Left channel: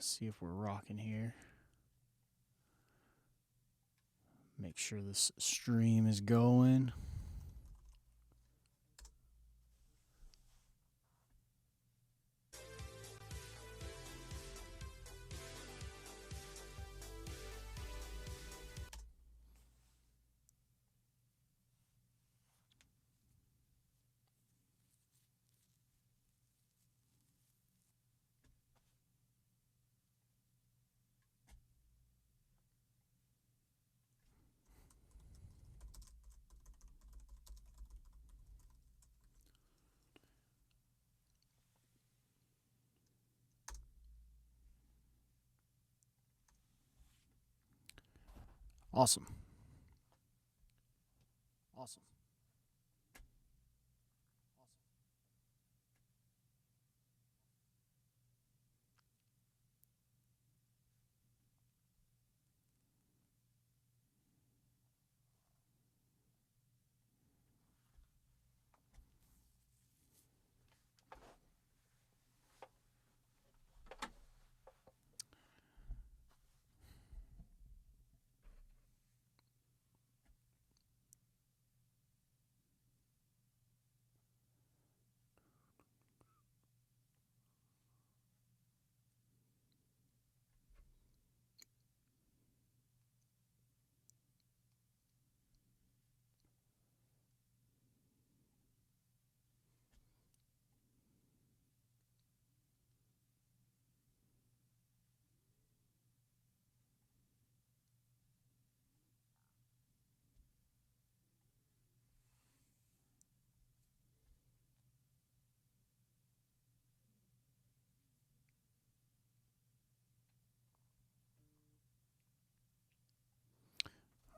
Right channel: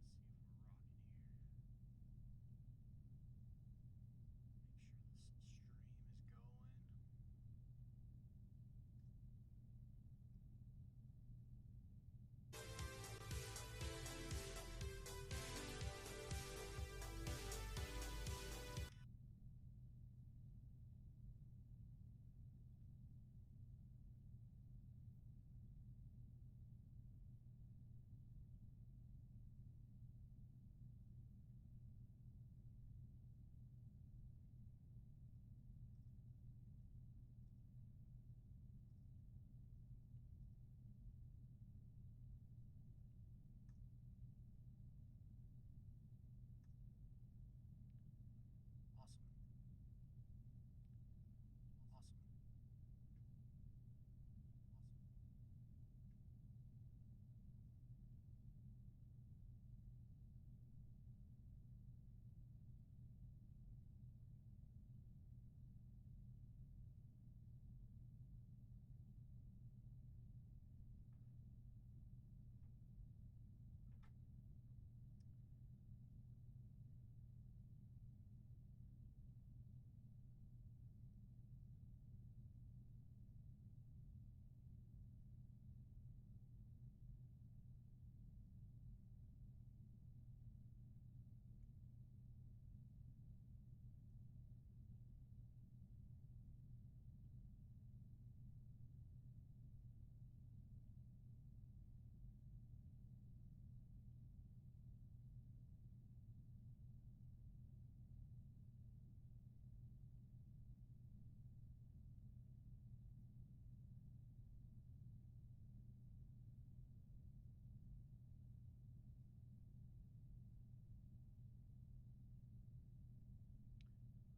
Let's see if we're rocking here. Make sure this stream is going. Awesome. Awesome.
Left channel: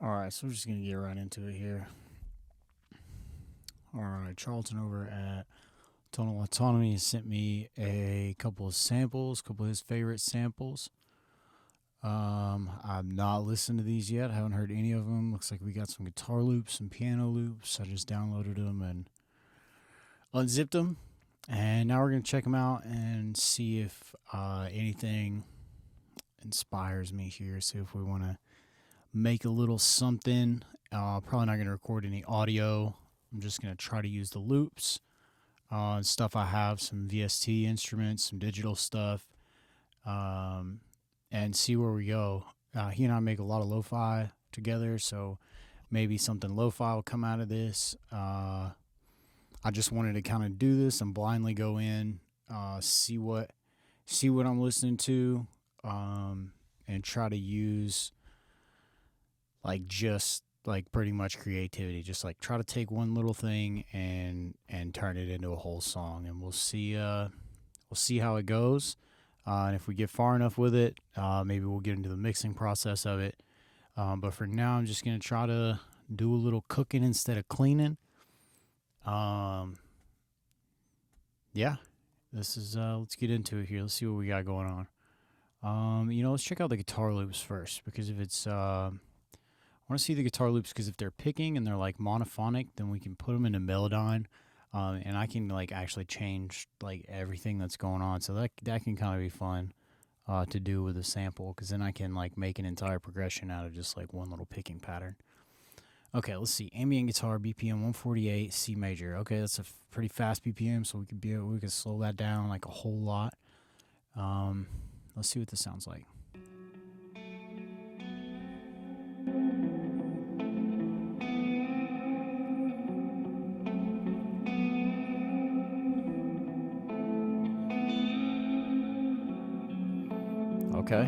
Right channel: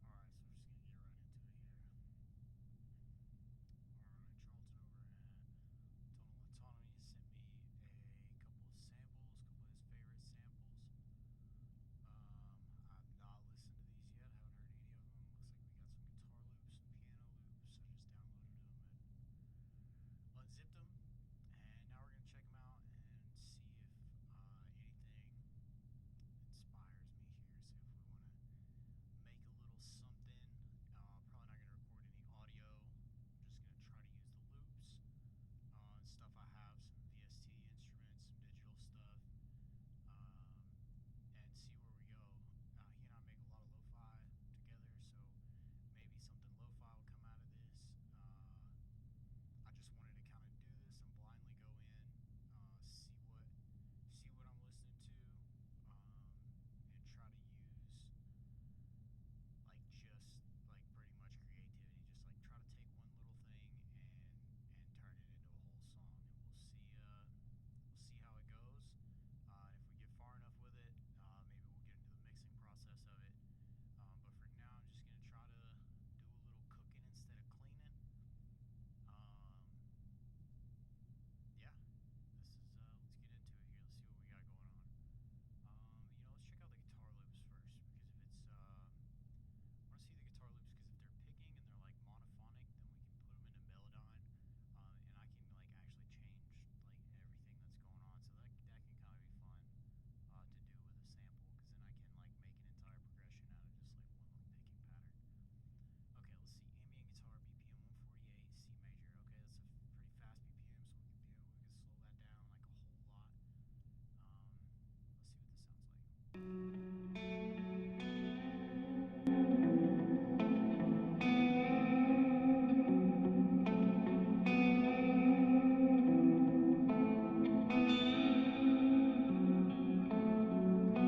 All right, so we're just going to get right into it here. All right, Charlton over at Tonal Autonomy has sent me a couple of samples, a couple of his favorite samples. I've not listened to these yet. I haven't heard any of them. Looks like we got some guitar loops, some piano loops. I just downloaded them and unzipped them. And now we're going to check them out and see if anything inspires me here. See if we want to make a little something. Probably not going to record any audio. I'm just going to try to use the loops and stuff I have, some VST instruments, some digital stuff, and see where we go. He and I make a lot of lo-fi together, so maybe something lo-fi will come out of this. I just wanted to kind of do this and blindly go in, see what I'm listening to, and try to use just pretty much creativity. Just like try to take one little thing and turn it into a whole song, and we'll see how it goes. And if we get far enough with it, maybe we'll get into the mixing process of it. But for now, I'm just gonna try to do a little cooking instead of cleaning. Yeah, this is let's get into it here. Let's see what we got going on. Let's check out the guitar loops first, because if it's I want to see the guitar loops, because if they're picking and they're like monophonic, then we can put them into Melodyne, and I can actually change everything that's going on. So that can kind of be fun to do with a sample, because then I can make an entire progression out of just one little picking pattern. Okay, let's see. Ambient Guitar, BPM 148, C major. Okay, that's a pretty fast BPM, so we could slow that down a whole lot. Let's see what this sounds like. Okay.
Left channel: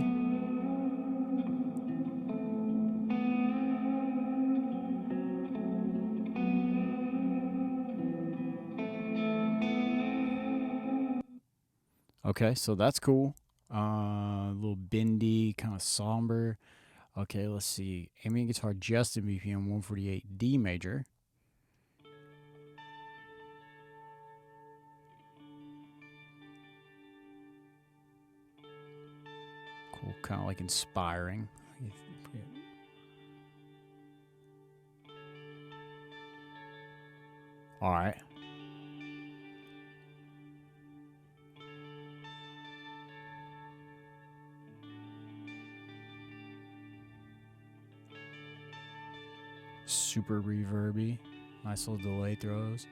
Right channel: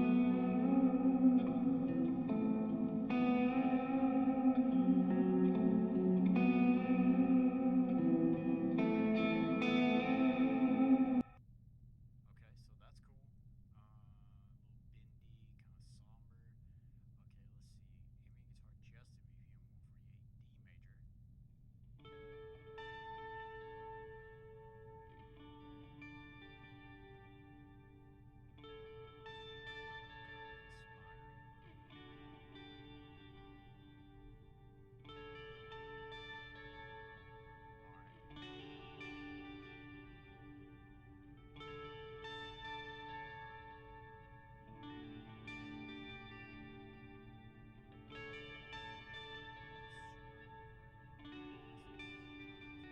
Okay, so that's cool. A little bendy, kind of somber. Okay, let's see. Ambient Guitar just in BPM 148, D major. Cool, kind of inspiring. All right. Super reverby. Nice little delay throws.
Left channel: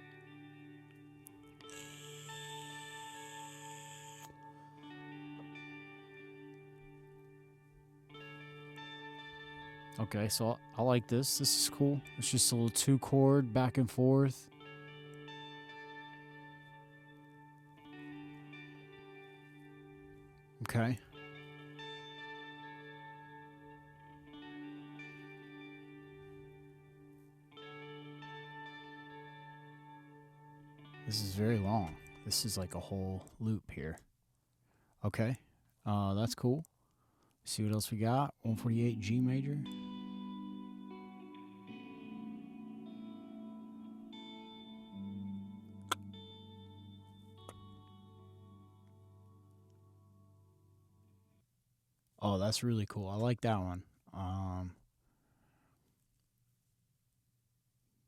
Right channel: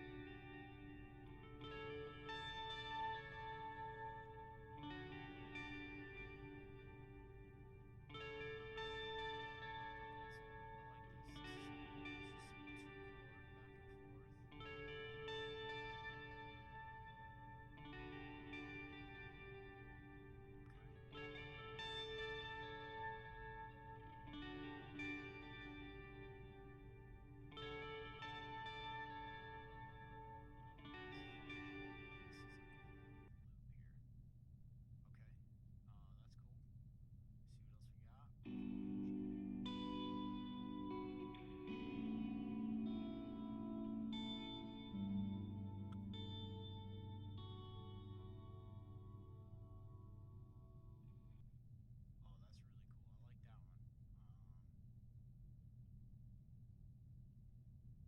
Okay, so I like this. This is cool. It's just a little 2-chord back and forth. Okay. This is very long. This is like a whole loop here. Okay. That's cool. See what else we got. 148 G major. Oh, that's really cool. I like that one.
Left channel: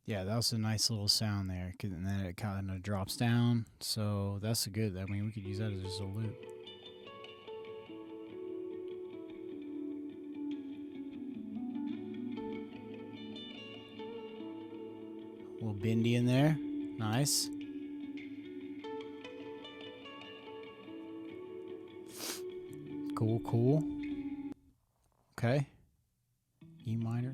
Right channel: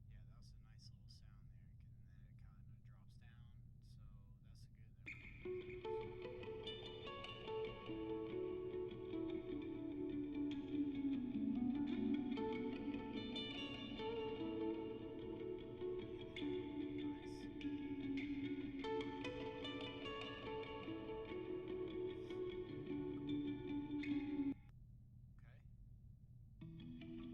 Yeah, that was a nice little sound there. And then it kind of drops down. So that's a good. I mean, we could use that as just a loop. A little bendy in there. Nice. Cool, cool. Okay. E minor.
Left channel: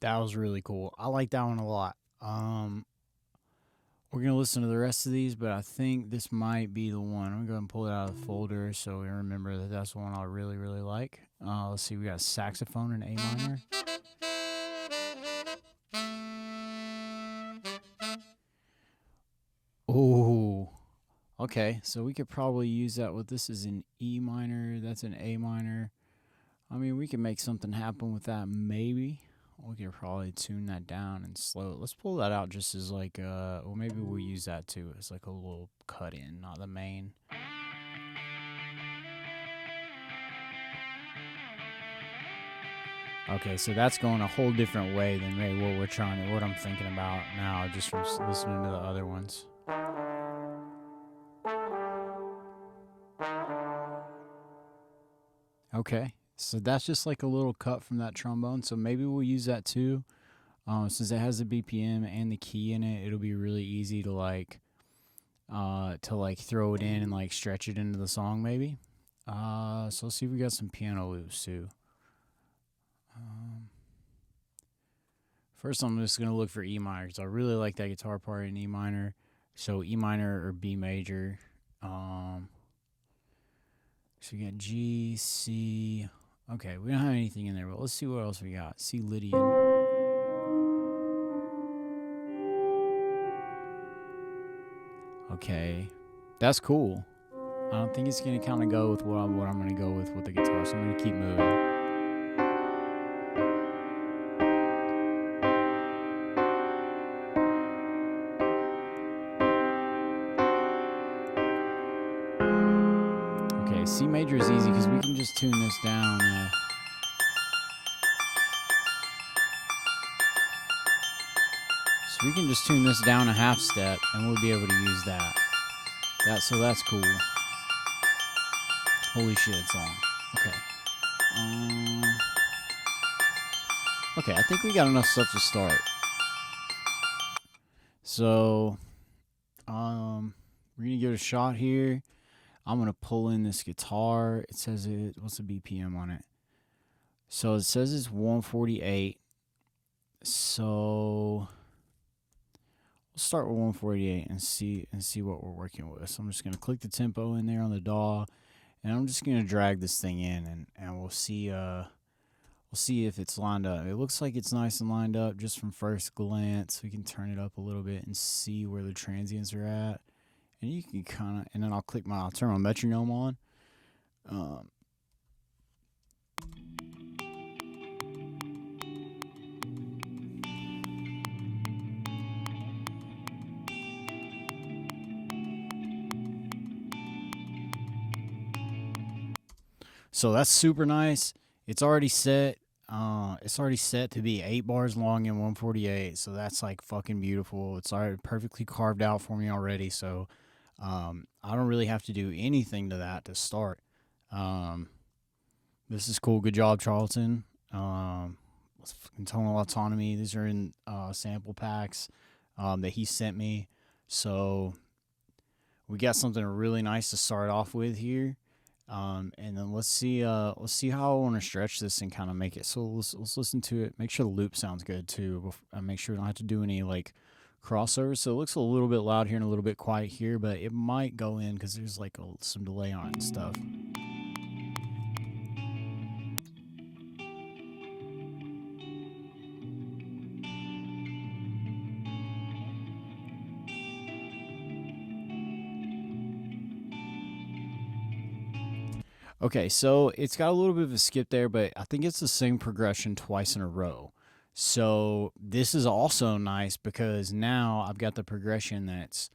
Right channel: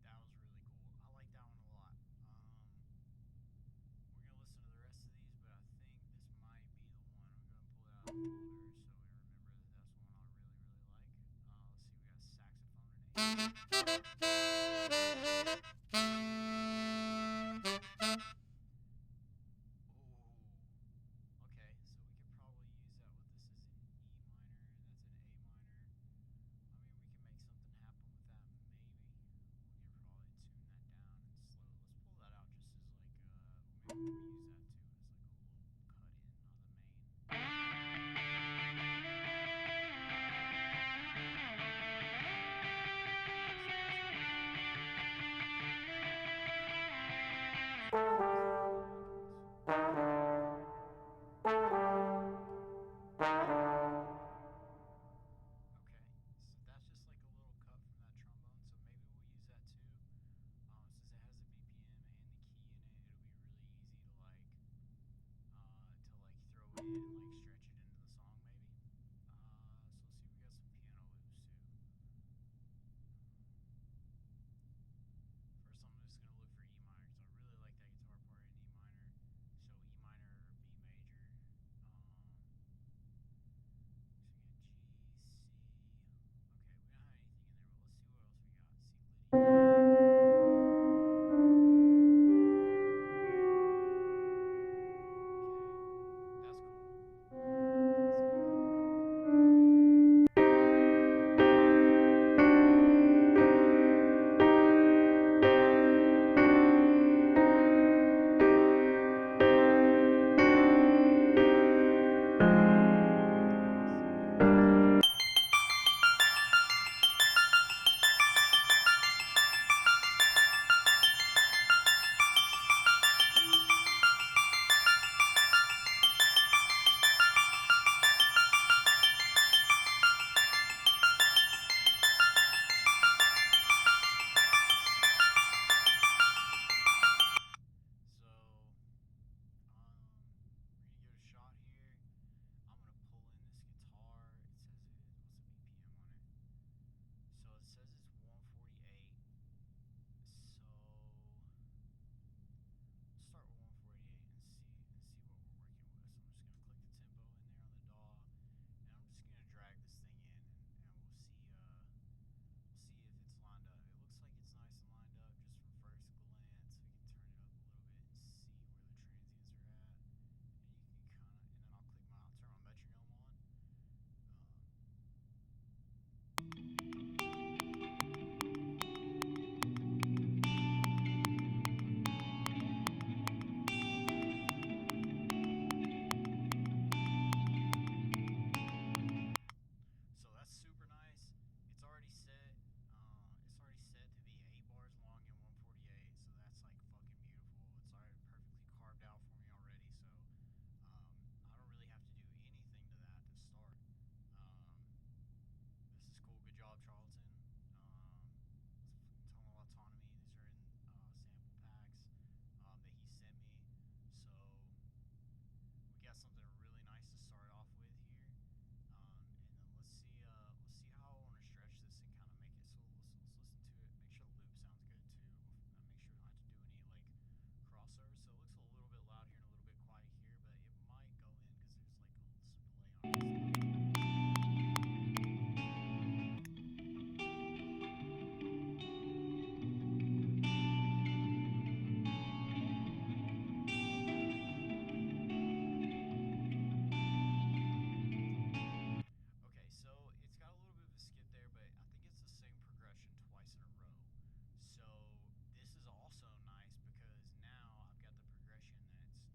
That was really cool. I like that one a lot. We're going to listen to the rest of these, but I think this might be the one. I'm going to go ahead and pull it out of the folder so we remember that that's the one I really, really like. Let's see. We got saxophone in A minor. Oh, okay. So we could probably use that with this is in E minor. That's in A minor. I mean, we can make something happen with that maybe. We could probably tune that down and slow it. Let's pull that out just as like, well, maybe we'll use that too as like a little cut in, not the main. Okay, so that's going a whole different way than maybe what I'm thinking about now, just from listening to the other ones. Okay, so that's just like a little cut from that trombone. So maybe we'll use that too. Since it has the BPM and the key in it, it'll be really easy to like throw it in and like stretch it into the song maybe. So let's see if we got some piano loops too. First, I'm just going to look for E minor because I really like that guitar part in E minor. So E minor or B major. So we got G, C. Okay, we don't have anything in there, but let's see what else we got. C Lydian. Okay, that's cool. I don't think it's going to kind of go with what I'm going to go with the guitar, so I'm going to keep moving. C major is easy because we can just tune this down. So we can just tune this down a half step and we'll be able to use that. So that's cool. Holy shit, it's on. Okay. Okay, I think we got enough stuff to start. So, we're gonna give it a shot here. I'm going to pull in this guitar. It says what's the BPM on it? So it says it's 148. So we'll start with 148 and see what we're working with. So I'm just going to click the tempo in there on the DAW, and I'm just going to drag this thing in, and we'll see if it's lined up. It looks like it's nice and lined up just from first glance. We can turn it up a little bit and see where the transients are at. And you can kind of, and then I'll turn my metronome on. So that's super nice. It's already set. It's already set to be 8 bars long and 148, so that's like fucking beautiful. It's already perfectly carved out for me already, so I don't really have to do anything to that to start. This is cool. Good job, Charlton. Tonal Autonomy. These are in sample packs that he sent me. So we got something really nice to start off with here. And then let's see how I want to stretch this and kind of make it. So let's listen to it. Make sure the loop sounds good too. Make sure we don't have to do any like crossovers. So it looks a little bit loud here and a little bit quiet here, but it might go in because there's like some delay on it and stuff. Okay, so it's got a little bit of a skip there, but I think it's the same progression twice in a row. So this is also nice because now I've got the progression that's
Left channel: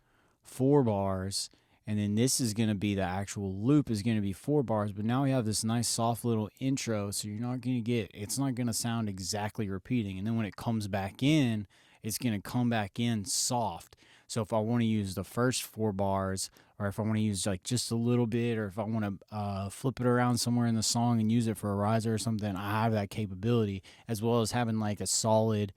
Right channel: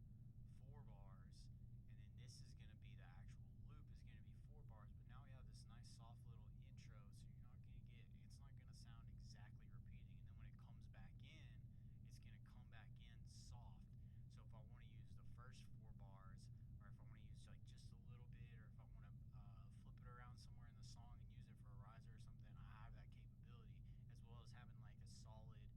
4 bars, and then this is going to be the actual loop is going to be 4 bars, but now we have this nice soft little intro, so you're not going to it's not going to sound exactly repeating. And then when it comes back in, it's going to come back in soft. So if I want to use the first 4 bars, or if I want to use like just a little bit, or if I want to flip it around somewhere in the song and use it for a riser or something, I have that capability, as well as having like a solid,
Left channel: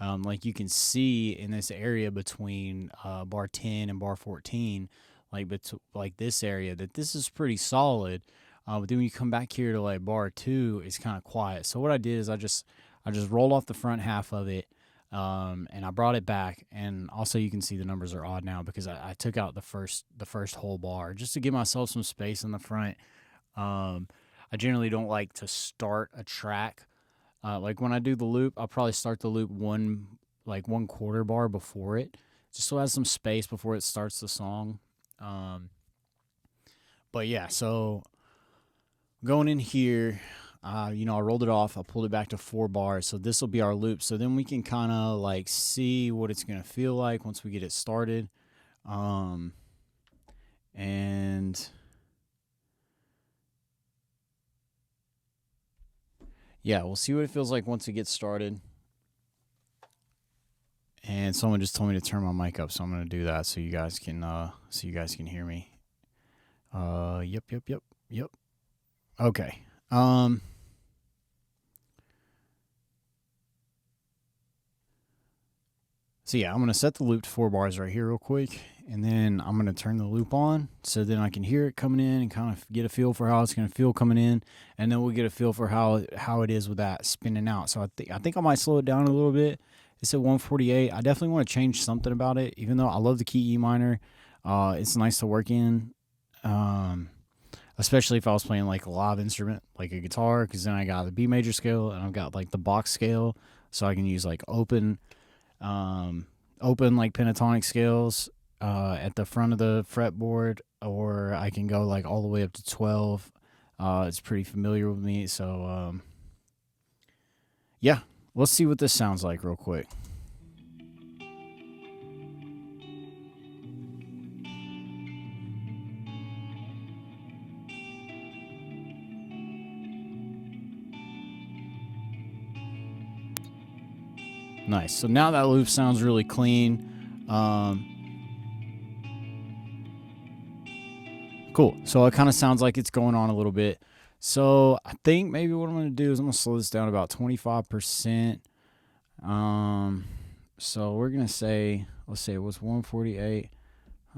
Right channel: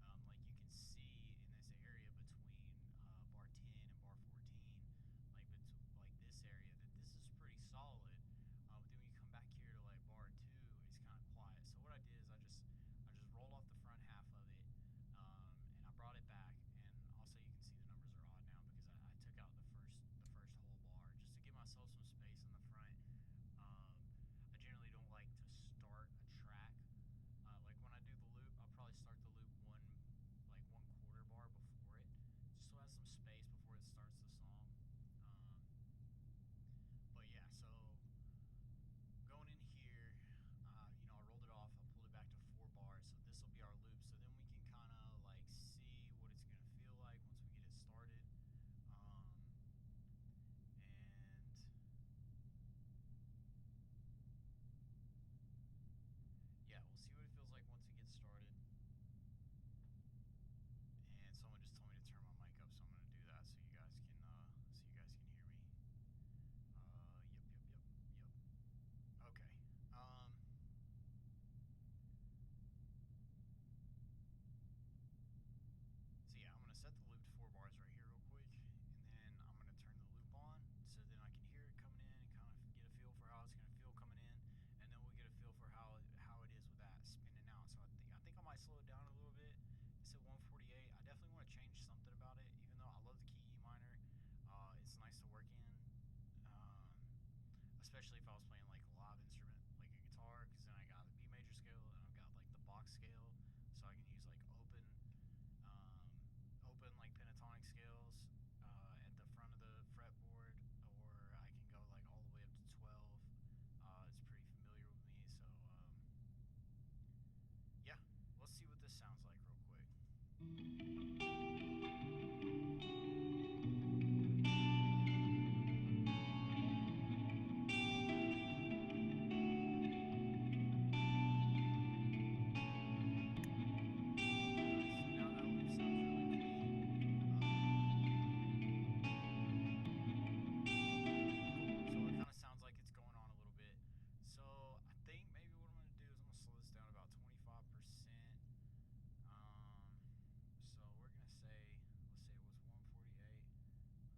like you can see in this area between bar 10 and bar 14, like this area, that this is pretty solid. But then when you come back here to like bar 2, it's kind of quiet. So what I did is I just rolled off the front half of it. And I brought it back, and also you can see the numbers are odd now because I took out the first whole bar just to give myself some space in the front. I generally don't like to start a track. Like when I do the loop, I'll probably start the loop 1/4 bar before it, just so it has some space before it starts the song. But yeah, so going in here, I rolled it off. I pulled it back to 4 bars. So this will be our loop. So then we can kind of like see what it's going to feel like once we get it started. And yeah, we'll see what it feels like once it gets started. And someone just told me to turn my mic up, so I'm going to do that so you guys can hear me. Yep. Okay. So yeah, I'm going to set the loop to 4 bars right here real quick, and then I'm going to turn the loop on so then I can hear it coming in and kind of get a feel for how it's going to feel coming in, and then we'll get a feel for how it is with that spinning out. So I think I might slow it down a little bit. It's at 148. I definitely want to change something about it, even though I love the key E minor. It's nice to work in, especially if I was playing like a live instrument, like a guitar, because then I got the B major scale and I've got like the box scale, so I can use like open like pentatonic scales at the front of the fretboard, or I can go like all the way up to 12. It's pretty familiar with me, so yeah, let's see what this sounds like real quick. Nice. So now that loop sounds really clean. Cool. So it kind of sounds like it's going on a little bit. So I think maybe what I'm going to do is I'm going to slow this down about 25%. So we're going to say, let's say it was 148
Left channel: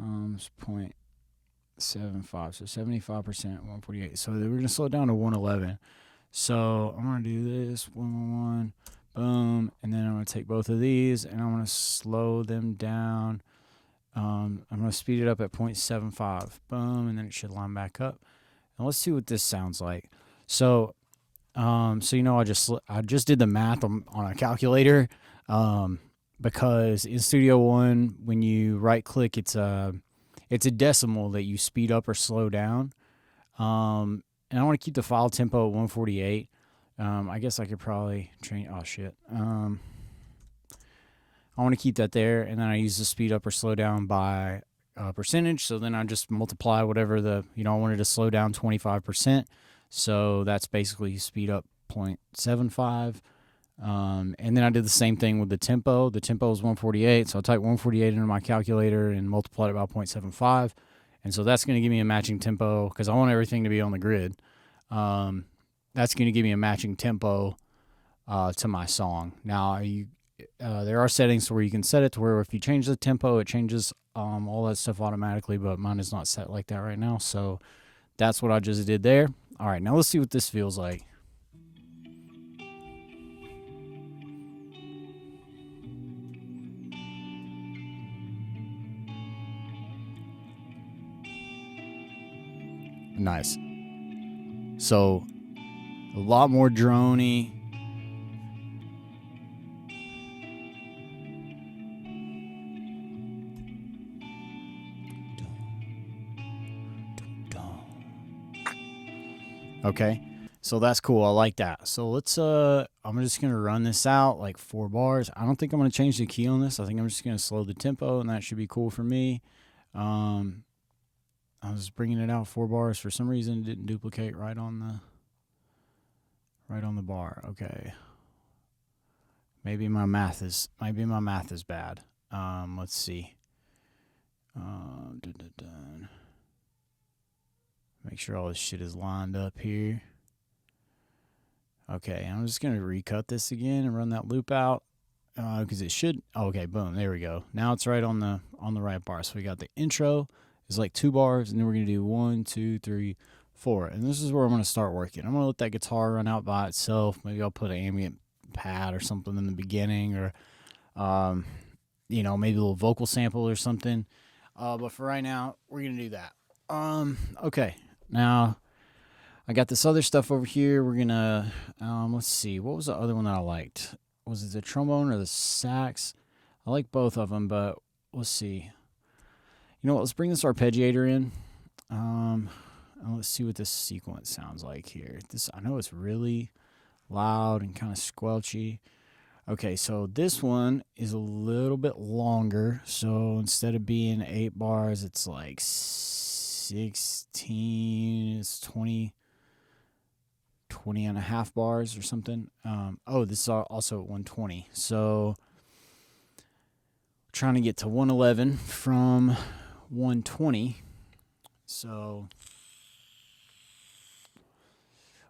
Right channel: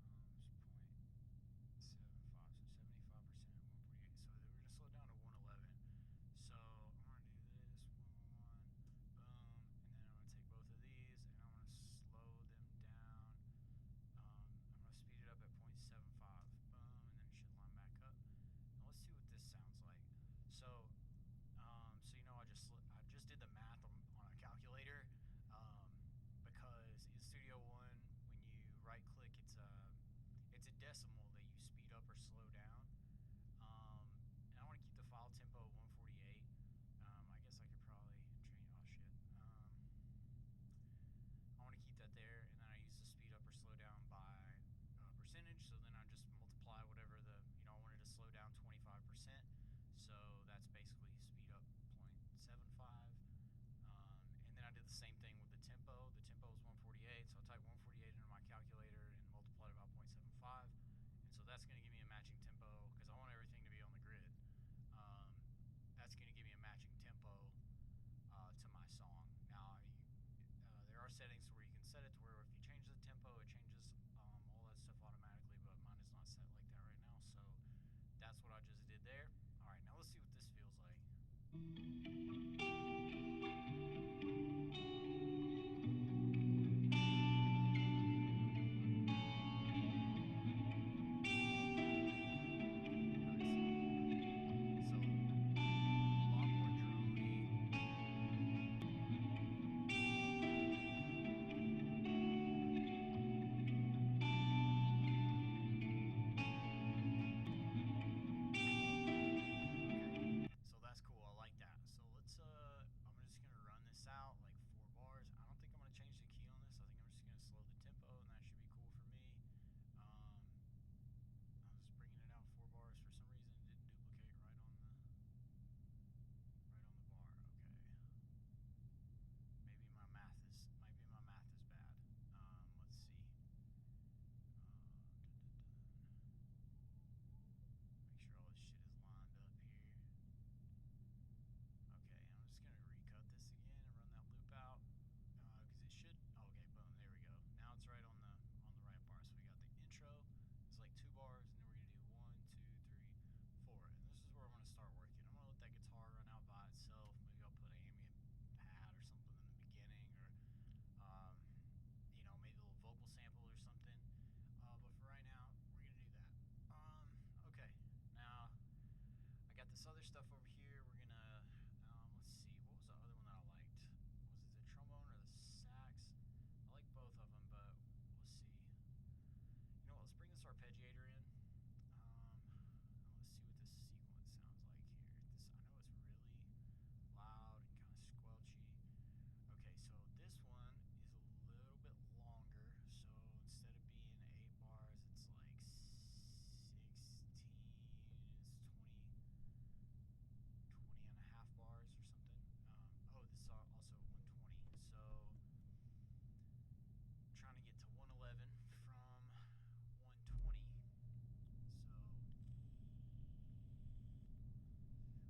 0.75. So 75%, 148. So we're going to slow it down to 111. So I'm going to do this, 111. Boom, and then I'm going to take both of these and I'm going to slow them down. I'm going to speed it up at 0.75. Boom, and then it should line back up. And let's see what this sounds like. So, I just did the math on a calculator, because in Studio One, when you right click, it's a decimal that you speed up or slow down. And I want to keep the file tempo at 148. I guess I could probably I want to keep that there, and then I use the speed up or slow down by percentage. So then I just multiply whatever I wanted to slow down 25%. So that's basically speed up 0.75. And then I did the same thing with the tempo. The tempo is 148, so I typed 148 into my calculator and multiplied it by 0.75. And so that's going to give me a matching tempo because I want everything to be on the grid. That's going to give me a matching tempo to my song. Now, there are settings where you can set it to where if you change the tempo, it changes all that stuff automatically, but mine is not set like that right now. So that's what I just did there. All right, now let's see what this feels like. Nice. So a lot more droney. Okay, so that's cool. I like that. So let's I'm just gonna run this out like 4 bars. I don't think I'm gonna change the key on this. I think I'm just gonna slow the tempo, and that should be cool for me. I was bringing it out 4 bars. For some reason, it didn't duplicate right on the bar. Okay, maybe my math is bad. Let's see. Make sure all this shit is lined up here. Okay, I'm just gonna recut this again and run that loop out because it should. Okay, boom, there we go. Now it's right on the right bar. So we got the intro is like 2 bars, and then we're gonna do 1, 2, 3, 4, and this is where I'm gonna start working. I'm gonna let that guitar run out by itself. Maybe I'll put an ambient pad or something in the beginning, or maybe a little vocal sample or something. But for right now, we're gonna do that. Okay. Now, I got this other stuff over here. We're going to, let's see. What was the other one that I liked? Was it the trombone or the sax? I like both of them, but let's see. You know what? Let's bring this arpeggiator in. And let's see what this sequence sounds like here. I know it's really loud and kind of squelchy. Okay, so this one is a little bit longer. So instead of being 8 bars, it's like 16, it's 20 and a half bars or something. This is also at 120. So trying to get to 111 from 120. So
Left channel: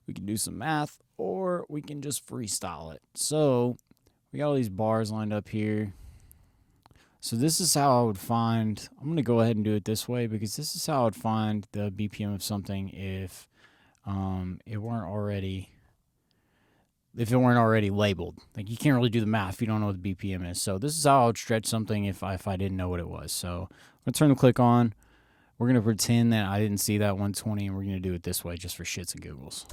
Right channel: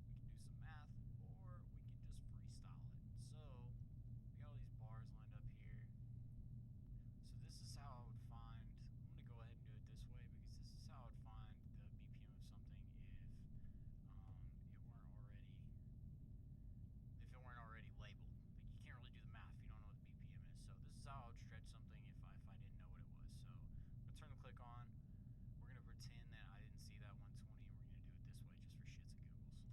we can do some math or we can just freestyle it. So we got all these bars lined up here. So this is how I would find, I'm going to go ahead and do it this way because this is how I would find the BPM of something if it weren't already labeled. Like, you can't really do the math if you don't know what the BPM is. So this is how I would stretch something if I didn't know what it was. So I'm going to turn the click on. We're going to pretend that I didn't see that 120, and we're going to do it this way just for shits and giggles.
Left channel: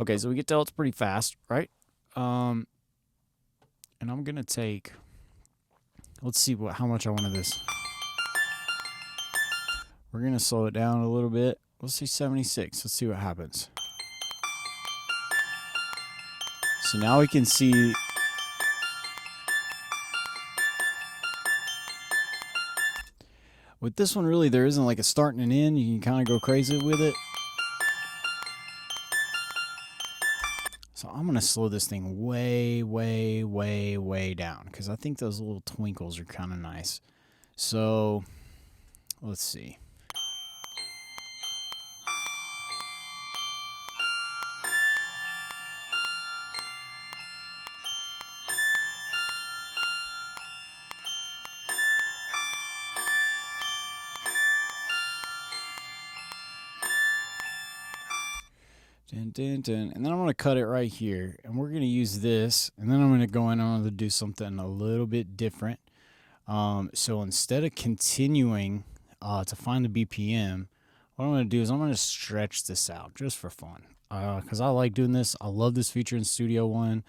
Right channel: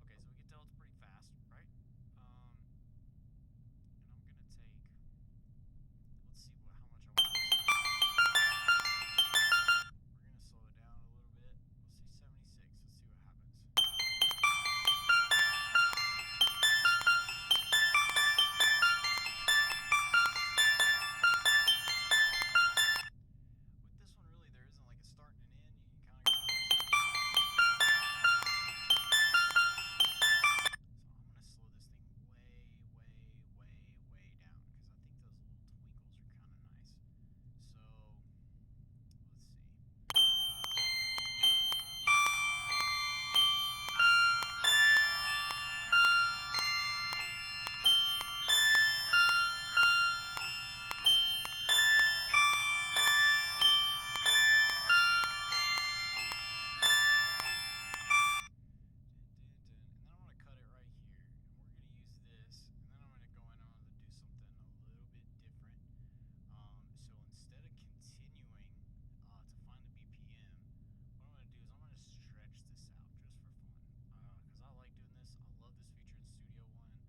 Okay, so we can tell it's pretty fast, right? And I'm going to take, let's see how much I wanted this. We're going to slow it down a little bit. Let's see 76. Let's see what happens. So now we can see with this one, really, there isn't like a start and an end. You can kind of go crazy with it. So I'm going to slow this thing way, way, way, way down because I think those little twinkles are kind of nice. So let's see. And then I'm going to cut it right here, and we're going to use this, and then I'm going to go in and I'm going to do something a little bit different. So instead of continuing to find the BPM, what I'm going to do is I'm going to stretch this out just for fun because I like doing this. I love this feature in Studio One.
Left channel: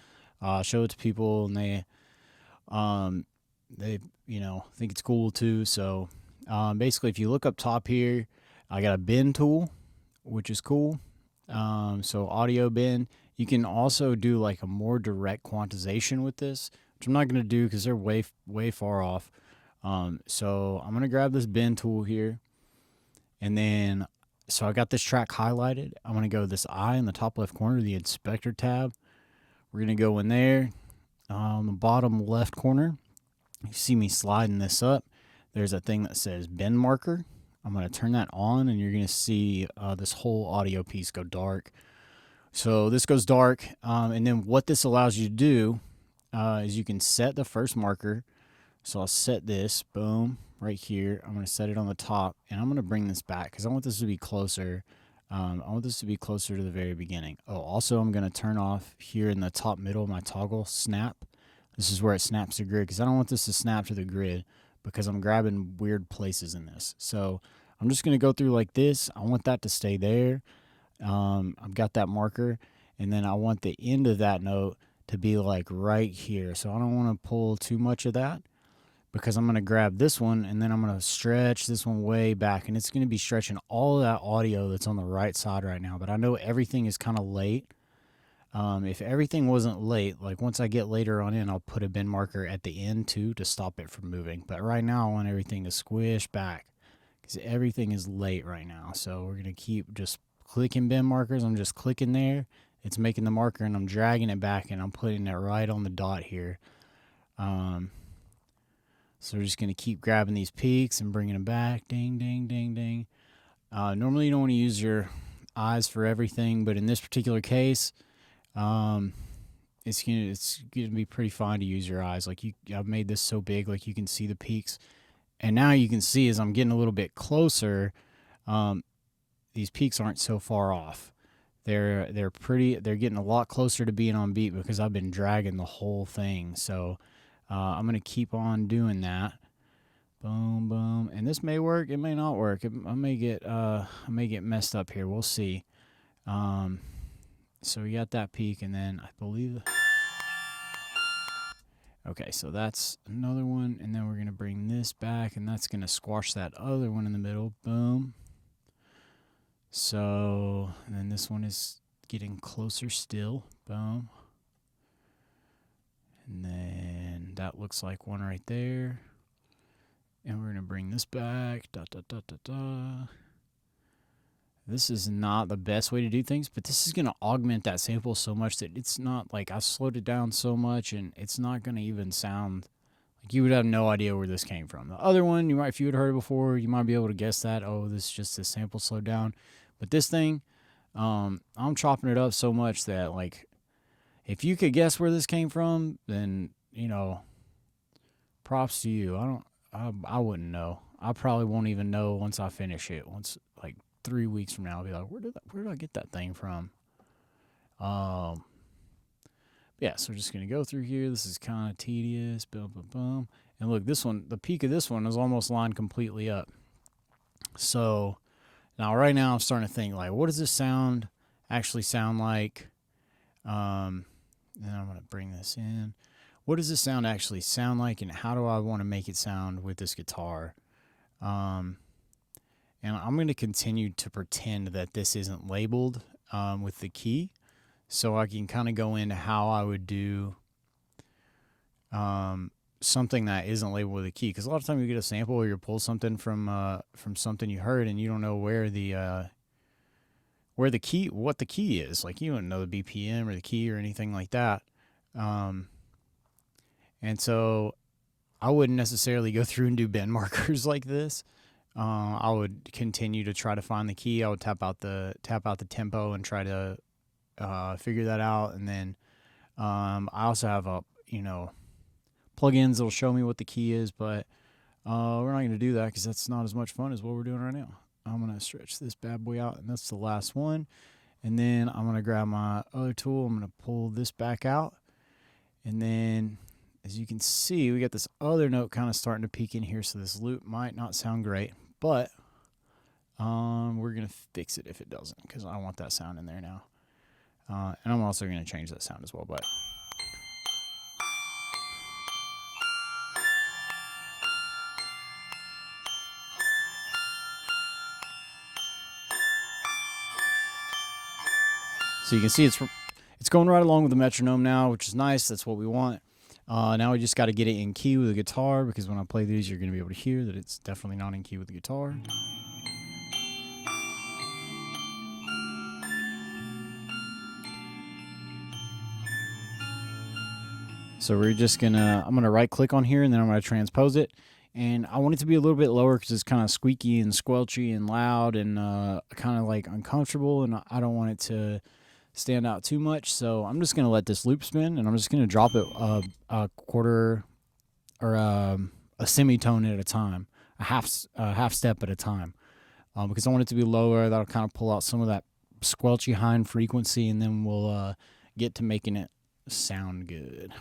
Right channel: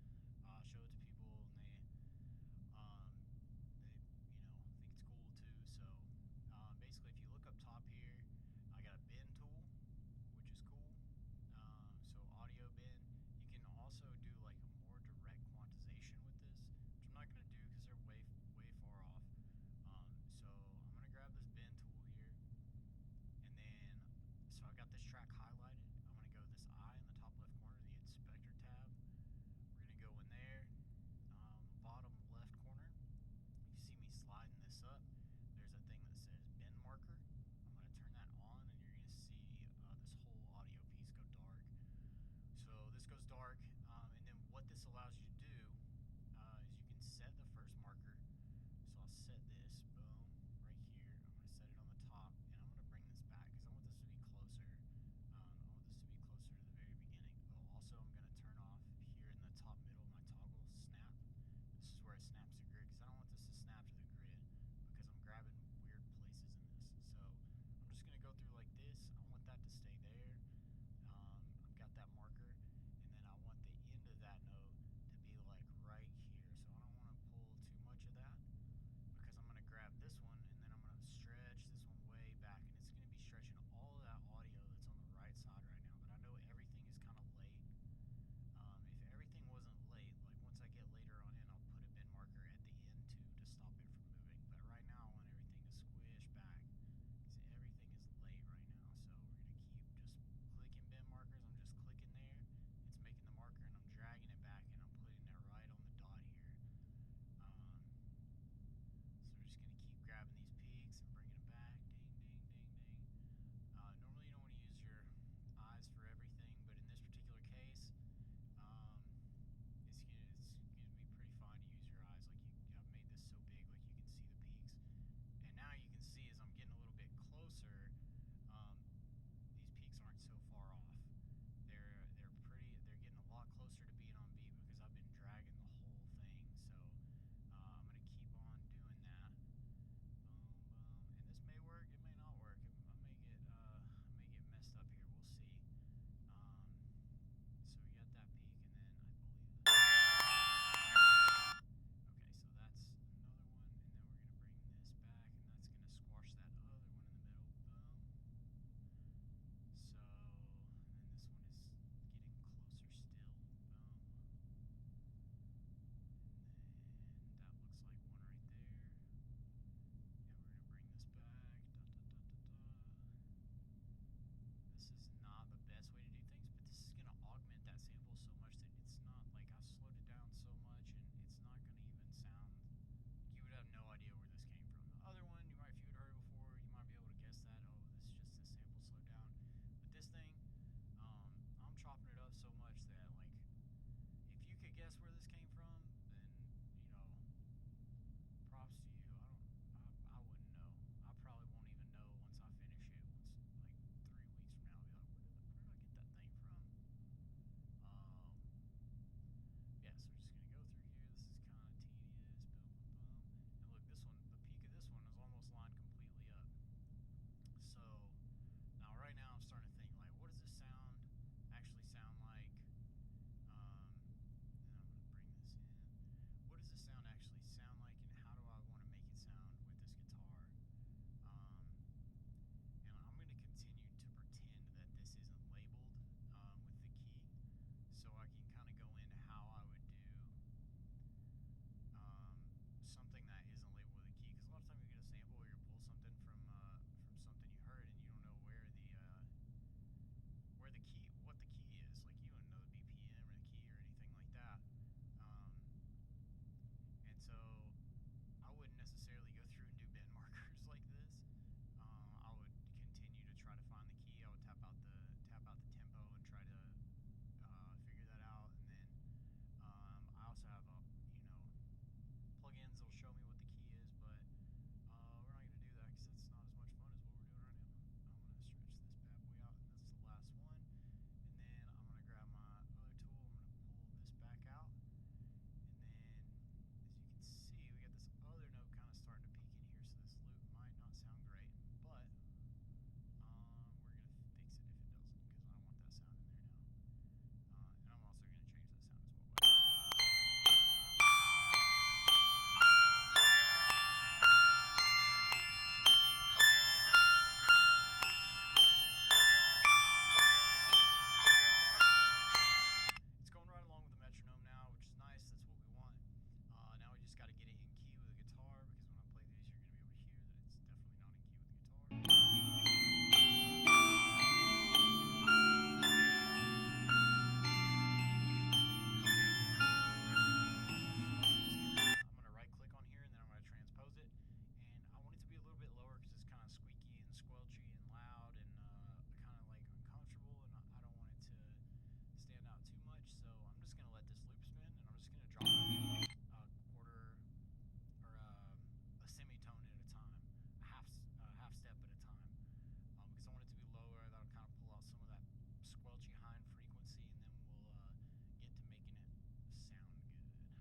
Show it to people, and they think it's cool too. So basically, if you look up top here, I got a bend tool, which is cool. So audio bend. You can also do like a more direct quantization with this, which I'm not going to do because they're way far off. So I'm going to grab this bend tool here, And then, so I got this track highlighted. I'm going to go this eye in the top left corner, the inspector tab. We're going to go in there on the bottom left corner. You see me sliding this up. There's a thing that says bend marker. I'm going to turn that on, and you're going to see this whole audio piece go dark. So this goes dark, and then what this allows you to do is you can set the first marker. So I'll set this, boom, right here. I'm going to set it on the top, and I'm going to bring this back because I want this to be closer. I want this to be closer to the very beginning. Oh, also I'm going to turn off here in the top middle of my toggle snap. This is where it snaps the grid because I don't want this to snap to the grid because I'm grabbing weird places in this. So I'm just going to go through like this. I want that to stay there. I've got that marker, and then I want the end of that note to be like right here. So I don't want to pull too much of that because I'm going to grab this one, and then I'm going to stretch this one way back, and it's going to be stretching all of that audio that's on the right side right now. But I know everything is kind of late. If everything wasn't late, like once I get later on in, I'll put a bend marker at the end too to stop it from moving. But right now I want everything to squish back because everything is late right now. So we're going to keep just clicking bend markers. I'm just clicking there. It's making the marker, and I'm dragging it back, and I'm putting it right on the dot here. So we're just going to keep grabbing these peaks and bringing them back. Ding, ding, ding, ding. Normally you don't want to use your eyes for everything, but in this particular case, it's gonna be pretty fine to use your eyes. Like I've made this so big, like you can see the peaks, and now you can see as I'm getting a little bit closer, these peaks aren't so far off. They're getting a lot closer to being on beat because I've been dragging the whole thing. So I'm gonna keep on doing that. Boom, boom, and this may work. It may not work. I may get messed up here. We'll see. So we got that peak, and then I believe. Okay, so that's another one, and then we're gonna bring this back, and that's gonna squash that other one in the middle. Boom. So, and then this one is getting closer still. Boom. And then that looks like one right there. And we're going to bring this back. Da, da, da, da, da. This is not the best way to do things, but this is going to augment that sample so much that it's not like I slowed it down so much, and it's not going to even sound like you would have no idea where this came from. The other one, you might, if you had heard it before, you might be able to guess that, oh, this is just a sample slowed down. But this thing, I'm chopping it up so much that, like, if you could guess where this came from, then, you know, props to you. I wouldn't know. I probably won't even know once I finish it. Once, like, 3 weeks from now, I'll be like, where did I get that thing from? Yeah, so we're just going to go through here. This is kind of tedious. Boom, boom, boom. And look, this one, the peak of this one is almost lined completely up. So now, right now, I'm starting to think, like, what does this actually sound like? Then I'm going to bring this in. What does this sound actually sound like, and how do I want to make it sound with this guitar? And I'm going to continue to pretend that this isn't labeled with the key, so I can kind of go into how I would do something that isn't labeled with a key. Because a lot of times you get a sample or you pull something from something you heard, and you don't know what the key is. Like, you don't know the BPM or the key or anything like that. And so I wouldn't necessarily go through and do bend markers like this. I would continue to try to find the key. I would tap out the tempo and try to figure that out. And then I also have plugins that'll show me what the key is, but we're not going to do that because that's not as much fun as what we're doing right now. I'm going to stretch this bad boy out, and that's the last one. And then I'm going to grab my other tool. I'm going to pull this back out. And then, as you can see, we got this other note kind of starting to peek in here, so this loop might not sound great. But we're going to fix it if it doesn't, because I want that sound in there now. And I'm also going to change that sound as well. But so you can see it's going right along with the metronome now, which is nice. That's what we want. Now we just got to get it in key with the guitar, because when I play these, you're going to be able to hear that it's definitely not in key with the guitar. So we're just gonna, I'm gonna right click on here and then I'm gonna transpose it. And I want it to be a little bit lower because it's kind of squeaky and squelchy and loud and kind of like uncomfortable, and I don't want it to stand out too much. So I'm just gonna let this loop spin, and I'm just gonna drop it a quarter or a semitone at a time, a half step at a time, because I want it to be lower. That'll kind of pull out some of that squelchy high frequency, and then we'll get to making it sound good.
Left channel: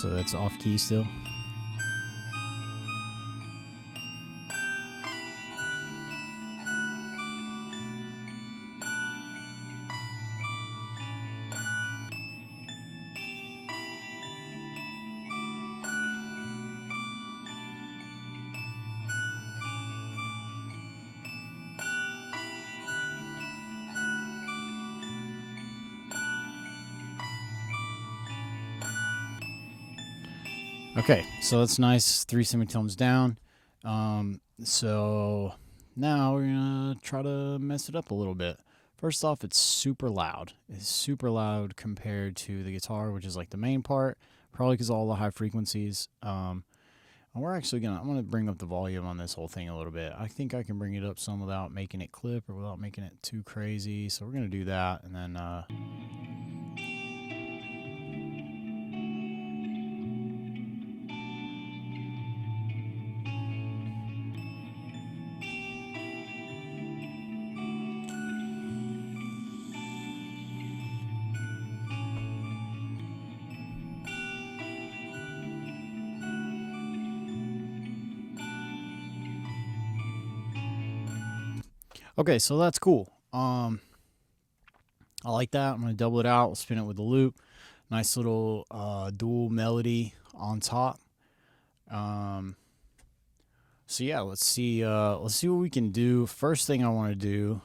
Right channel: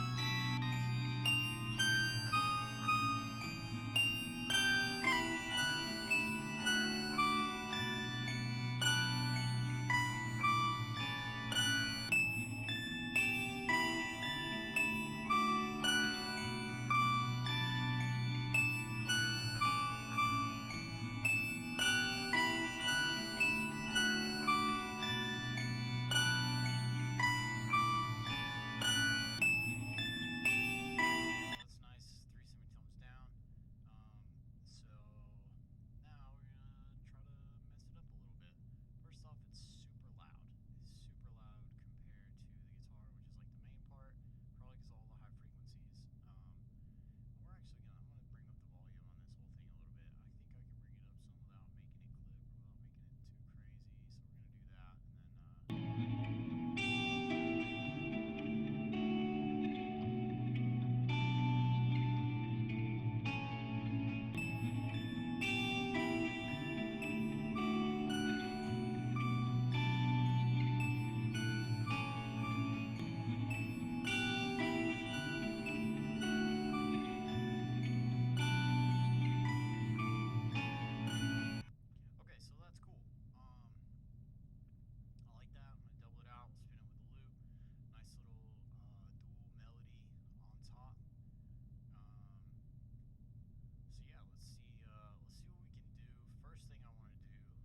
So that's off key still. Okay, so that's nice, 3 semitones down. So now we're gonna try to mess it up a little bit. First off, it's super loud. It's super loud compared to the guitar, which is like the main part, probably because of all the high frequencies. And we're actually I'm gonna bring up the volume on this whole thing a little bit. I think I can bring it up some without making it clip or without making it too crazy. So we're gonna do that, and then okay, so that's cool. I like that. I'm going to double it out, spin it with the loop. Nice little dual melody on top. So yeah, let's see what we can do. First thing I want to do,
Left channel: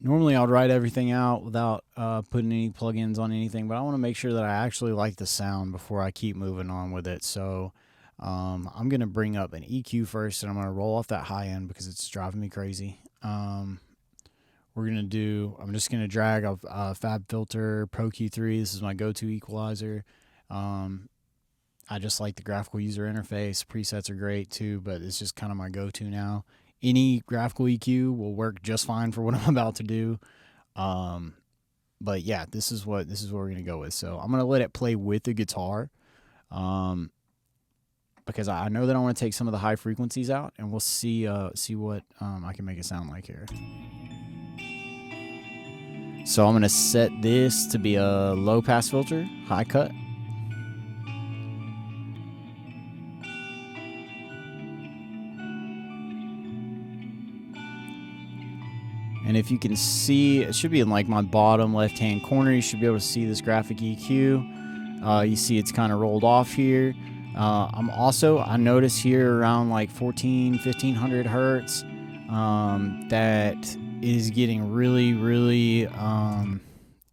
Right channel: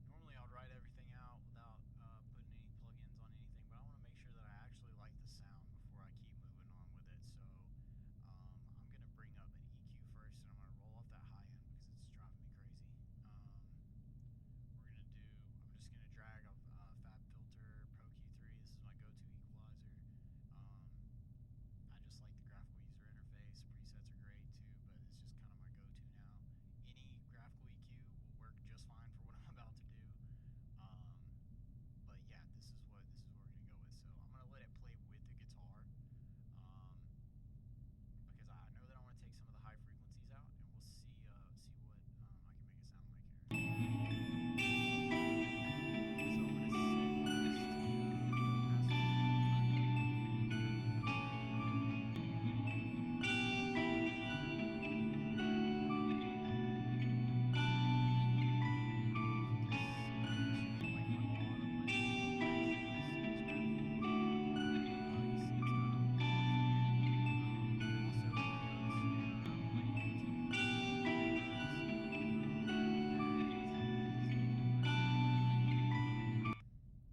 normally I'd write everything out without putting any plugins on anything, but I want to make sure that I actually like the sound before I keep moving on with it. So I'm going to bring up an EQ first, and I'm going to roll off that high end because it's driving me crazy. I'm just going to drag a Fab Filter Pro Q3. This is my go-to equalizer. I just like the graphical user interface. Presets are great too, but it's just kind of my go-to now. Any graphical EQ will work just fine for what I'm about to do. But yeah, this is what we're going to go with. So I'm going to let it play with the guitar. Because I know that I want to take some of the high frequencies out, and we'll see what I can make it sound like here. So I'm going to set this to be a low pass filter, high cut. And if you can see, it should be in like my bottom left hand corner. You should be able to see this graphic EQ. You see it's kind of rolled off here. I notice here around like 1500 hertz that is getting really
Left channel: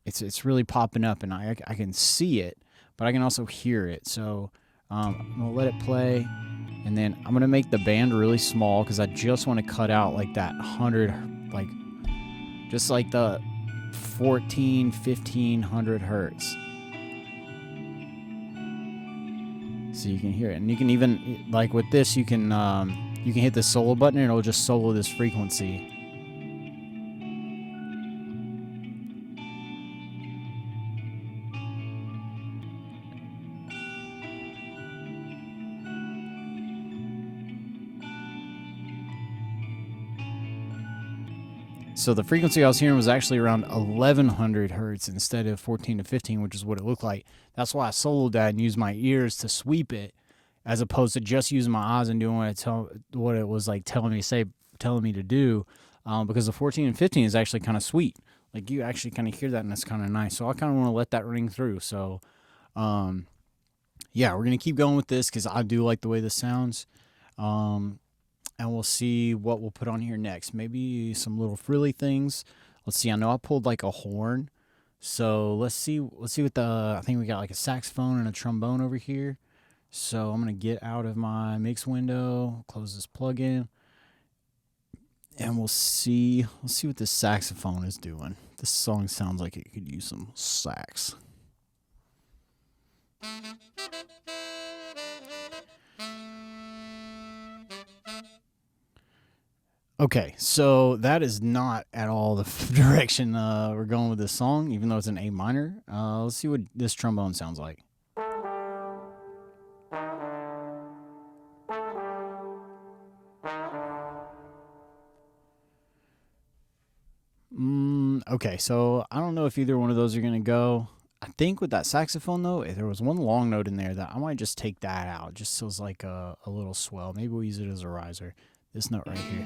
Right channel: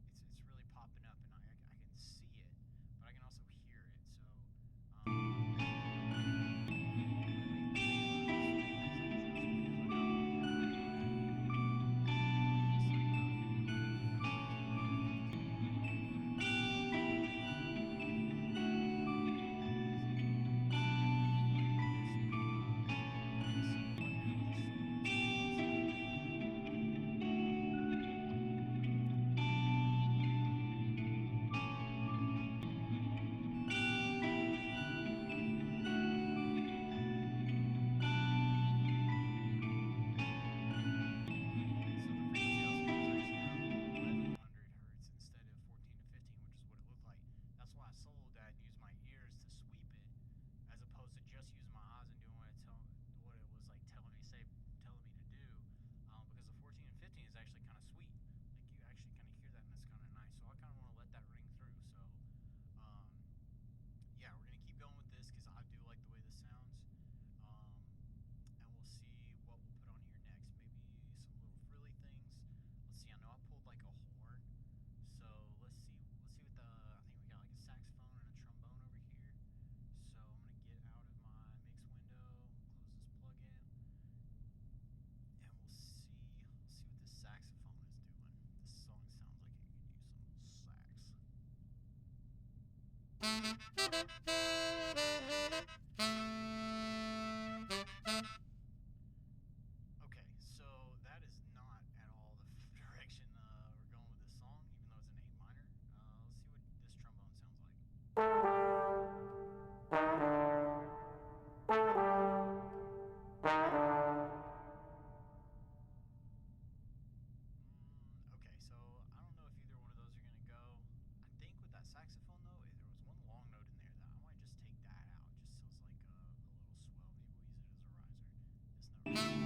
it's really popping up, and I can see it, but I can also hear it. So I'm gonna let it play, and then I'm gonna make the band really small because I just want to cut out like that 100, like just like the 1500 hertz. So you can hear it, and you can even, like with this, you can hit the solo button and it'll just solo this frequency. So the frequency I was hearing was actually around 1100 hertz instead of 14 to 15, which is what it looked like. That's why I soloed that and used my ears to sweep it, as opposed to just using my eyes and doing what it was like telling me to do. Because the 14 and 15 is actually kind of sweet. Like you actually kind of hear that, and it's kind of nice. So I kind of want to let that ring through. So, yeah, we're gonna keep going with this because I do like the way this sounds. And we'll see what we'll put on here next. Maybe some little frilly things. Let's see. I know I pulled like a horn. So let's see what I think we got like a saxophone and a trombone over here. So I'm going to get out of my mix window, close this plugin. And we'll see what this saxophone is doing. This song sounds like it could use some sax. Okay, so that is not at all the direction we're going with this song, even though it's an A minor. Let's see what this trombone sounds like. Okay, so I don't know if either one of those are going to go. I think with that saxophone, though, if there was one long note in there that I might just take that out. Just feels like a little swell. Maybe we'll use it as a riser. This note right here.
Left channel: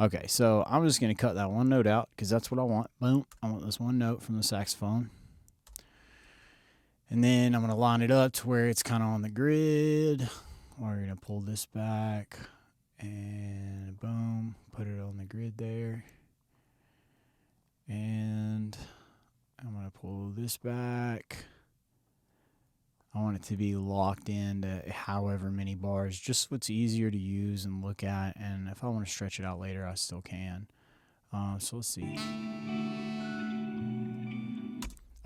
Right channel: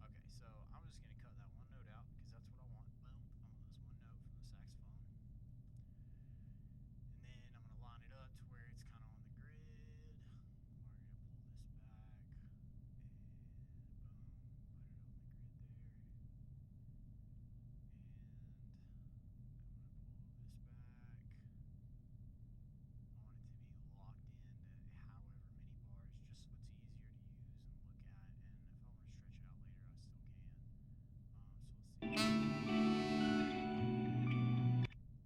Okay, so I'm just going to cut that one note out because that's what I want. Boom. I want this one note from the saxophone. And then I'm going to line it up to where it's kind of on the grid. We're going to pull this back. And boom. Put it on the grid there. And I'm going to pull this back. I want it to be locked into however many bars, just what's easier to use and look at. And if I want to stretch it out later, I still can. So let's see.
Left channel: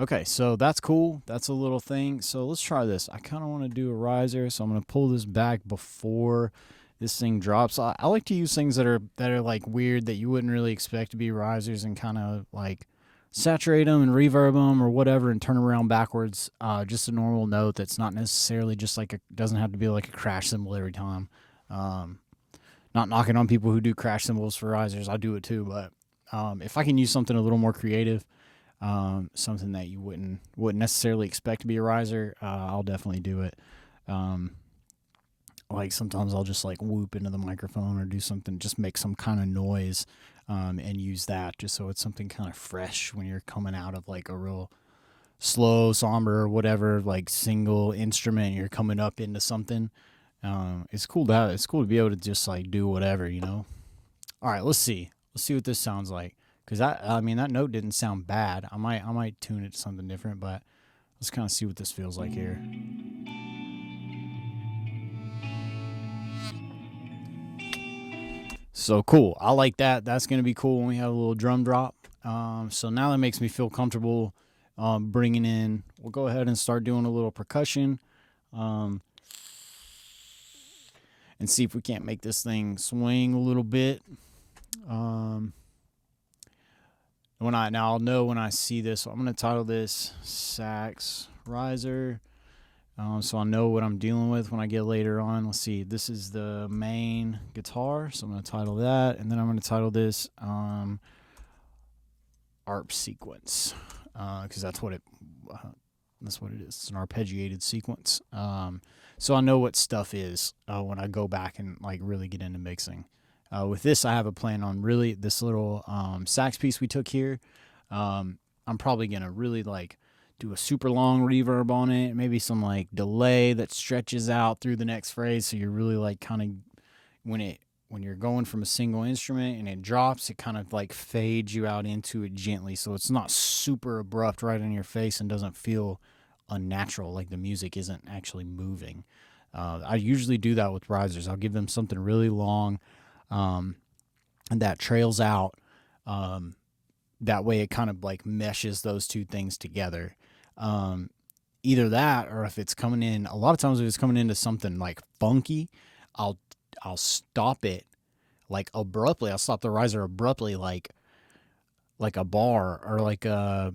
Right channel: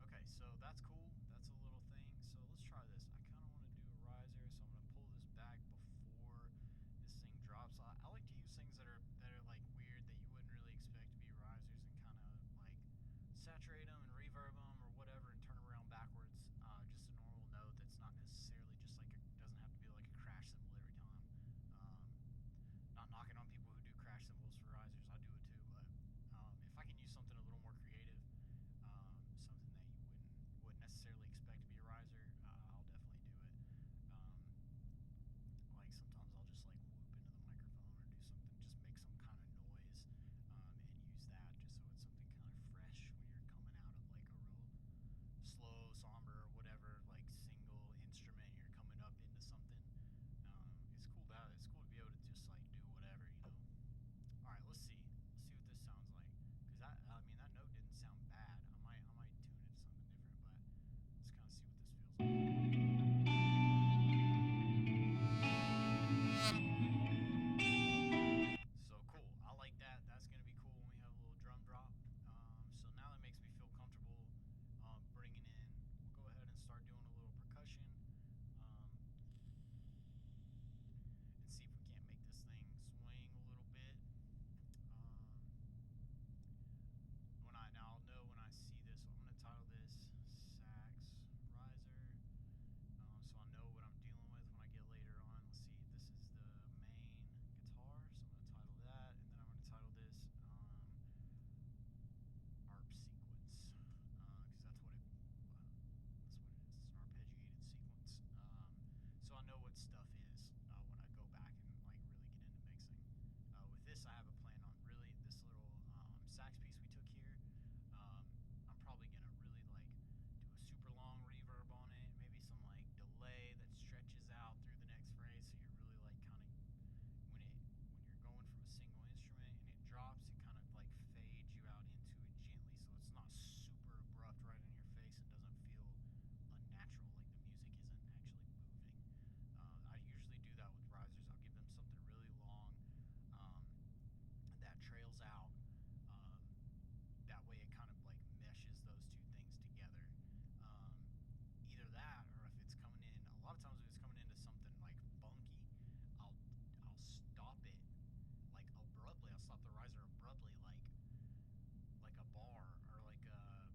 Okay, so that's cool. That's a little thing. So let's try this. I kind of want to do a riser, so I'm going to pull this back before this thing drops. I like to use things that are like weird that you wouldn't really expect to be risers and kind of like saturate them and reverb them or whatever and turn around backwards. Just a normal note that's not necessarily just like doesn't have to be like a crash cymbal every time. Not knocking on people who do crash cymbals for risers. I do it too, but if I can use something a little more creative, something that you wouldn't necessarily expect to be a riser, I'll definitely do it. Like sometimes I'll just like whoop into the microphone or do something, just make some kind of noise, and use that just so it's something kind of fresh when you're coming out of like a real slow, somber, or whatever, like single instrument and you're coming up into something. It's cool to have. It's cool to be able to just like do whatever, you know. All right, let's see what this sounds like. Cause I mean that note didn't sound bad. I might tune it to something different, but let's kind of see what this feels like here. So cool. I like that. That's going to be cool when we have a little drum drop. So now that makes me feel comfortable bringing in. We'll go ahead and start doing a little percussion and see if we can't make this thing swing a little bit. I'll know when I see this. So I'm going to title this Sax Riser. So I'll know what I'm dealing with when I get later on. Let's see. This is the main guitar, so I'm going to title that, and then I'm going to title this ARP sequence, because that's what it is. It's an arpeggiated sequence. So I know what stuff is when I go back and like really get into mixing. With this, I have a plan on really this little sax piece we took here. I'm probably going to really like do a super long reverb on it, maybe some like delay that stretches out through the next phrase, so you're really like kind of when you're going from a single instrument and it drops, it kind of like fades you out into it gently, so it's not super abrupt right in your face and doesn't feel unnatural, like the music isn't actually moving. I usually do that with risers. I'll give them something really long and that trails out. That way it kind of like meshes those two things together. Either that, or if it's coming in, a lot of times if it's coming into something like funky, I'll stop it like abruptly. I'll stop the riser abruptly, like a bar or like a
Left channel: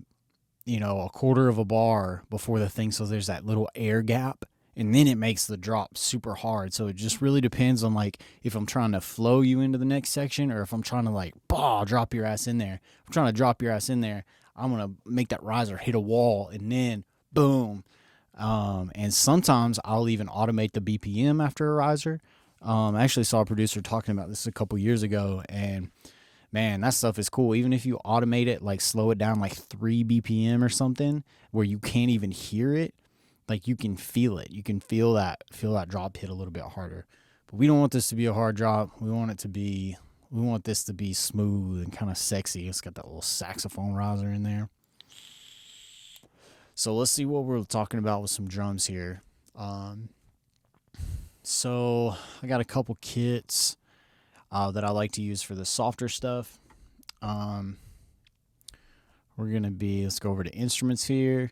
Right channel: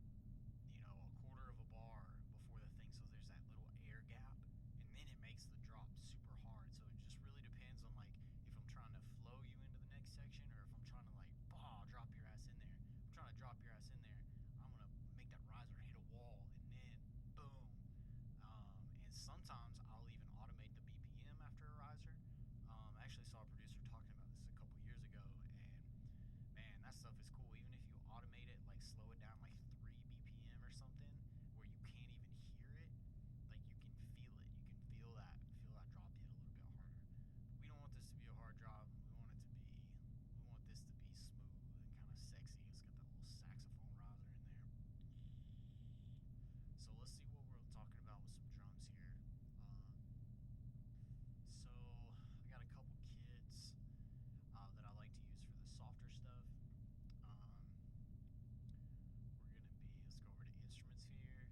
quarter of a bar before the thing, so there's that little air gap, and then it makes the drop super hard. So it just really depends on like if I'm trying to flow you into the next section or if I'm trying to like drop your ass in there. If I'm trying to drop your ass in there, I'm gonna make that riser hit a wall and then boom. And sometimes I'll even automate the BPM after a riser. I actually saw a producer talking about this a couple years ago, and man, that stuff is cool. Even if you automate it, like slow it down like 3 BPM or something, where you can't even hear it, like you can feel it. You can feel that drop hit a little bit harder. But we don't want this to be a hard drop. We want this to be smooth and kind of sexy. It's got that little saxophone riser in there. So let's see what we're talking about with some drums here. So I got a couple kits. that I like to use for the softer stuff. We're going to be, let's go over to instruments here.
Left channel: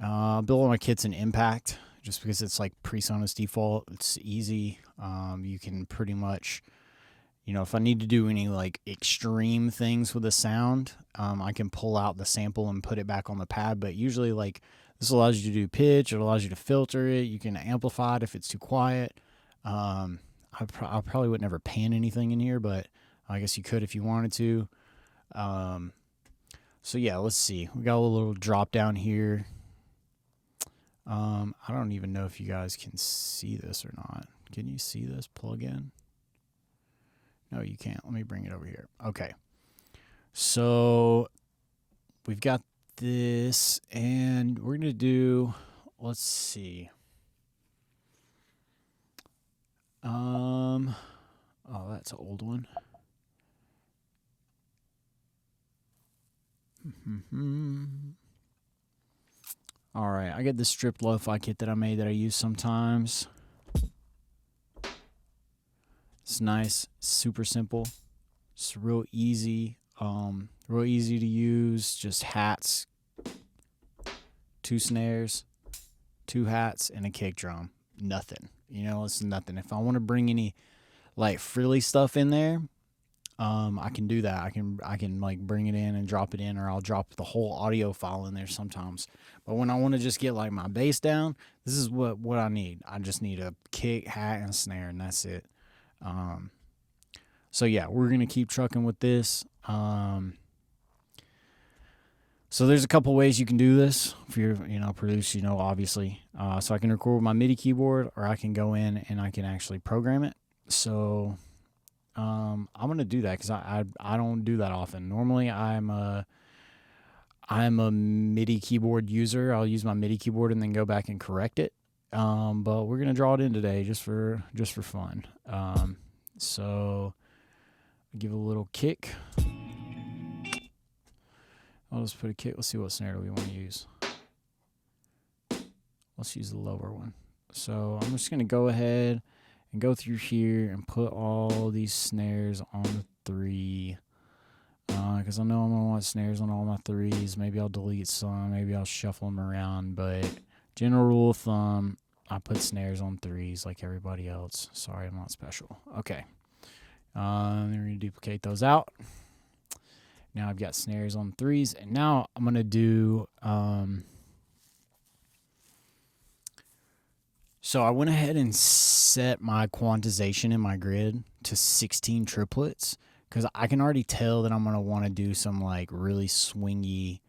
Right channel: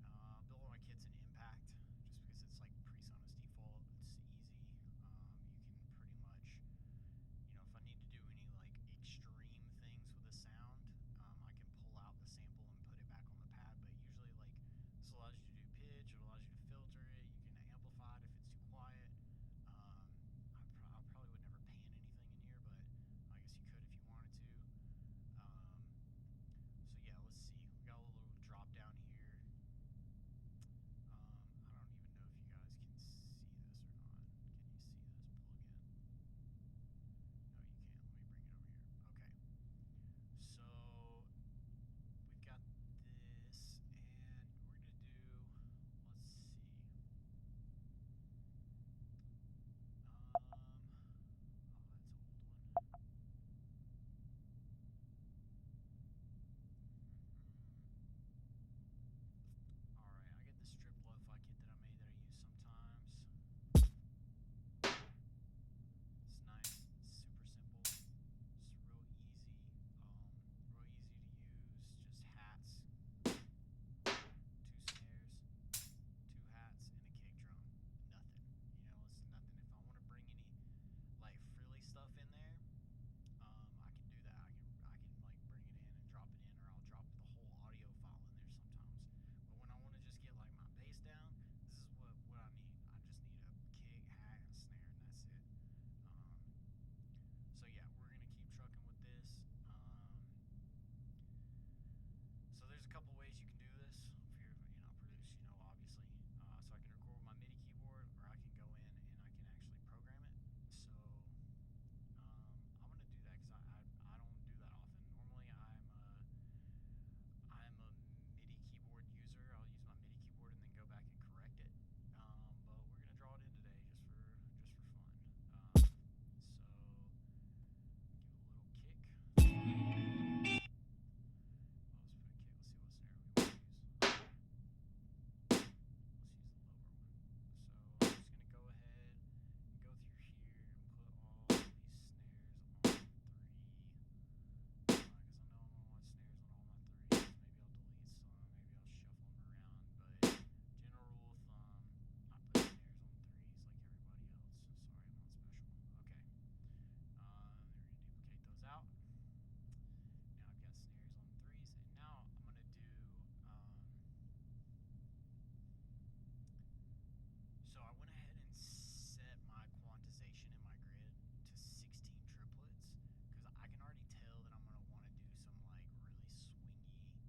Build all my kits in Impact just because it's like PreSonus default. It's easy. You can pretty much, if I need to do any like extreme things with the sound, I can pull out the sample and put it back on the pad. But usually, like, this allows you to do pitch. It allows you to filter it. You can amplify it if it's too quiet. I probably would never pan anything in here, but I guess you could if you wanted to. So yeah, let's see. We got a little drop down here. I don't even know if you guys can see this or not. Can you see this plug-in? No, you can't. Let me bring it over here. Okay. So we've got this, and we're going to do, let's see. Oh, that's an old one. All right, I get this stripped lo-fi kit that I made that I use sometimes. It's nice, super simple. It's real easy to use. Just hats, 2 snares, 2 hats, and a kick drum. Nothing. It's nothing. If I want to bring any like frilly stuff in there, I can do that. I can like bring it in and drop it in, or I'll drop the whole audio file in there sometimes. But when I want to just get like my bass down, this is what I need. I just need a kick, hat, and a snare, and that's it. So yeah, we're gonna keep trucking with this. So there's a couple ways you can do this if you're produce, obviously. So I can record with my MIDI keyboard, or I can go in and I can actually program it. So I'm gonna do that because I don't do that often. Normally I'm a MIDI keyboard user. I'll use my MIDI keyboard and then go back and correct it. But we're gonna draw it in today just for fun. So give it a little kick. I'll just put a kick. Let's see what snare do we want to use. Let's use the lower one. So I'm just gonna go ahead and go through here and put all these snares on the 3. Because I know I'm gonna want snares on all my 3s. Maybe I'll delete some. Maybe I'll shuffle them around. But general rule of thumb, I put snares on 3s like everybody else. Sorry, I'm not special. Okay. Then we're going to duplicate those out. Now I've got snares on 3s. And now I'm going to do... So I went ahead and set my quantization in my grid to 16 triplets. Because I can already tell that I'm going to want to do some like really swingy...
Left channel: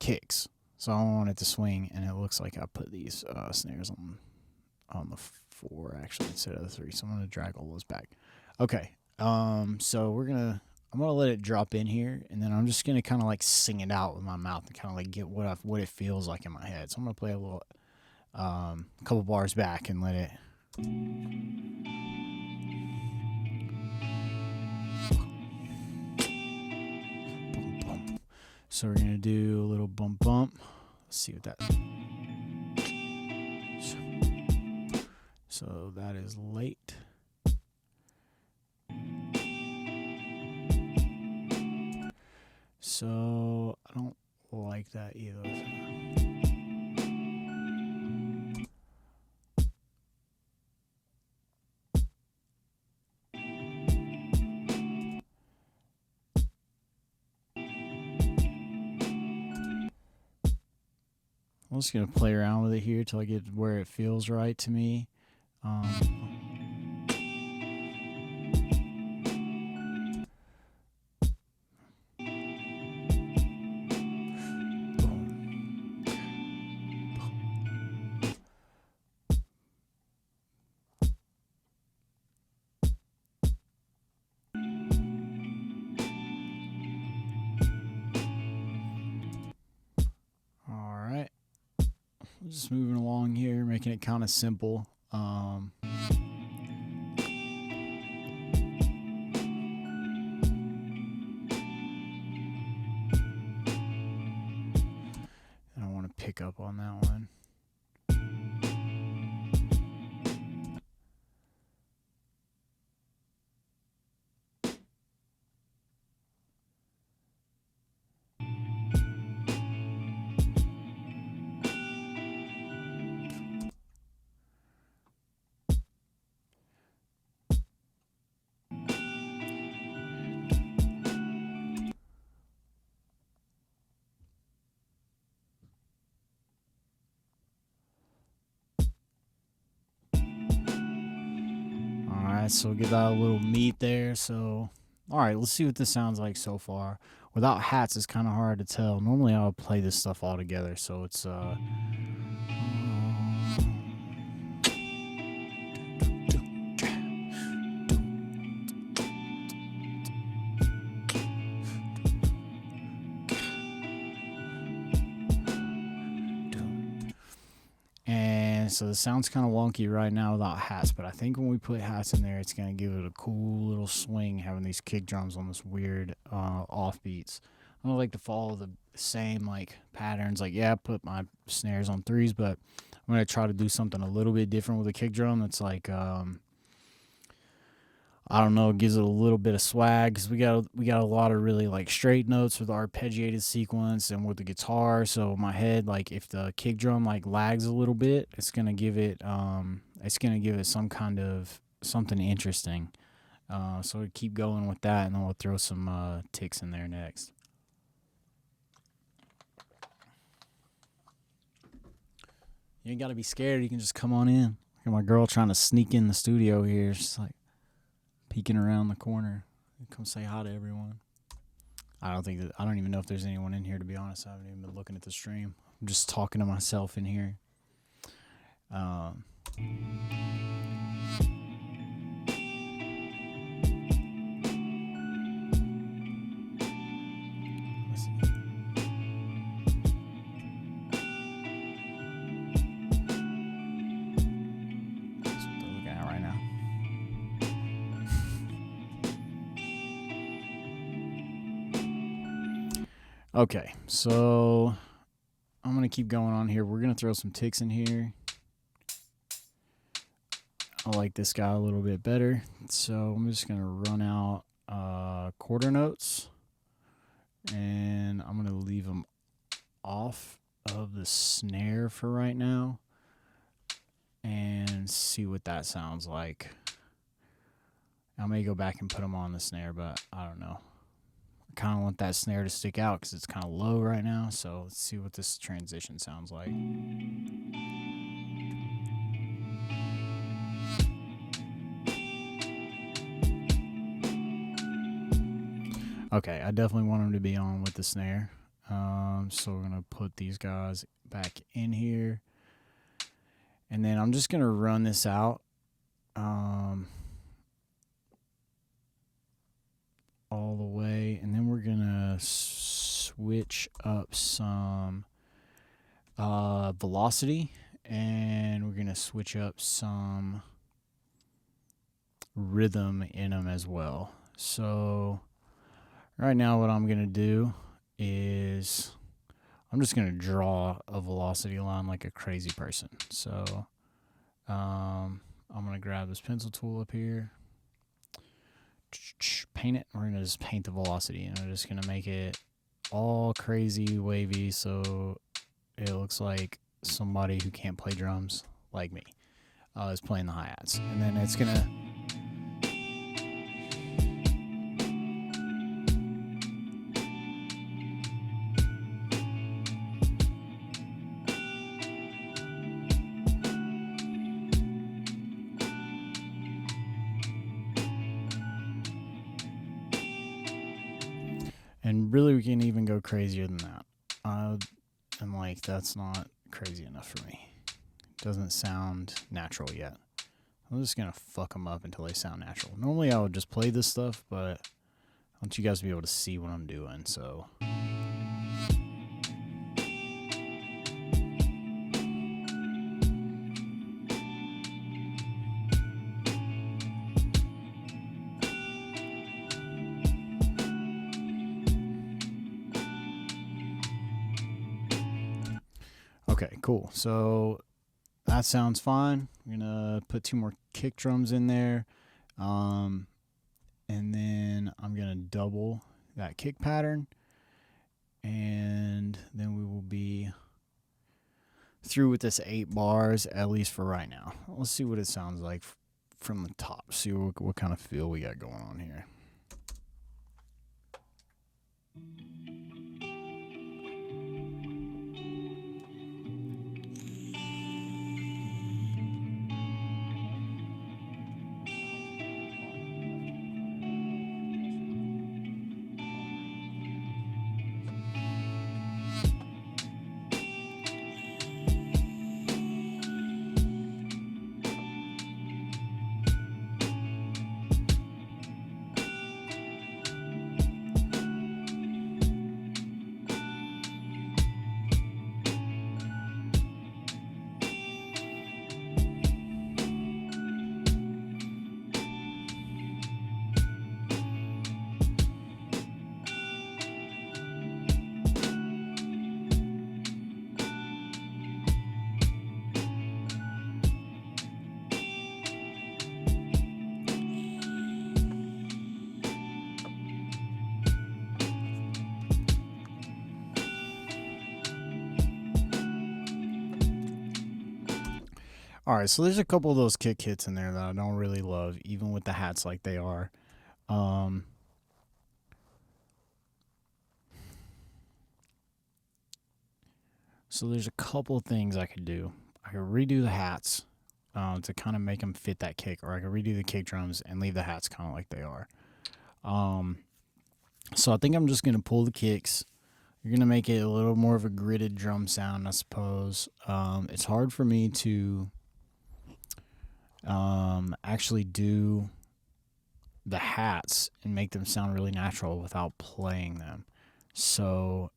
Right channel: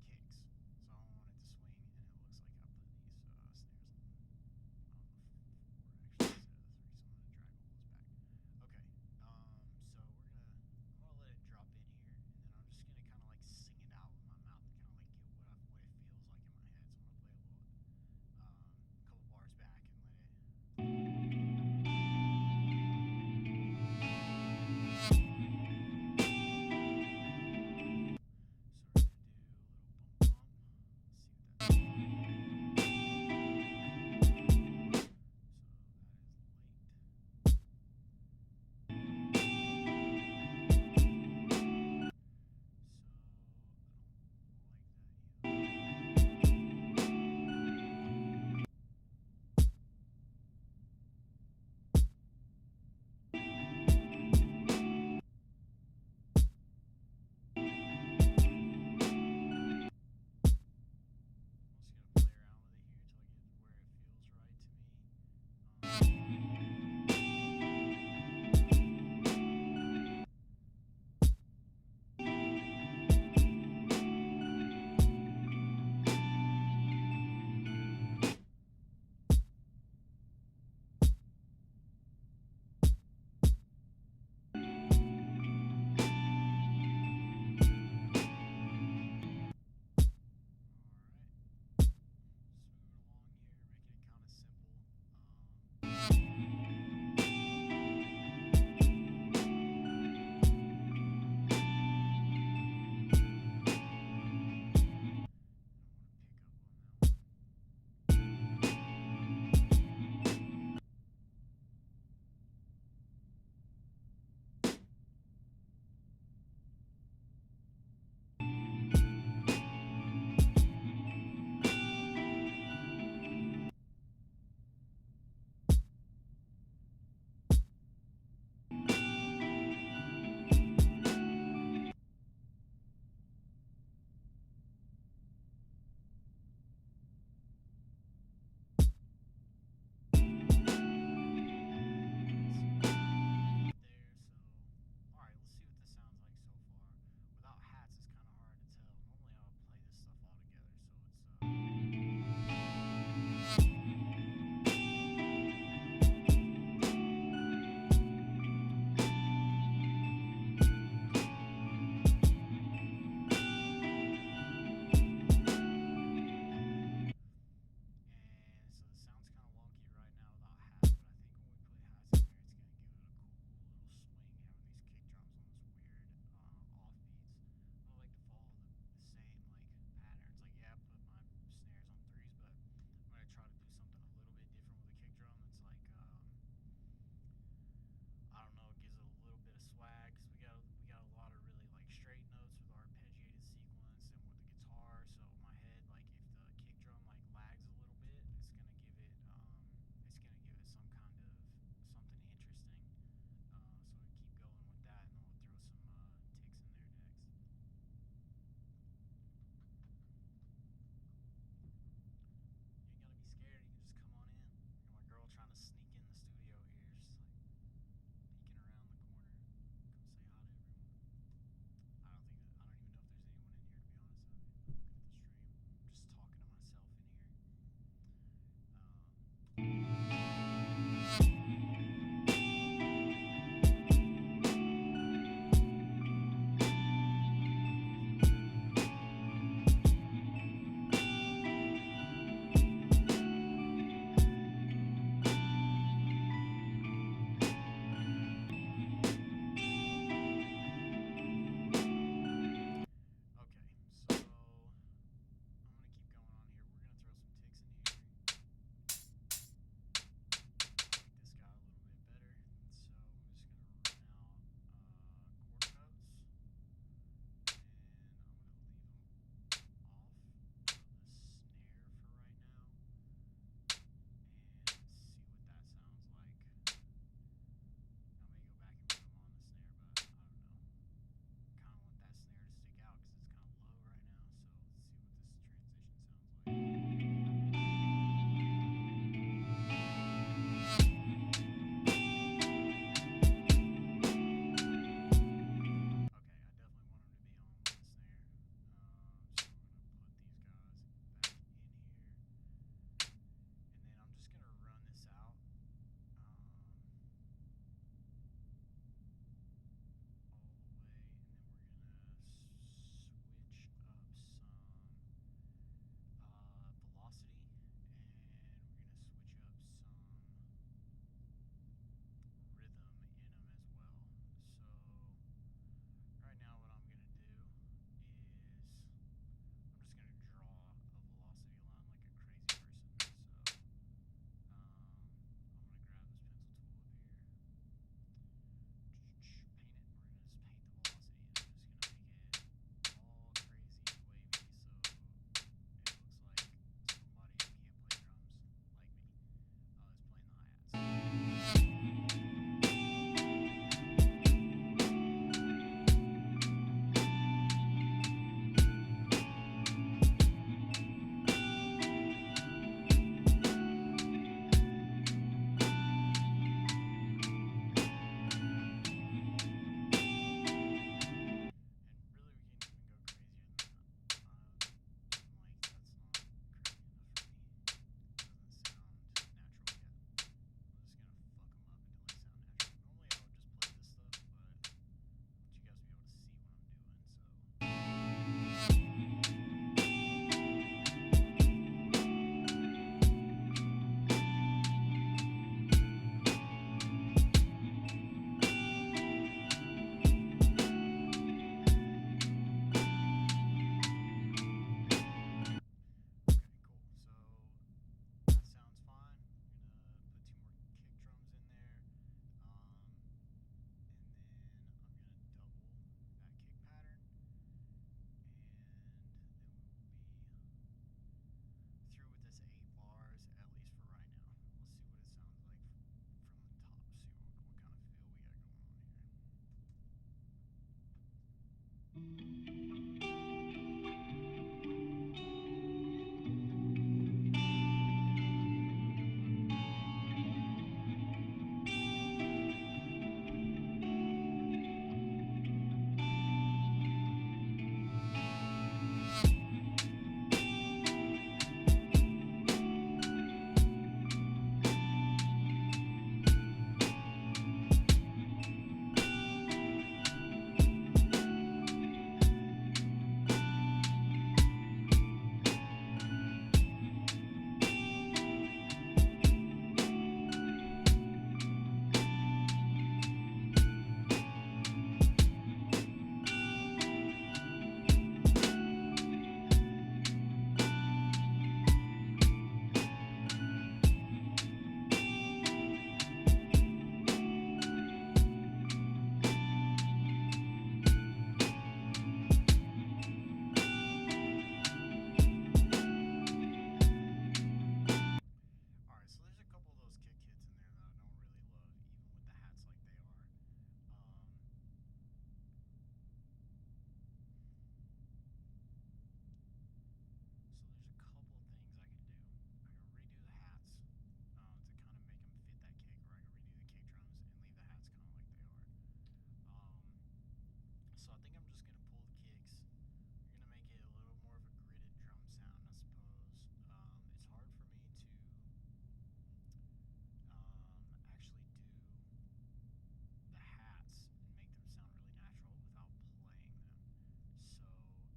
kicks. So I want it to swing, and it looks like I put these snares on the 4 actually instead of the 3. So I'm gonna drag all those back. Okay. So I'm gonna let it drop in here, and then I'm just gonna kind of like sing it out with my mouth and kind of like get what it feels like in my head. So I'm gonna play a little, couple bars back and let it. So we're gonna do a little bump bump. Let's see what that's. So that is late. So I don't like that either. I'm just going to play around with it here till I get where it feels right to me. Just moving along here, making it kind of simple. I don't want to pick up on that one. Alright, so get that little meat there. So, alright, let's see what this sounds like so far. Without hats, it's kind of hard to tell. Normally, I would play this stuff all together, so it's and so the sound's kind of wonky right now without hats, but I think when we put hats in there, it's gonna give it a cool little swing, having these kick drums on this weird offbeats. I don't like to follow the same like patterns. Like, yeah, I put my snares on threes, but I'm gonna try to do something a little bit different with a kick drum. That's like I don't know, it gives it a little bit of swag, because we got a lot of really like straight notes with arpeggiated sequence and with the guitar. So my head, like if the kick drum like lags a little bit, it's gonna give it some kind of something interesting. So we keep going with that, and then we'll throw some ticks in there next. You ain't gotta be scared. You can just come on in. Look at my girl trying to sneak in the studio here. She's like peeking around the corner. Come say hi to everyone. I don't even know if there's anyone in here, to be honest. I haven't even been looking at the stream. I'm just talking to myself in here. Okay, so I'm going to keep going on here. We're going to throw some ticks in here. I like this guy a little bit better. So I'm just going to run out quarter notes. And I'm going to leave them off of the snare for right now. And see what that sounds like. I may go back and put them on the snare, but I don't know. Kind of want that snare to stick out because it's kind of low right now. So let's see what this transition sounds like. Okay, I definitely want them to be on with the snare. So we're going to put these guys back in here. And then I'm just going to run this out. All the way, and then we're gonna switch up some velocity, and we're gonna switch up some rhythm in them as well. So right now what I'm gonna do is I'm just gonna draw a velocity line like a crazy person. So I'm gonna grab this pencil tool up here, paint it. We're gonna just paint the velocity, and we're just gonna make it all crazy wavy so it looks like somebody who can't play drums like me is playing the hi-hats. And then it's gonna really, we can even go crazier than that. And like, that's not crazy enough for me. It doesn't sound natural yet. I'm just gonna fuck them up until they sound natural. Normally I would just play this stuff, but I want you guys to be able to see what I'm doing, so. Okay, cool. So that sounds fine. I'm gonna put 2 more kick drums in there, and then I'm gonna double that kick pattern, and then we will be through with this 8 bars, at least for right now. Let's see what it sounds like from the top. See what kind of feel we got going on here. Alright, so there's a couple of those kick hits in there that I don't really love, even with the hats like they are. So there's a couple of things I could do. I could redo the hats to kind of make them fit that kick, or I could redo the kick drums and leave the hats kind of like they are. So I think I'm just going to pull the kicks. You're going to make it a little more of a gridded drum sound, I suppose. It's hard for me to actually do the hats and make them sound really natural without playing them. So,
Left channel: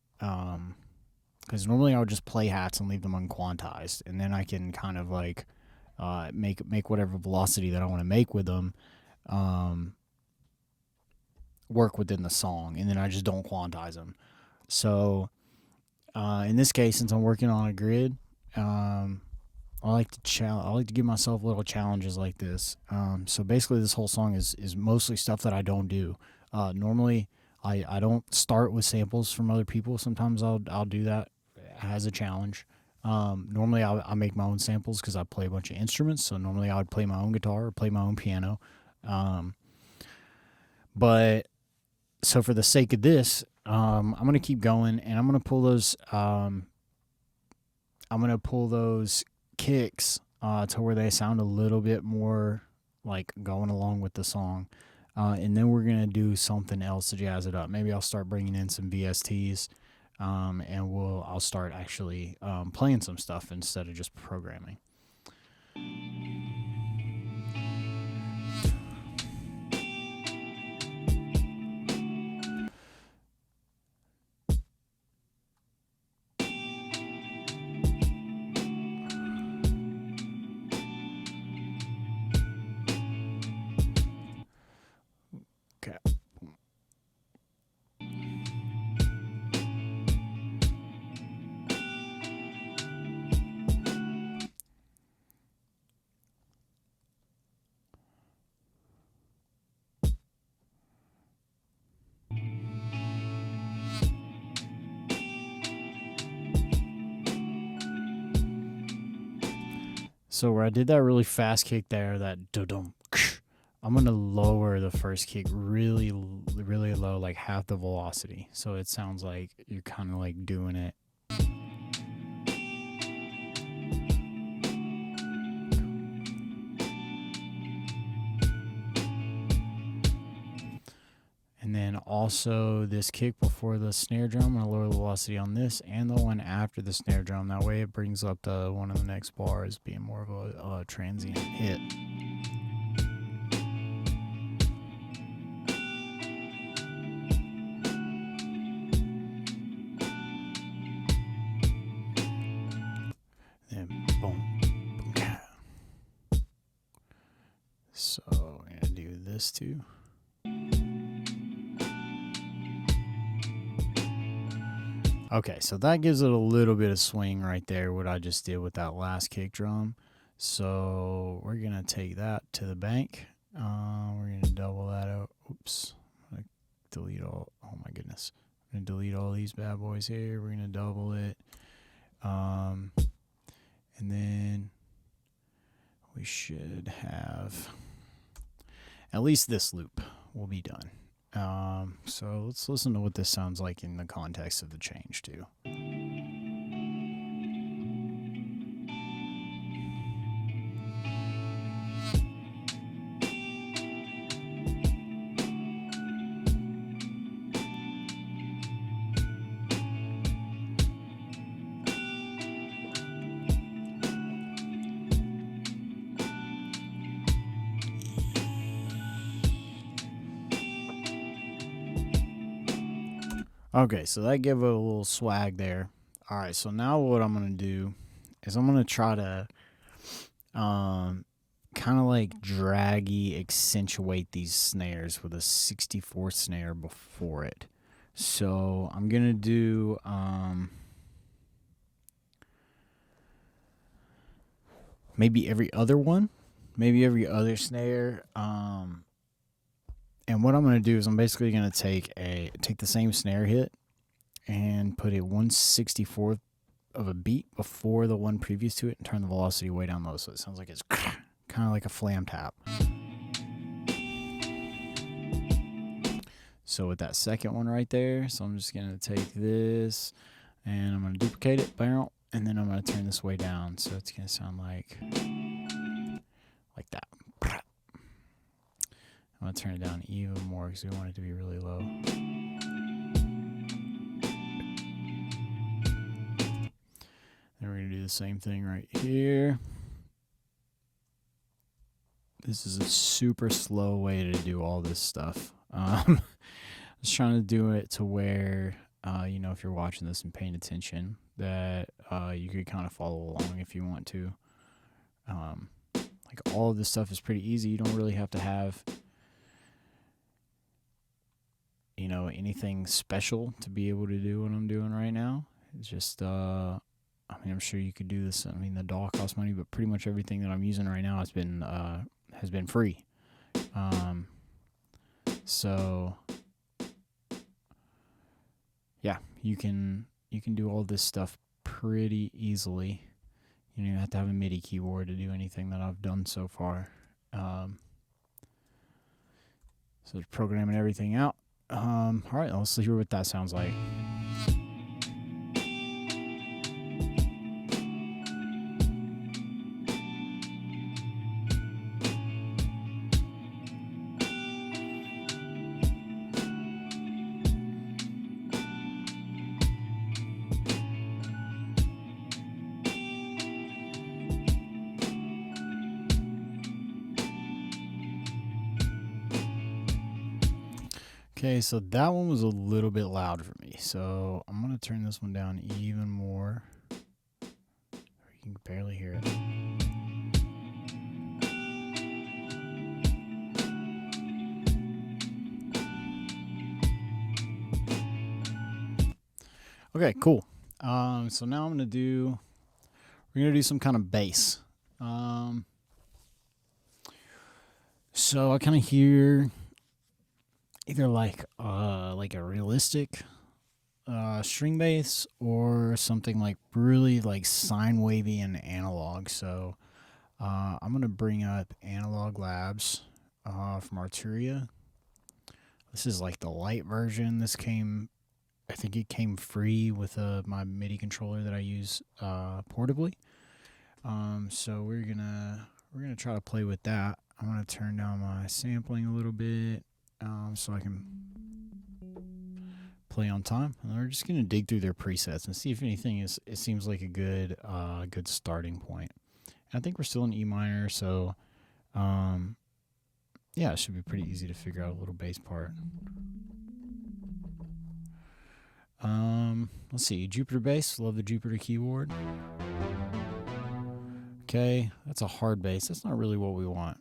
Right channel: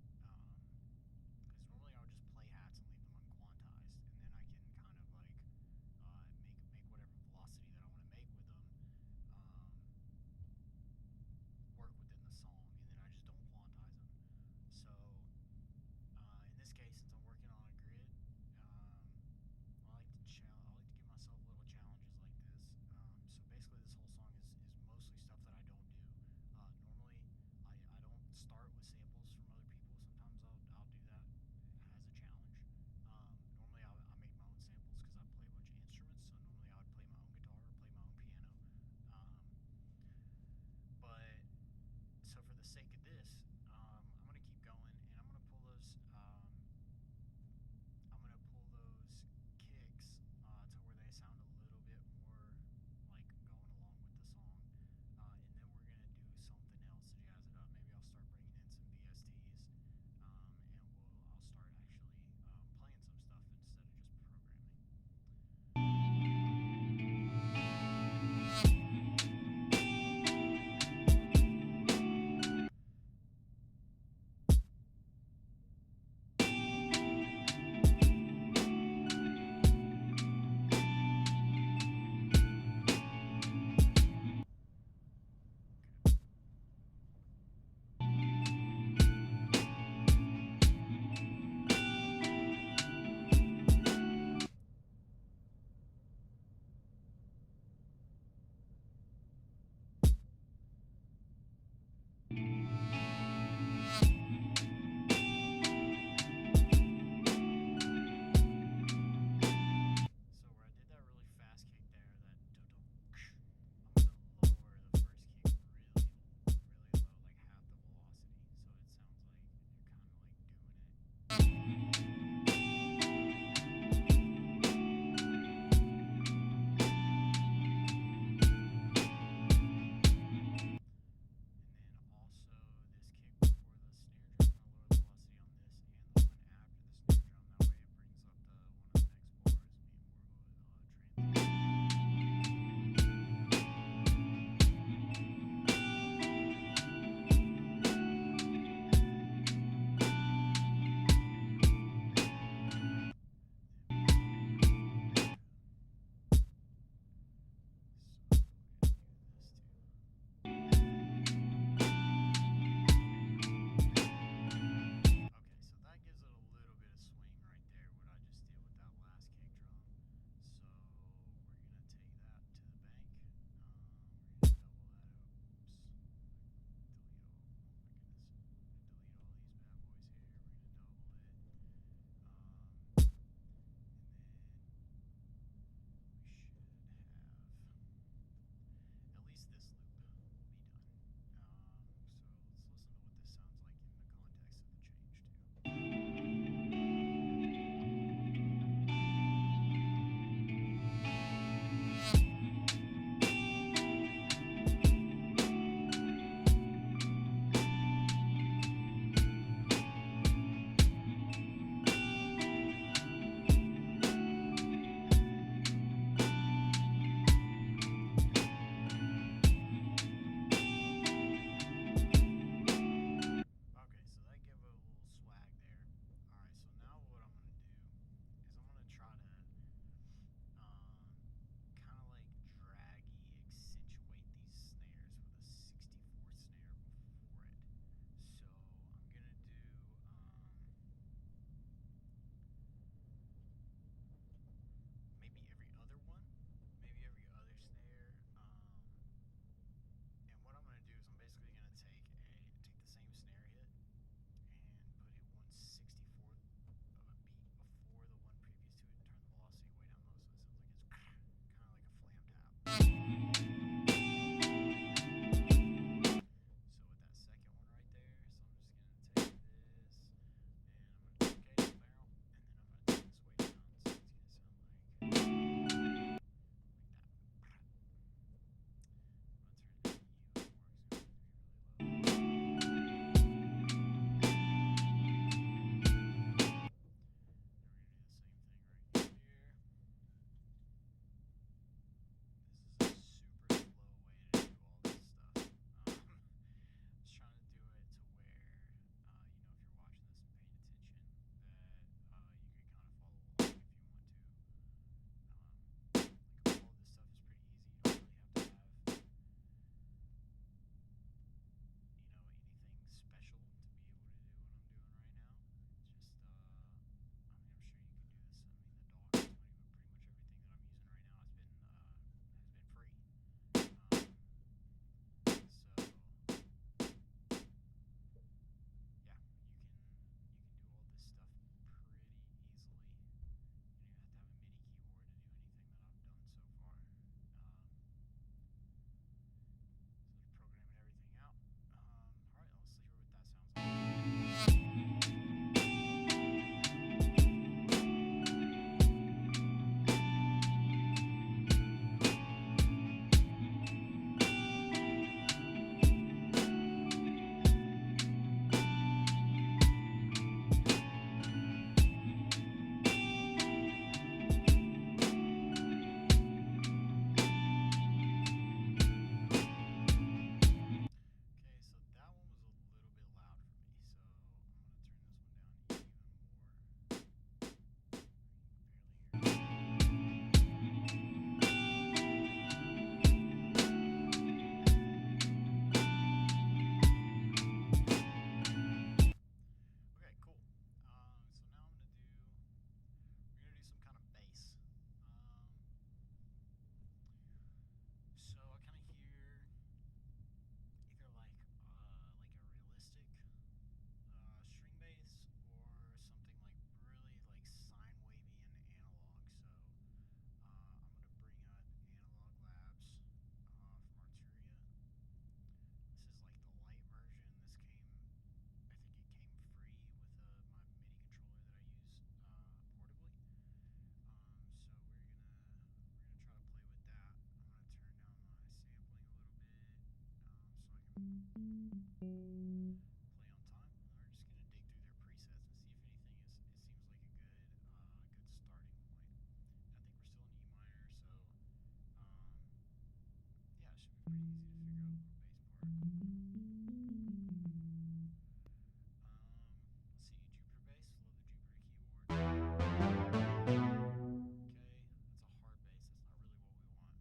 because normally I would just play hats and leave them unquantized, and then I can kind of like make whatever velocity that I want to make with them work within the song, and then I just don't quantize them. So in this case, since I'm working on a grid, I like to give myself little challenges like this. So basically, this whole song is mostly stuff that I don't do. Normally, I don't start with samples from other people. Sometimes I'll do that as a challenge. Normally, I make my own samples because I play a bunch of instruments. So normally, I would play my own guitar or play my own piano. But so for the sake of this, I'm gonna keep going, and I'm gonna pull those kicks to where they sound a little bit more like going along with the song, and then we're gonna do something else to jazz it up. Maybe I'll start bringing in some VSTs, and I'll start actually playing some stuff instead of just programming. So where I did that really fast kick there, that dum, I'm gonna lower the first kick really, really low, like half the velocity, so it sounds like you're kind of like doing it. And then also this kick before the snare drum, I'm going to lower the velocity on this and the one after the snare drum. That way it brings up the one of the next bars being more of a transient hit. Then boom, boom, yeah. So I'm going to do this too. Okay, so that gives it a little bit of swing right there, what I just did with that last kick drum. So we're going to take that to the bank. We're going to double that out. Oops. I'm going to delete all. Oh, my goodness. I'm going to delete all these bad boys here. We're going to double it. And then we should have at least this loop will be done. So let's listen to what this sounds like in the context of the change too. Okay, so that gave it a little swag there. All right, so now what I'm going to do is I'm going to try to kind of like draggy accentuate these snares with a 64th snare before it. So I'm going to do maybe every other one, maybe every other snare. And what I'm going to do is I'm basically going to take the same snare hit and put a 1/64 of a beat before the one previous to it and turn the velocity way down low, so it sounds like it's kind of like a flam tap. So with that second one right there, so I'm just going to take this and I'm going to duplicate it, and then I'm going to turn this way down, so it's going to sound like that. I'm going to turn it down even more because we want it to be really low. Then we're going to do the same thing right here. This is a super slow way to do all this stuff. I was trying to do it to where, you know, if you're watching this and paying attention, that you could kind of follow along if you want to. Like all of this stuff is pretty easy. You don't really have to have, you know, anything special to be able to do what I'm doing right now. It's just, I mean, I'm sure you could do this. I mean, the DAW costs money, but pretty much everything that I'm using right now has been free. So yeah, you can do all this stuff pretty easily. You don't even have to have a MIDI keyboard to do anything that I've done so far. So programming everything out. All right, let's hear what that sounds like. Okay, so that one was a little bit loud for me, so I'm going to turn this one down even more. You can barely hear it. Okay, cool. So now we're going to do some kind of bass. So I kind of hear either like a realistic string bass or something like really like sine wavy and analog. So I'm gonna bring up Analog Labs from Arturia. This is like the light version. I think it came free with my MIDI controller that I use portably. So we're gonna try to play with that. I'm gonna turn down my sampling a little bit. So I can play on time. And we're just gonna dig through their presets and see if anything it seems like a good starting point. And I think we're still in E minor, so yeah, it should be pretty easy to figure out a little bass part. Let's see, Jupiter bass. Love the Jupiter keyboard. Okay, that's a hard bass. That's not really what we want.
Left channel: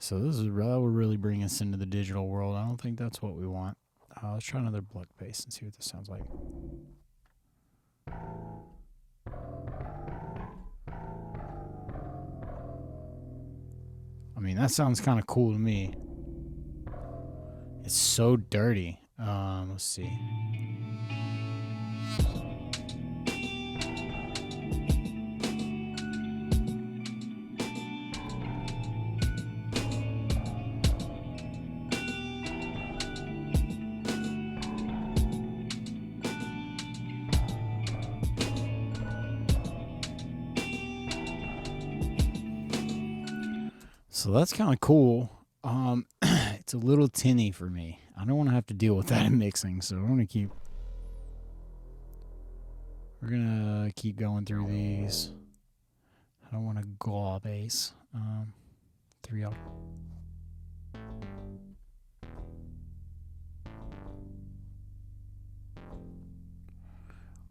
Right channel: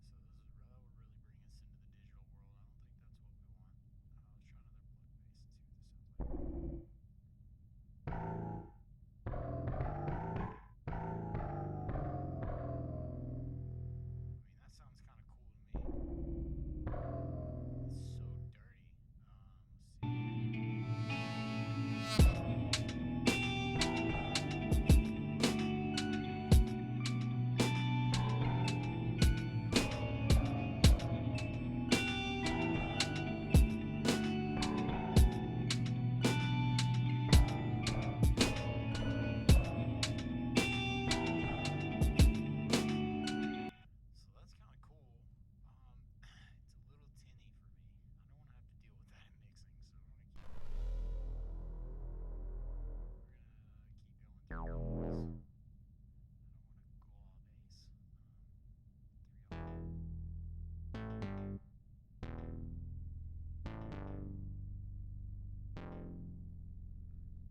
So that would really bring us into the digital world. I don't think that's what we want. Let's try another block bass and see what this sounds like. I mean, that sounds kind of cool to me. It's so dirty. Let's see. So that's kind of cool. It's a little tinny for me. I don't want to have to deal with that in mixing, so we're gonna keep going through these. I don't want to gaw bass. 3 up.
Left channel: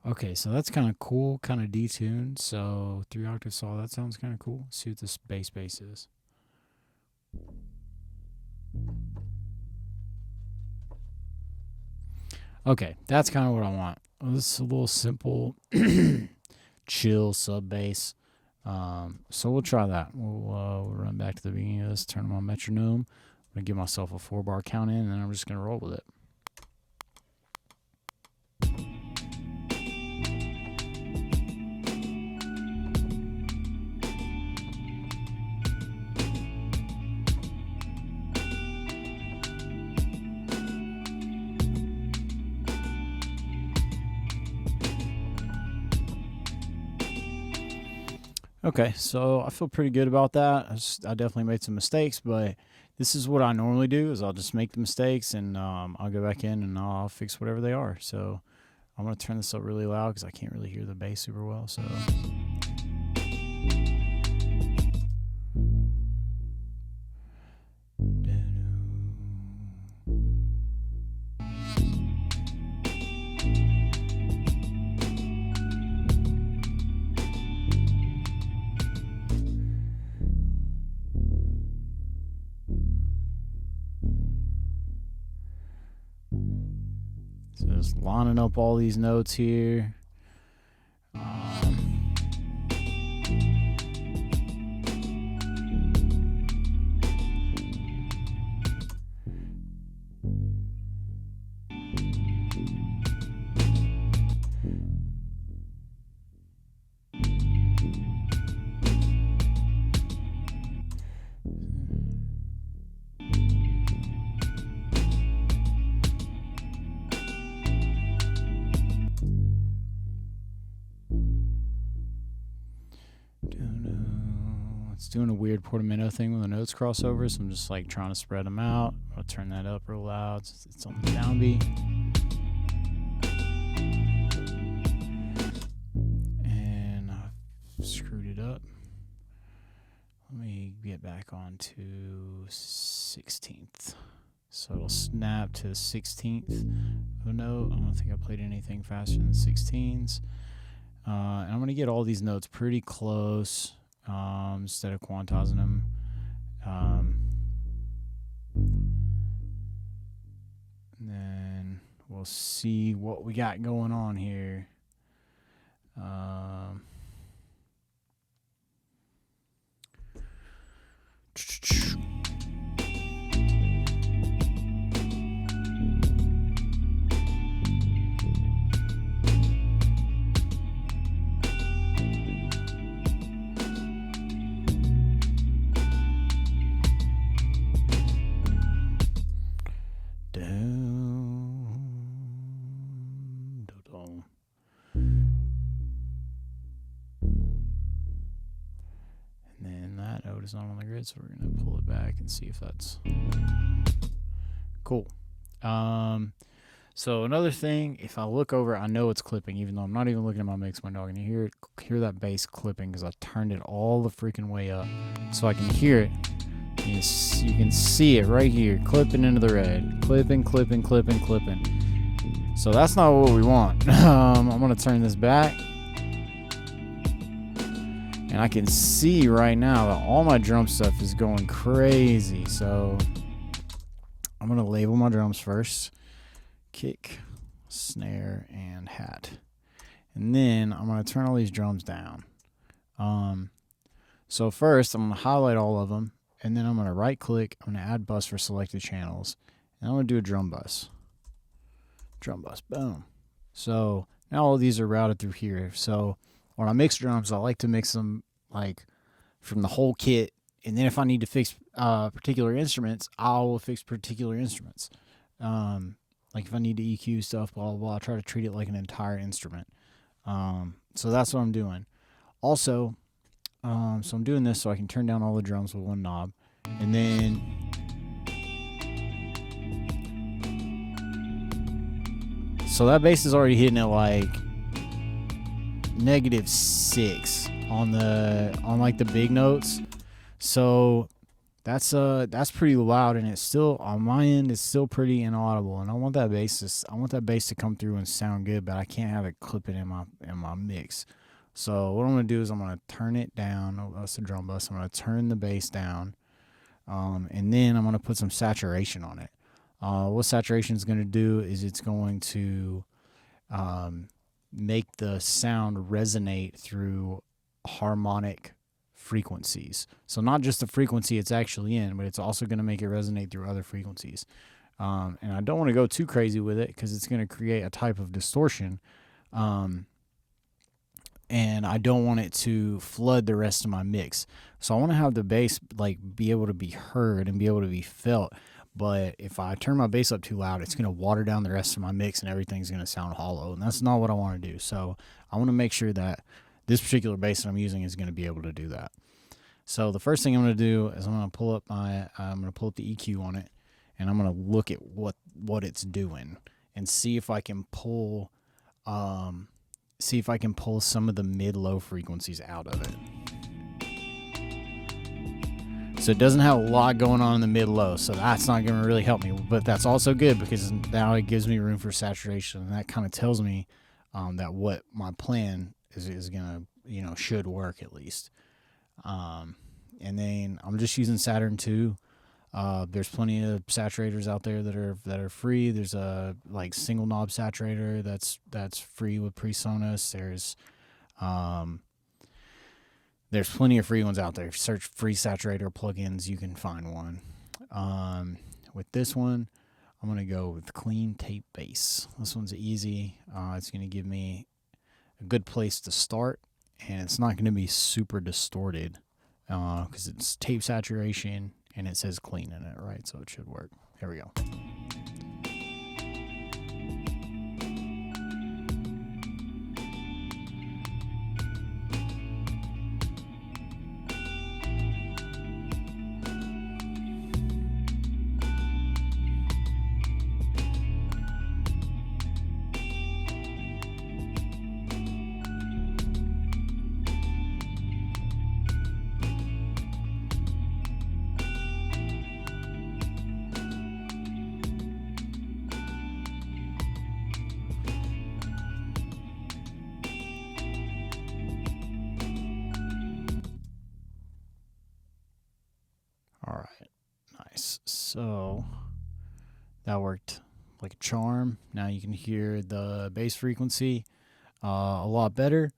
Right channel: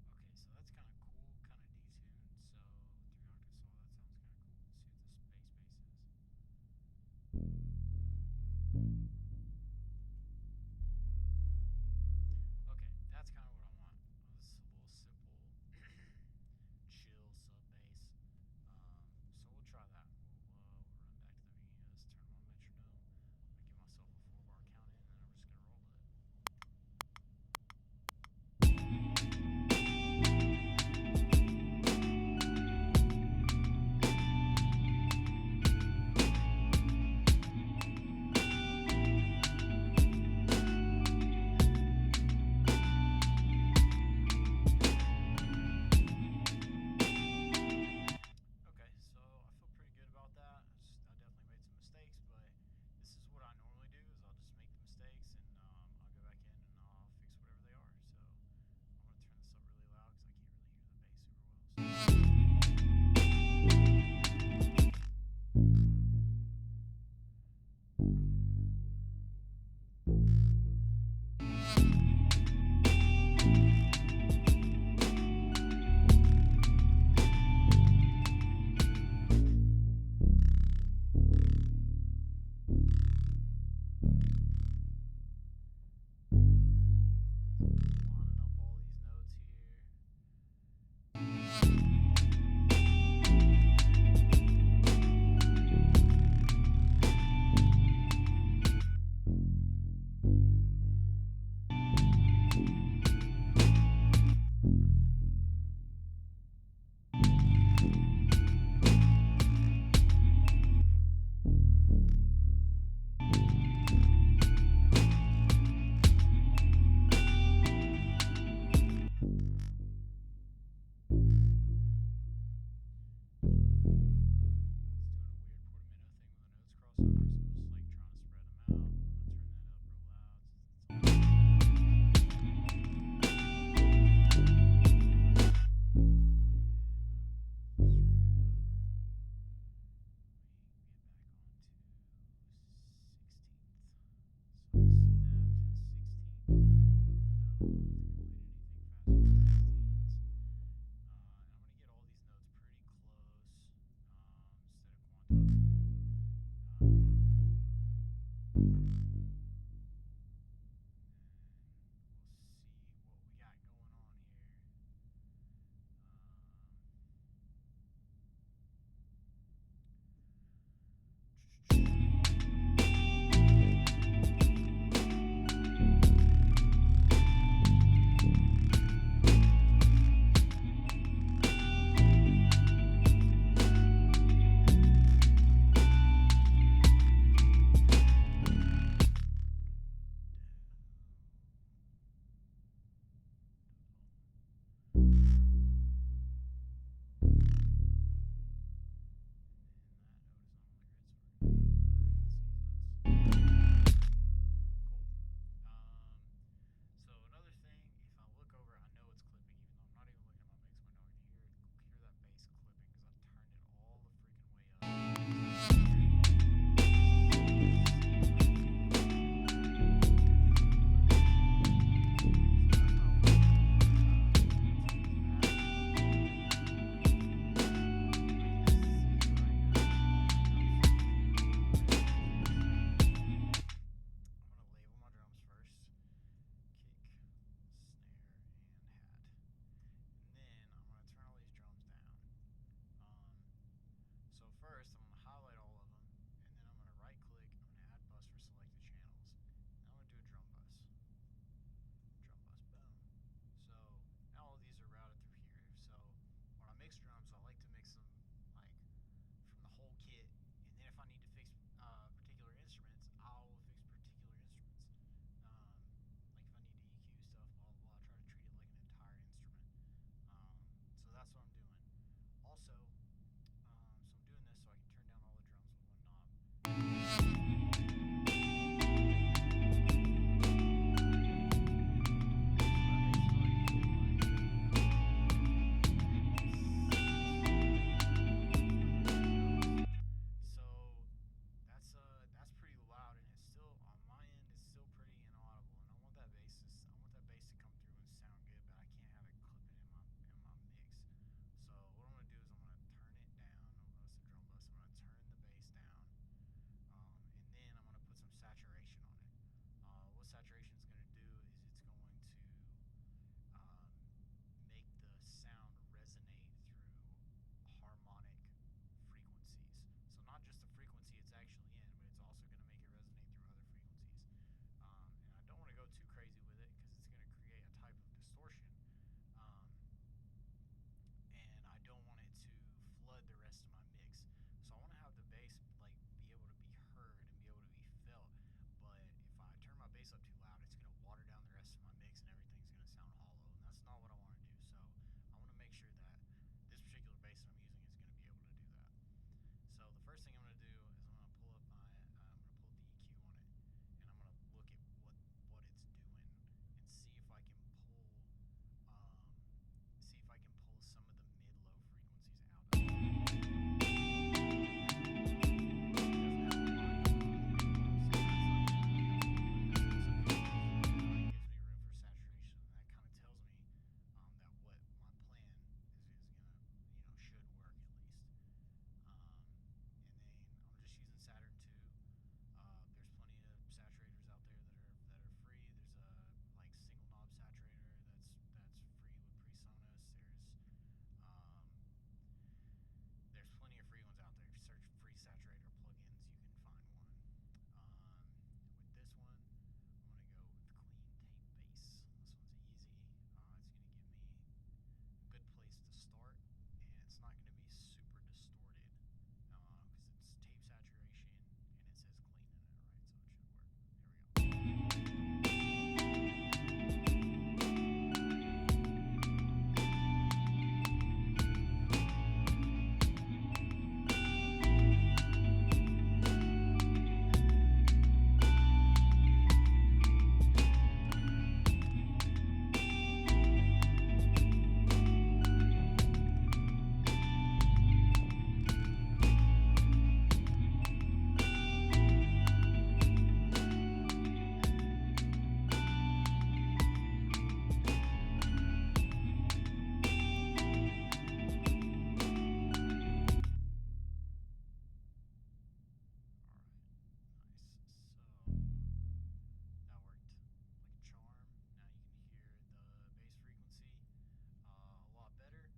Okay, so that's kind of cool, kind of detuned. So 3 octave saw, that sounds kind of cool. Let's see what this bass is. Okay, that's kind of what I want. This is a little simple, chill sub bass. So we'll try that. We'll run back to the beginning of this, turn on my metronome. I'm gonna give myself a 4-bar count in, and then I'm just gonna roll with it. Okay, so I feel pretty good about that. I definitely made some mistakes, but this is what I normally do, is I'll just make the mistakes, and I'll go back in and I'll fix whatever they are. So I'm going to turn this up really loud because I can't really hear the bass super well. So just lining up all these notes here. It's doing a weird portamento thing when the notes cross over, so I'm just like trying to spread them out. I'll turn that up real loud. It's on the downbeat. And I've screwed it up. Let me get back on to 16th. So it'll snap to 16th of a note. I don't think I played anything faster than 16s. And I'm going to get all these notes pretty close instead of quantizing them. And then we'll see what we got going on here. Not on the grid, so we're gonna pull it back and see if that's cool. So another thing, if I look over, I know it's clipping, even though I'm not even looking at my mix window. I can hear that bass clipping because I turned it all the freaking way up, so I can hear it. You can see it right here, clipping into the red, clipping. So that's not what we want. I'm gonna turn this back. And I can see right now that all my drum stuff is going crazy. So I'm going to label my drums first. Kick, snare, and hat. And then I'm going to turn all these drums down. So first I'm going to highlight all of them. And then I'm going to right click. I'm going to add bus for selected channels. And I'm going to do a drum bus. Drum bus. Boom. So now all these are routed through here. So when I mix drums, I like to mix them like from the whole kit, and then if I need to fix particular instruments, I will fix particular instruments. Like if I need to EQ stuff, blah blah blah, I try to treat it like an entire instrument. So that's what I'm doing. Also, so I'm doing this so I can turn down all the drums with one knob, and then so that bass is already hitting at like -6 on like the big notes. So that's pretty loud, and it's still on my end, it's still pretty inaudible, and I want that bass to come through and sound good, but I can't have it clipping in my mix. So what I'm gonna do is I'm gonna turn it down. Oh, that's the drum bus. I'm gonna turn the bass down, and then I'm gonna put some saturation on it. What saturation is gonna do is it's going to make the sound resonate through harmonic frequencies. So not just the frequency it's actually in, but it's also going to make it resonate through other frequencies. And I don't want to go too crazy with it because it's going to create a type of distortion. And I don't want it to flood the rest of my mix. So I want to have the bass like be able to be heard and be able to be felt. But if I turn my bass up too loud, it's going to water down the rest of my mix and everything's going to sound hollow. And that's not what I want to do. So I want to make sure that this particular bass that I'm using is going to be able to do that. So the first thing I'm going to do is I'm going to pull up the EQ on it, and I'm going to look at what it's doing and see if I can pull some of the mid-low frequencies out of it. So it doesn't have a lot going on in the mid-low, so that's not going to really help me. But that's also good because now it gives me room for saturation, and that kind of tells me that what my plan is going to, should work at least. And then I'm just using Saturn 2. There's plenty of saturators out there that are free. There's a single knob saturator that's free with PreSonus. There's plenty of free ones out there. If you search free saturator plugins, you can find one. With this one, I'm gonna go with clean tape bass. This one's easy. It's gonna give me a good place to start, and it's not gonna be super distorted because it's tape saturation. And it says clean in it, right? So it should work. Here we go. So that worked like a charm. Now you can hear the bass frequency a lot better.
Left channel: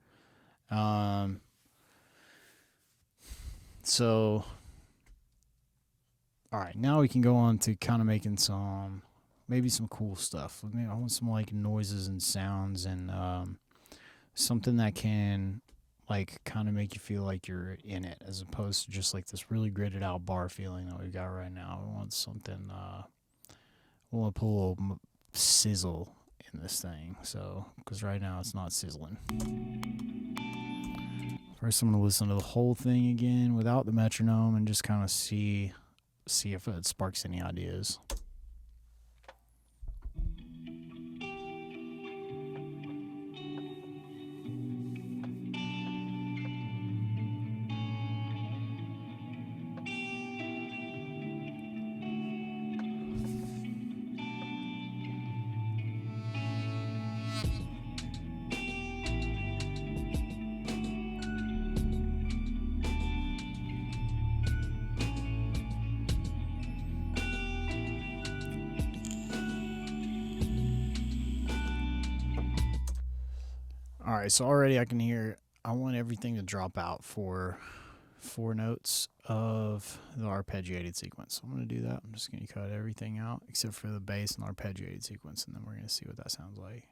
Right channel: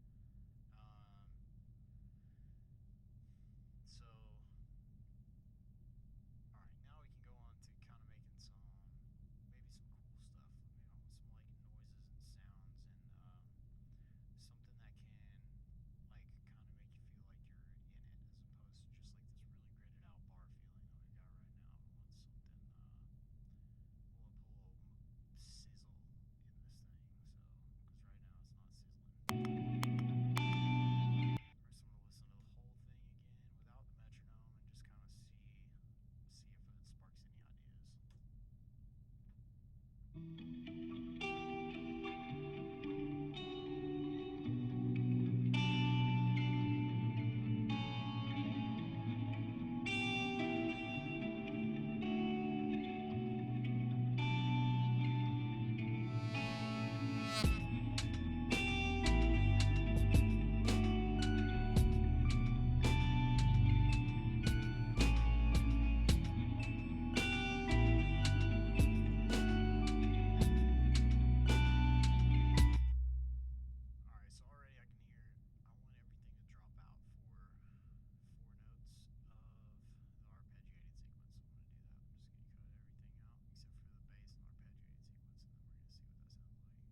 So, all right, now we can go on to kind of making maybe some cool stuff. I want some noises and sounds and something that can kind of make you feel like you're in it, as opposed to just this really gridded out bar feeling that we've got right now. We want something, we want to put a little sizzle in this thing, so, because right now it's not sizzling. First I'm going to listen to the whole thing again without the metronome and just kind of see if it sparks any ideas. Alright, so already I can hear, I want everything to drop out for 4 notes of the arpeggiated sequence. So I'm going to do that. I'm just going to cut everything out except for the bass and arpeggiated sequence, and then we're going to see what that sounds like.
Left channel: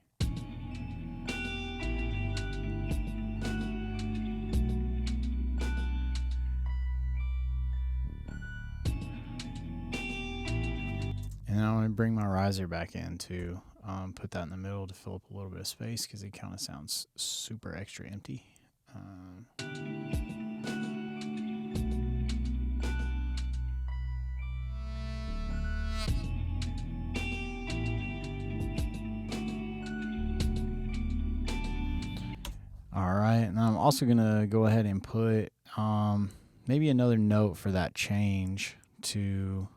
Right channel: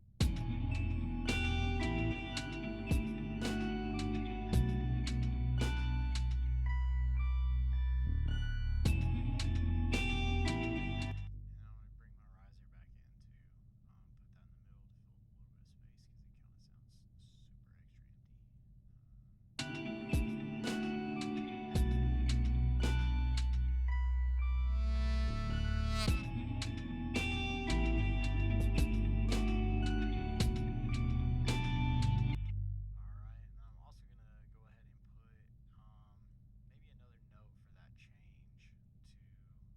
And then I'm going to bring my riser back in to put that in the middle to fill up a little bit of space because it kind of sounds super extra empty. Alright, and I'm also going to go ahead and put maybe another note for that change to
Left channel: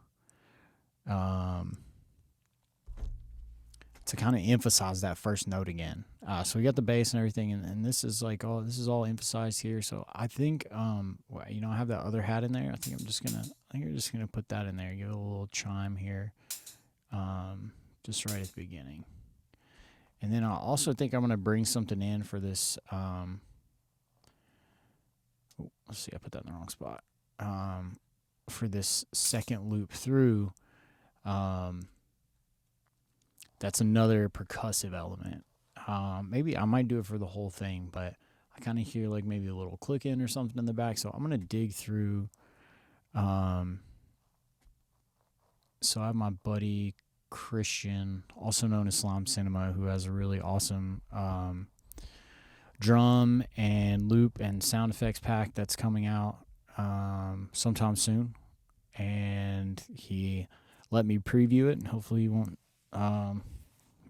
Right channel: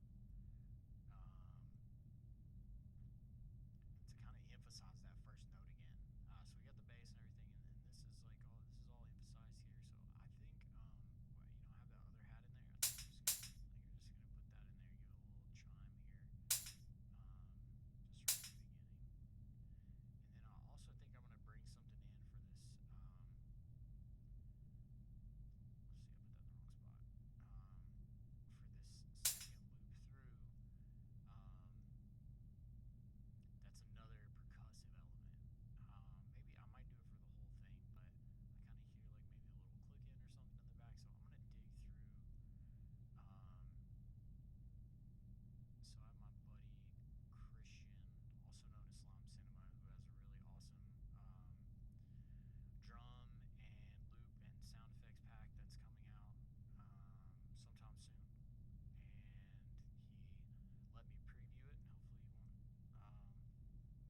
kind of emphasize that first note again. So we got the bass and everything, and this is this is all emphasized here. So I think I have that other hat in there. I think I'm just gonna put that in there. Give it a little chime here, just right at the beginning. And then I also think I'm gonna bring something in for this. let's see, I put that in the wrong spot. For this second loop through, that's another percussive element. Maybe I might do it for the whole thing, but I kind of hear like maybe a little clicking or something in the back, so I'm gonna dig through. So I have my buddy Christian, also known as Slime Cinema, who has a really awesome drum and loop and sound effects pack that's coming out sometime soon, and he let me preview it, and hopefully you won't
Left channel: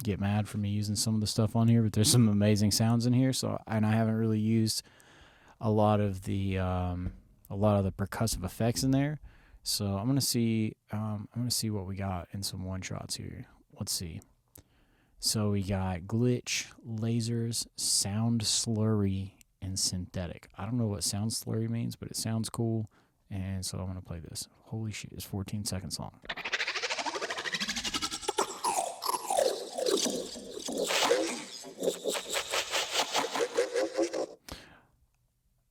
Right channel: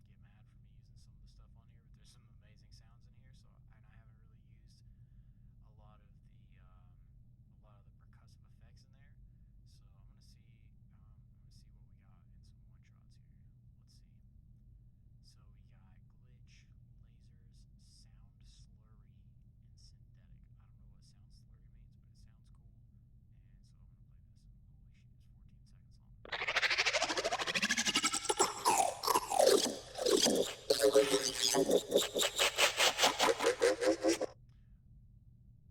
get mad for me using some of the stuff on here, but there's some amazing sounds in here. So, and I haven't really used a lot of the percussive effects in there. So I'm gonna see what we got in some one shots here. Let's see. So we got glitch, lasers, sound slurry, and synthetic. I don't know what sound slurry means, but it sounds cool, and so I'm gonna play this. Holy shit, it's 14 seconds long.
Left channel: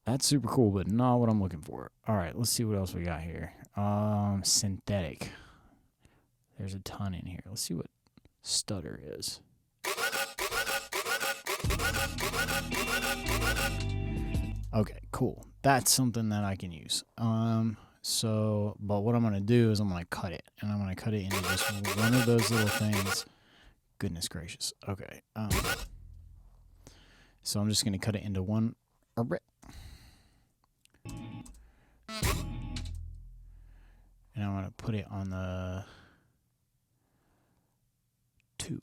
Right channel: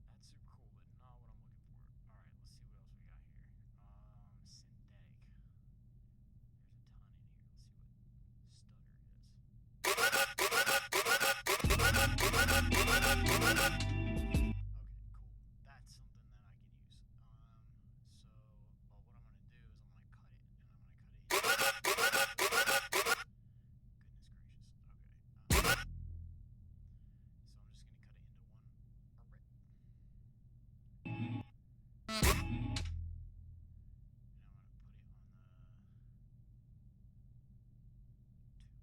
That's super cool, but not what I'm looking for. All right, let's see what else we got here. Synthetic. There's a ton in here. Let's see what stutter is. Okay, cool. That's something that I can use. But what I'm gonna do is I'm gonna cut it, and I'm gonna cut it into just one of those little things. Goodness gracious. Okay. So I'm just gonna cut it into one. And I'm going to put it on the 2.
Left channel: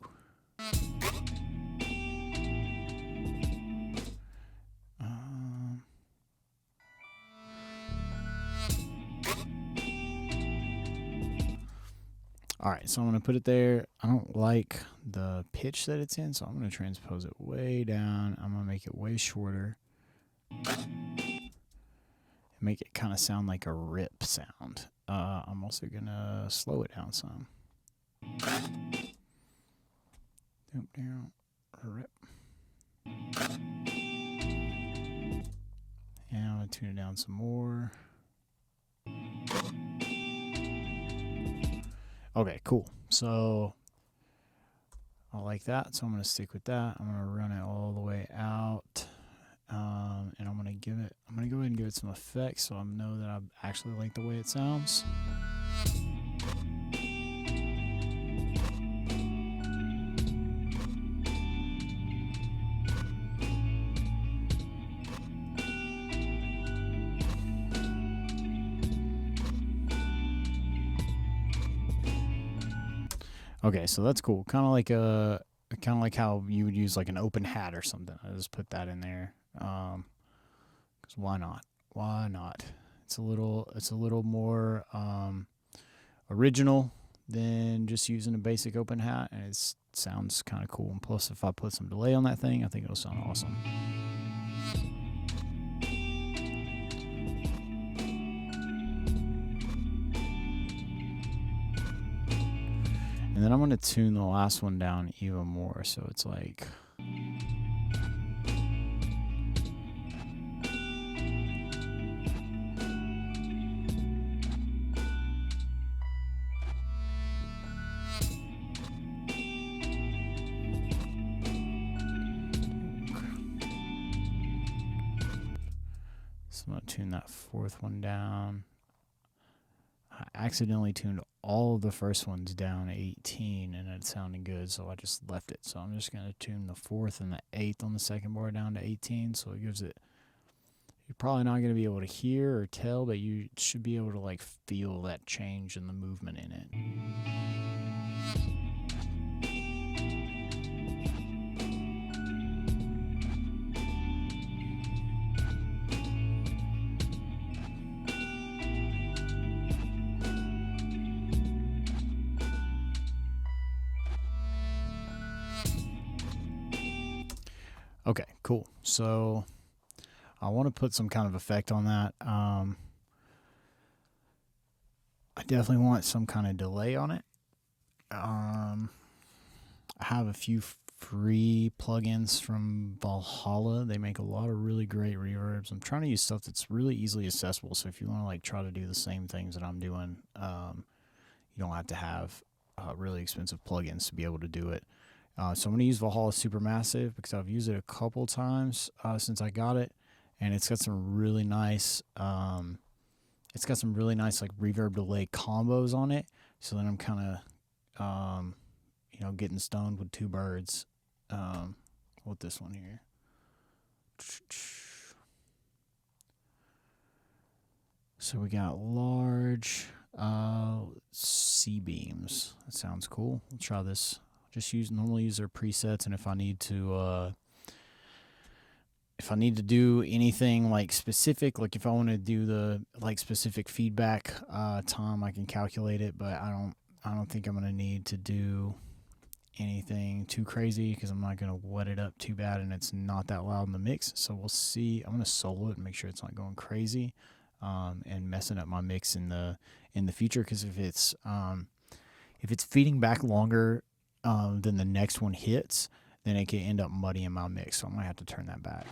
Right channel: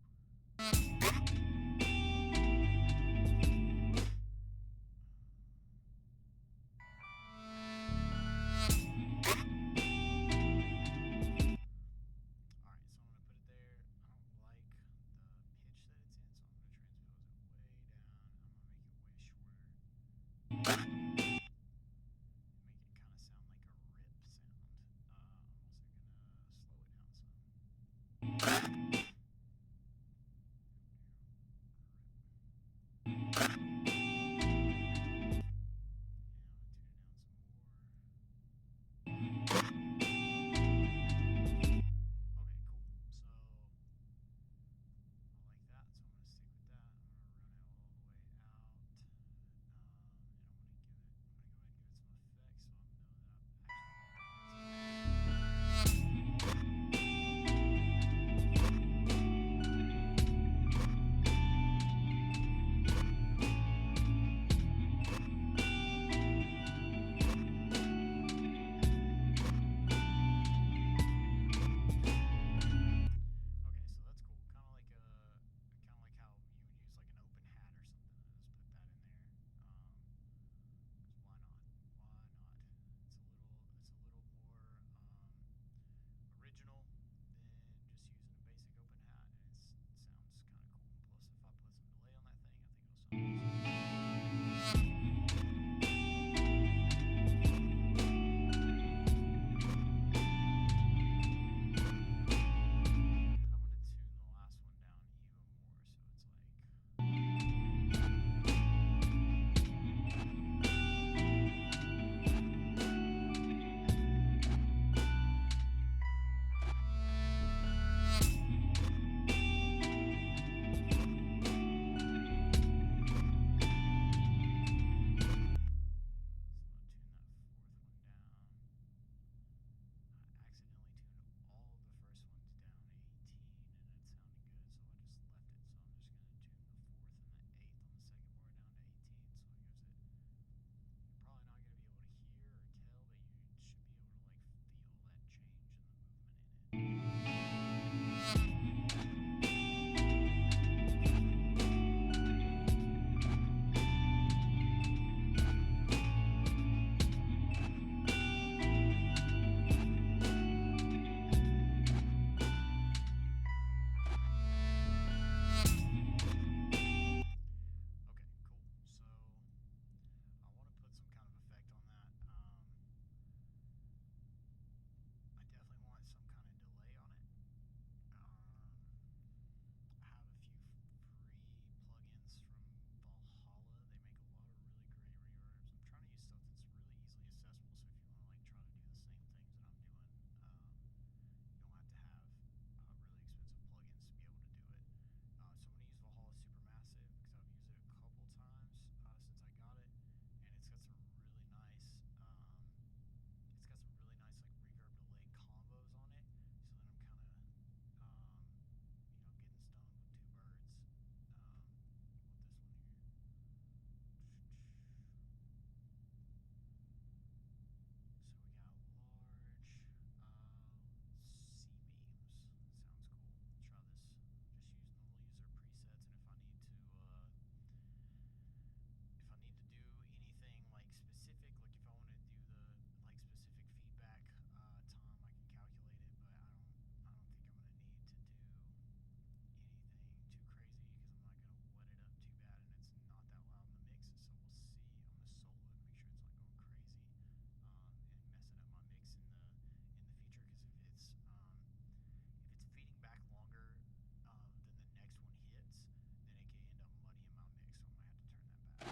All right, so I'm going to put it there. I don't like the pitch that it's in, so I'm going to transpose it way down. I'm going to make it way shorter. Make it kind of sound like a rip sound. I'm also going to slow it down some. Rip. And I'm going to tune it down some more. Okay, cool. So I like that, so I'm going to stick with that. I'm going to run it all the way out. And I'm gonna go ahead and give it some effects so I know that I actually like the way it sounds. Okay, so that's cool. Kind of like how you would use like an open hat or something. I just put that in there. 'Cause why not? Why not? It's a little more original than just using a basic open hat, and it sounds kind of cool. And plus, if I put some delay on that thing, I think it'll sound awesome. And then I'm going to tune the last one down even more, so it's like... So I'm going to tune that fourth one down. I accidentally tuned all of the first ones down to 18, and it sounded good, so I just left it. So I'm just going to tune the fourth and the eighth on the second bar down to 18, so it gives it... You're probably not going to be able to hear or tell, but you should be able to like feel that change in the movement in it. Okay, cool. So I want to put some kind of effect on that. I definitely want some kind of delay on it. I have a few free plugins from Valhalla. They make a lot of really great reverbs. I'm trying to use stuff that's really easily accessible. So if you want to like try to do the same things that I'm doing, you don't have to have really expensive plugins to be able to do it. So I'm going to use Valhalla Supermassive because I've used it a couple times since I got it, and it's got some really nice like reverb delay combos on it. So then I'm kind of getting stoned with two birds with this one here. So we got large C-beams. That sounds cool. We'll try this. Normally use their presets, and if I need to do anything like specific, like if I want to do the like specific feedback time, I can calculate it, but I don't think I'm gonna need to do anything too crazy because I'm not gonna wet it up too bad, and it's not that loud in the mix. So we'll see. I'm gonna solo it and make sure it's not going crazy and messing up my mix in the future, because if it's feeding back longer than the next one hits, then it can end up muddying my mix. So I'm gonna have to turn that back.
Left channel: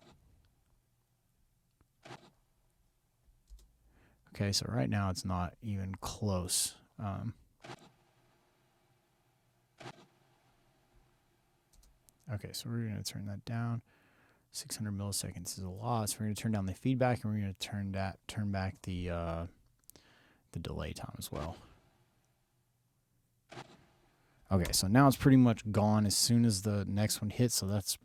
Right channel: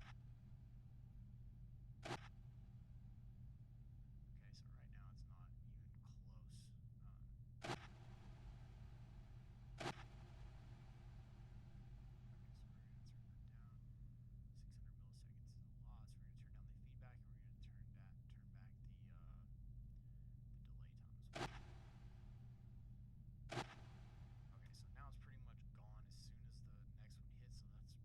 Okay, so right now it's not even close. Okay, so we're gonna turn that down. 600 milliseconds is a lot, so we're gonna turn down the feedback, and we're gonna turn back the delay time as well. Okay, so now it's pretty much gone as soon as the next one hits, so that's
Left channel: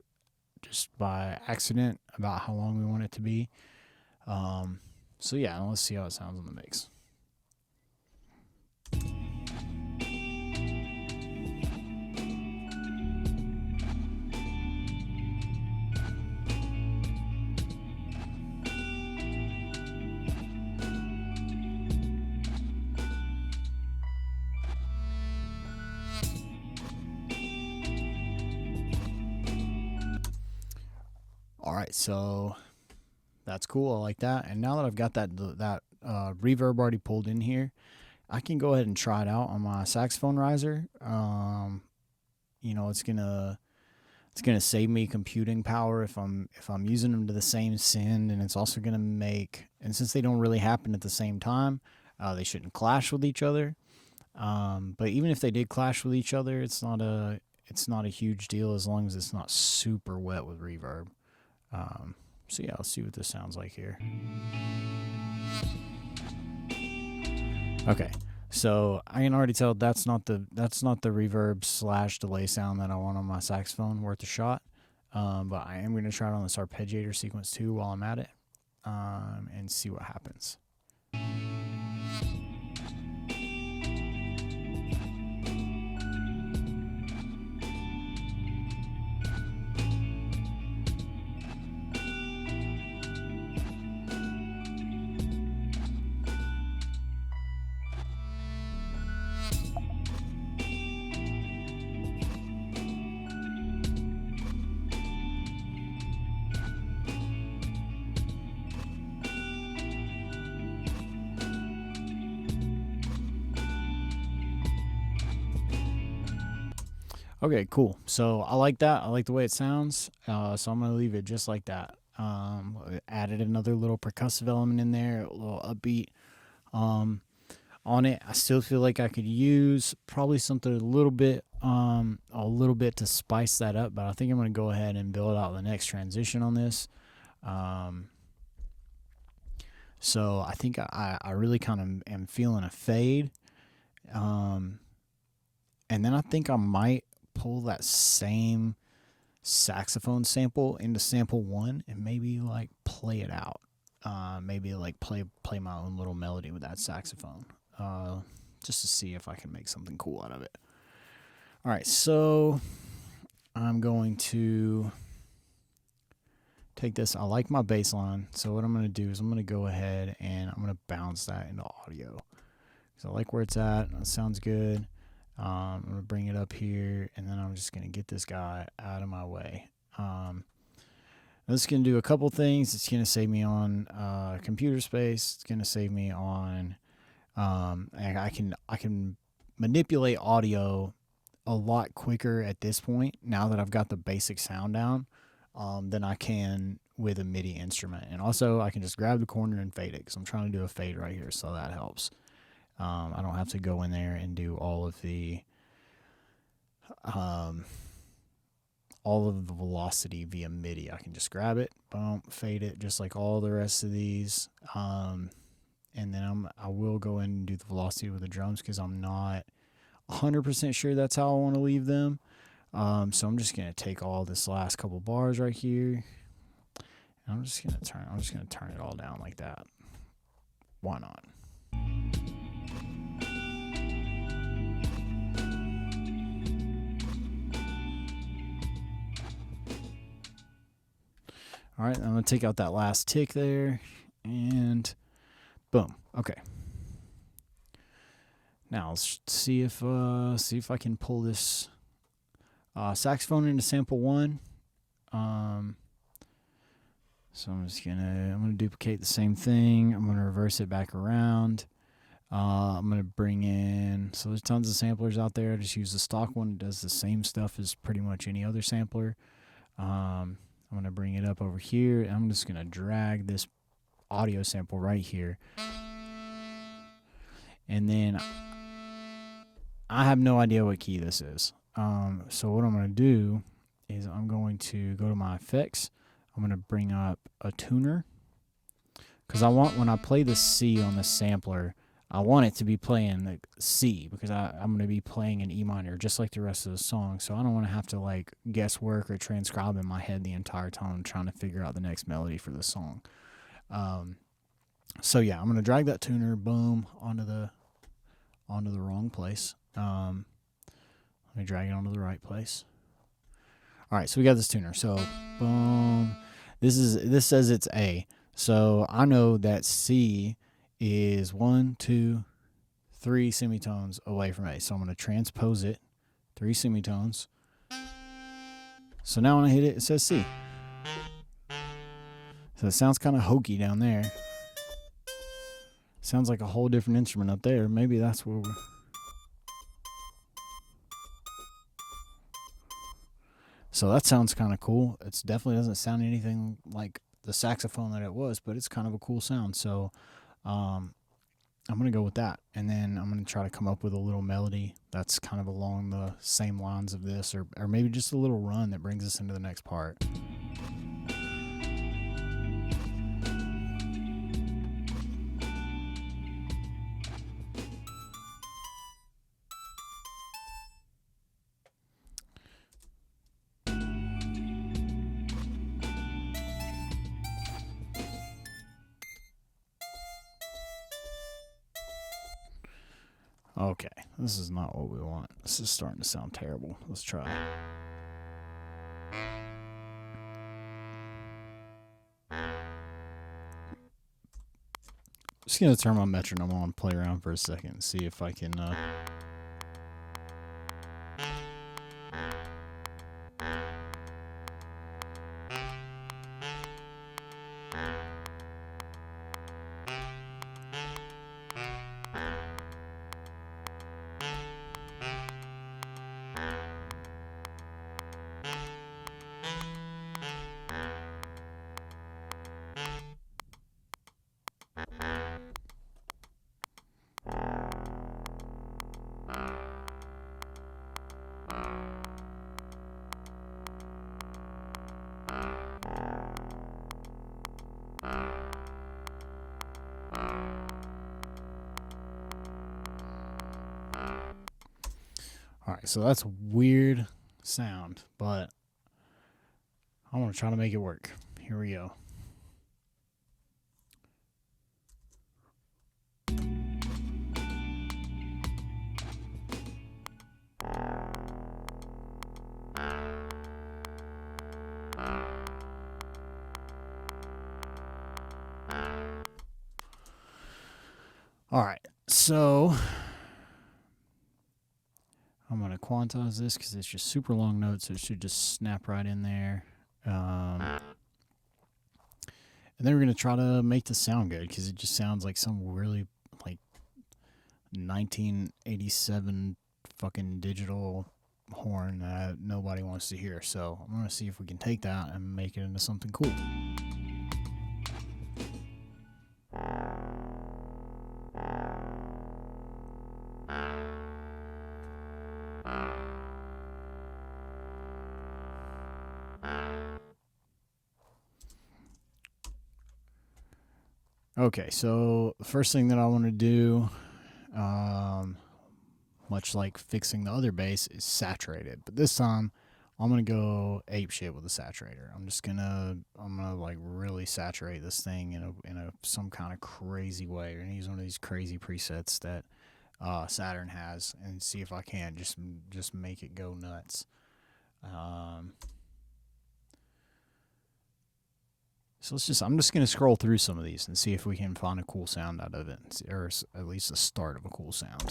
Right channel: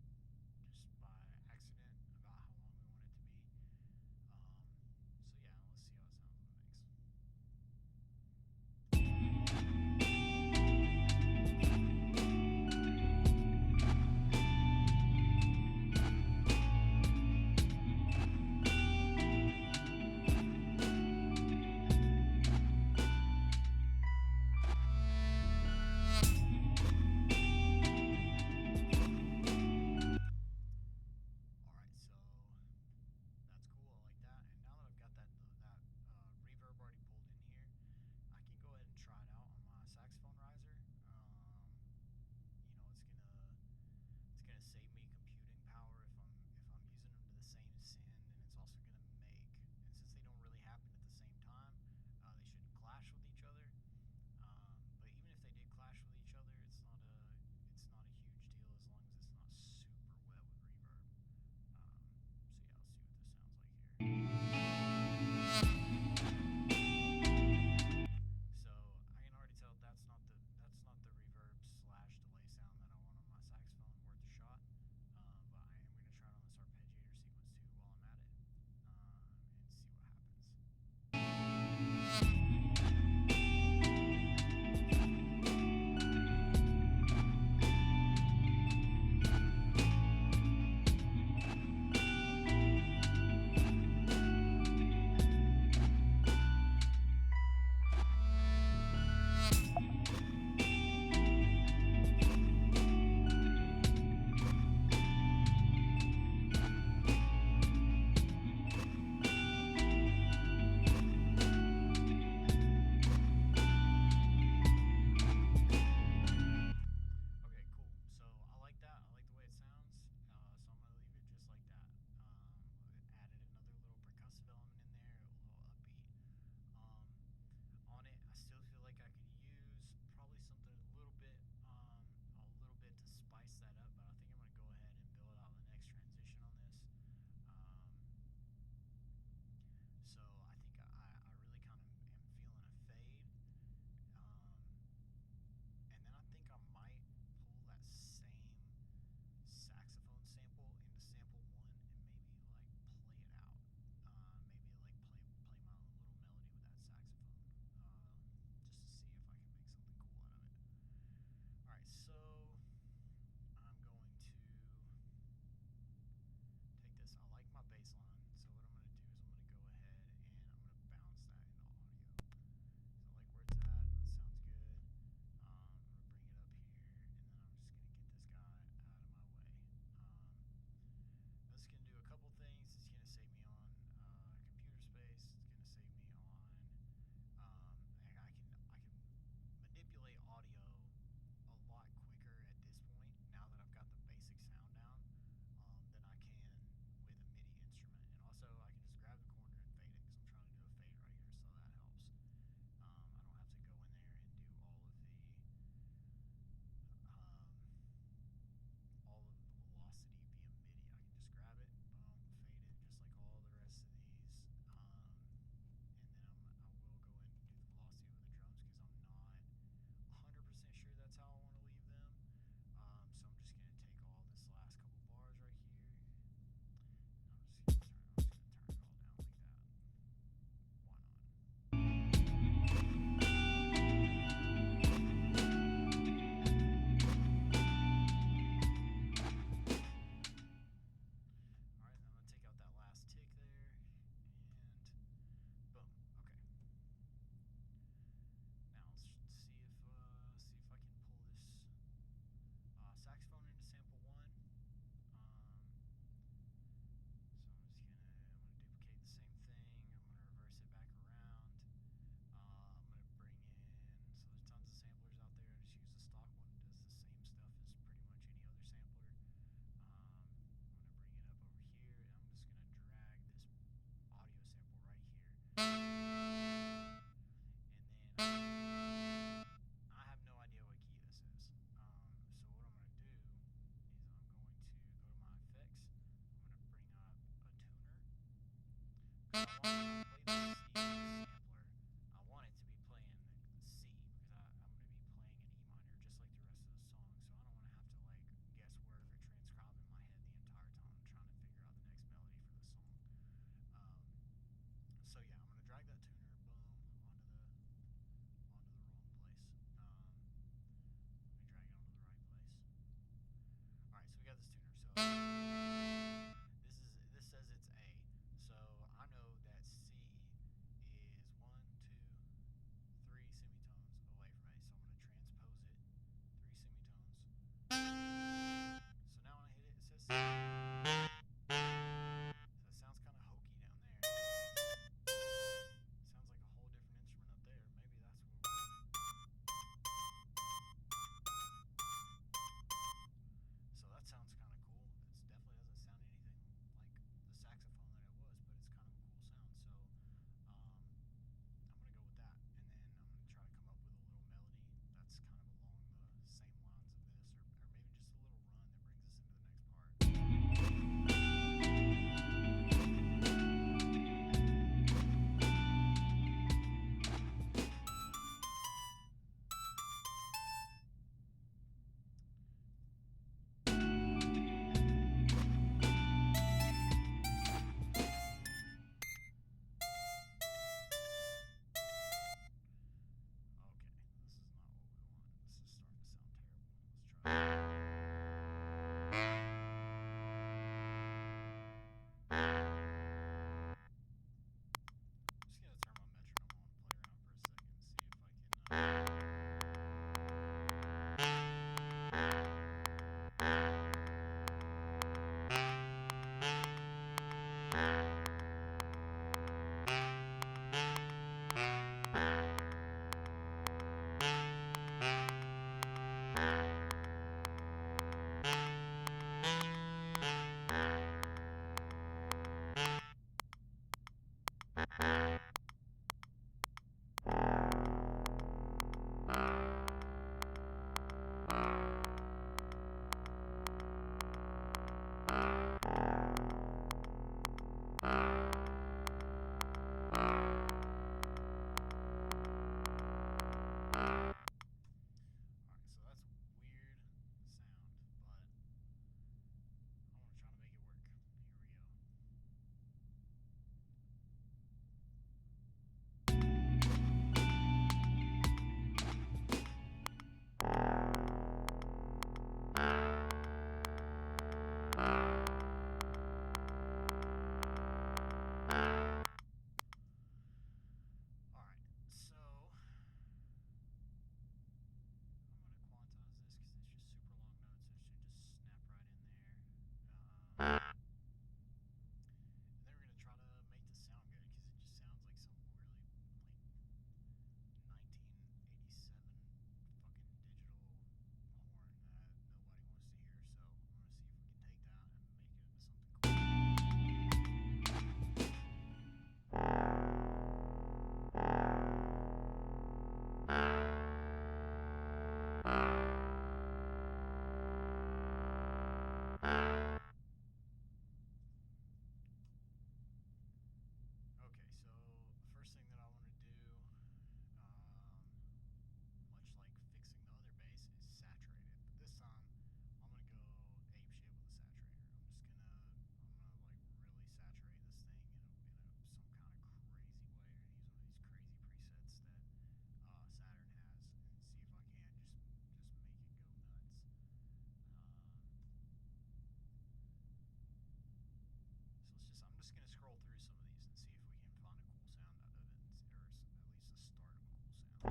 just by accident about how long we want it to be. So yeah, let's see how it sounds in the mix. Alright, so that's cool. I like that. And now that I've got that reverb already pulled in here, I can go ahead and try it out on my saxophone riser. It's gonna save me computing power if I'm using them to the same send, and it's also gonna make, and since they don't really happen at the same time, they shouldn't clash with each other. But even if they did clash with each other, it's not a huge deal as long as it's not super wet with reverb. So yeah, let's see what this sounds like here. Okay, so I can already tell that's not the reverb / delay sound that I want on my saxophone. Worth a shot, but I am going to try it on this arpeggiator sequence too while I'm at it, and see what happens. Okay, cool. So I like that. I like the way it sounds. So I'm going to leave it just like that. Added another little percussive element in there, a little upbeat on it. I still feel like I could use probably something a little bit to spice that up, but I think I'm going to go ahead and build out the next transition on this. So I think I really kind of am feeling a fade. And then I think I might pull that same saxophone sample into sample 1 and maybe like play it out. Maybe like play my own little melody with that saxophone, just to see if I can make something cool out of it. All right, so I'm going to take this. I like my bass line, so what I'm going to do is I'm going to go ahead and I'm going to bounce that into audio. So I like where it's at. It sounds good. I'm going to bring it up here, and then I'm just going to get this guy out of my way. This is going to do a couple things. It's going to save me on computer space. It's going to save me on I can manipulate audio a lot quicker at this point, now that I've got the basic sound down, than I can with a MIDI instrument. And also, I can just grab the corner and fade it, because I'm trying to do a fade right here, so that helps. I don't have to go in there and do all of the velocity via MIDI. I can just grab it, boom, fade it, just like all the rest of these. And then I will go in and do the velocity with the drums, because I'm not 100% sure that's how I want to leave them. So I'm just gonna take all this last couple bars right here, and I'm just gonna turn it all down like that. Why not? All right, I'm gonna take out that last tick there, and boom. Okay. Now let's see if I can pull this saxophone into sample 1. So I'm gonna duplicate the same thing. I'm gonna reverse it back around. I'm gonna bring in, so there's tons of samplers out there. I just use the stock one. It does the same stuff as pretty much any other sampler. I'm gonna bring it up over here, and I'm just gonna drag this audio sample right here. And then I have no idea what key this is. So what I'm going to do is I'm going to go to my effects. I'm going to bring up a tuner, because I want, when I play the C on the sampler, I want it to be playing the C, because I'm going to be playing an E minor just like the rest of the song. So I don't want to have to like guesswork or transcribe in my head the entire time trying to figure out the next melody for the song. So yeah, I'm going to drag that tuner, boom, onto the wrong place. Let me drag it onto the right place. All right, so we got this tuner. So boom, this says it's A. So I know that C is 1, 2, 3 semitones away from A. So I'm going to transpose it 3 semitones. So now when I hit it, it says C. So it sounds kind of hokey down there. Sounds like a whole different instrument up there. Maybe that's where we're... So that sounds kind of cool. It definitely doesn't sound anything like the saxophone that it was, but it's kind of a cool sound. So I'm going to go with that. And then I'm going to try to come up with a little melody that's kind of along the same lines of this, or maybe just a little run that brings us into the next part. Okay, this is not what we want. This is starting to sound terrible. Let's try. Just gonna turn my metronome on, play around for a second, and see if I can. Alright, so that's weird sound, but I want to try to make it work. Here we go. Alright, so I'm going to quantize this because it's just super long notes, so it should just snap right in there. And then we're going to try to make this sound good, because it just sounds like some really like 1987 fucking digital horn that nobody wants to hear. So I'm going to see if we can take that and make it into something cool. Okay, so the first thing that I want to do, much like fixing the other bass, is saturate it. But this time, I'm gonna go ape shit with a saturator. I'm gonna like really saturate this thing in a some kind of crazy way. We're gonna use one of these crazy presets that Saturn has, and see if I can just make it go nuts. So I'm just going to scroll through some of these and see if we can find a cool sound out of it, or at least the start of a cool sound.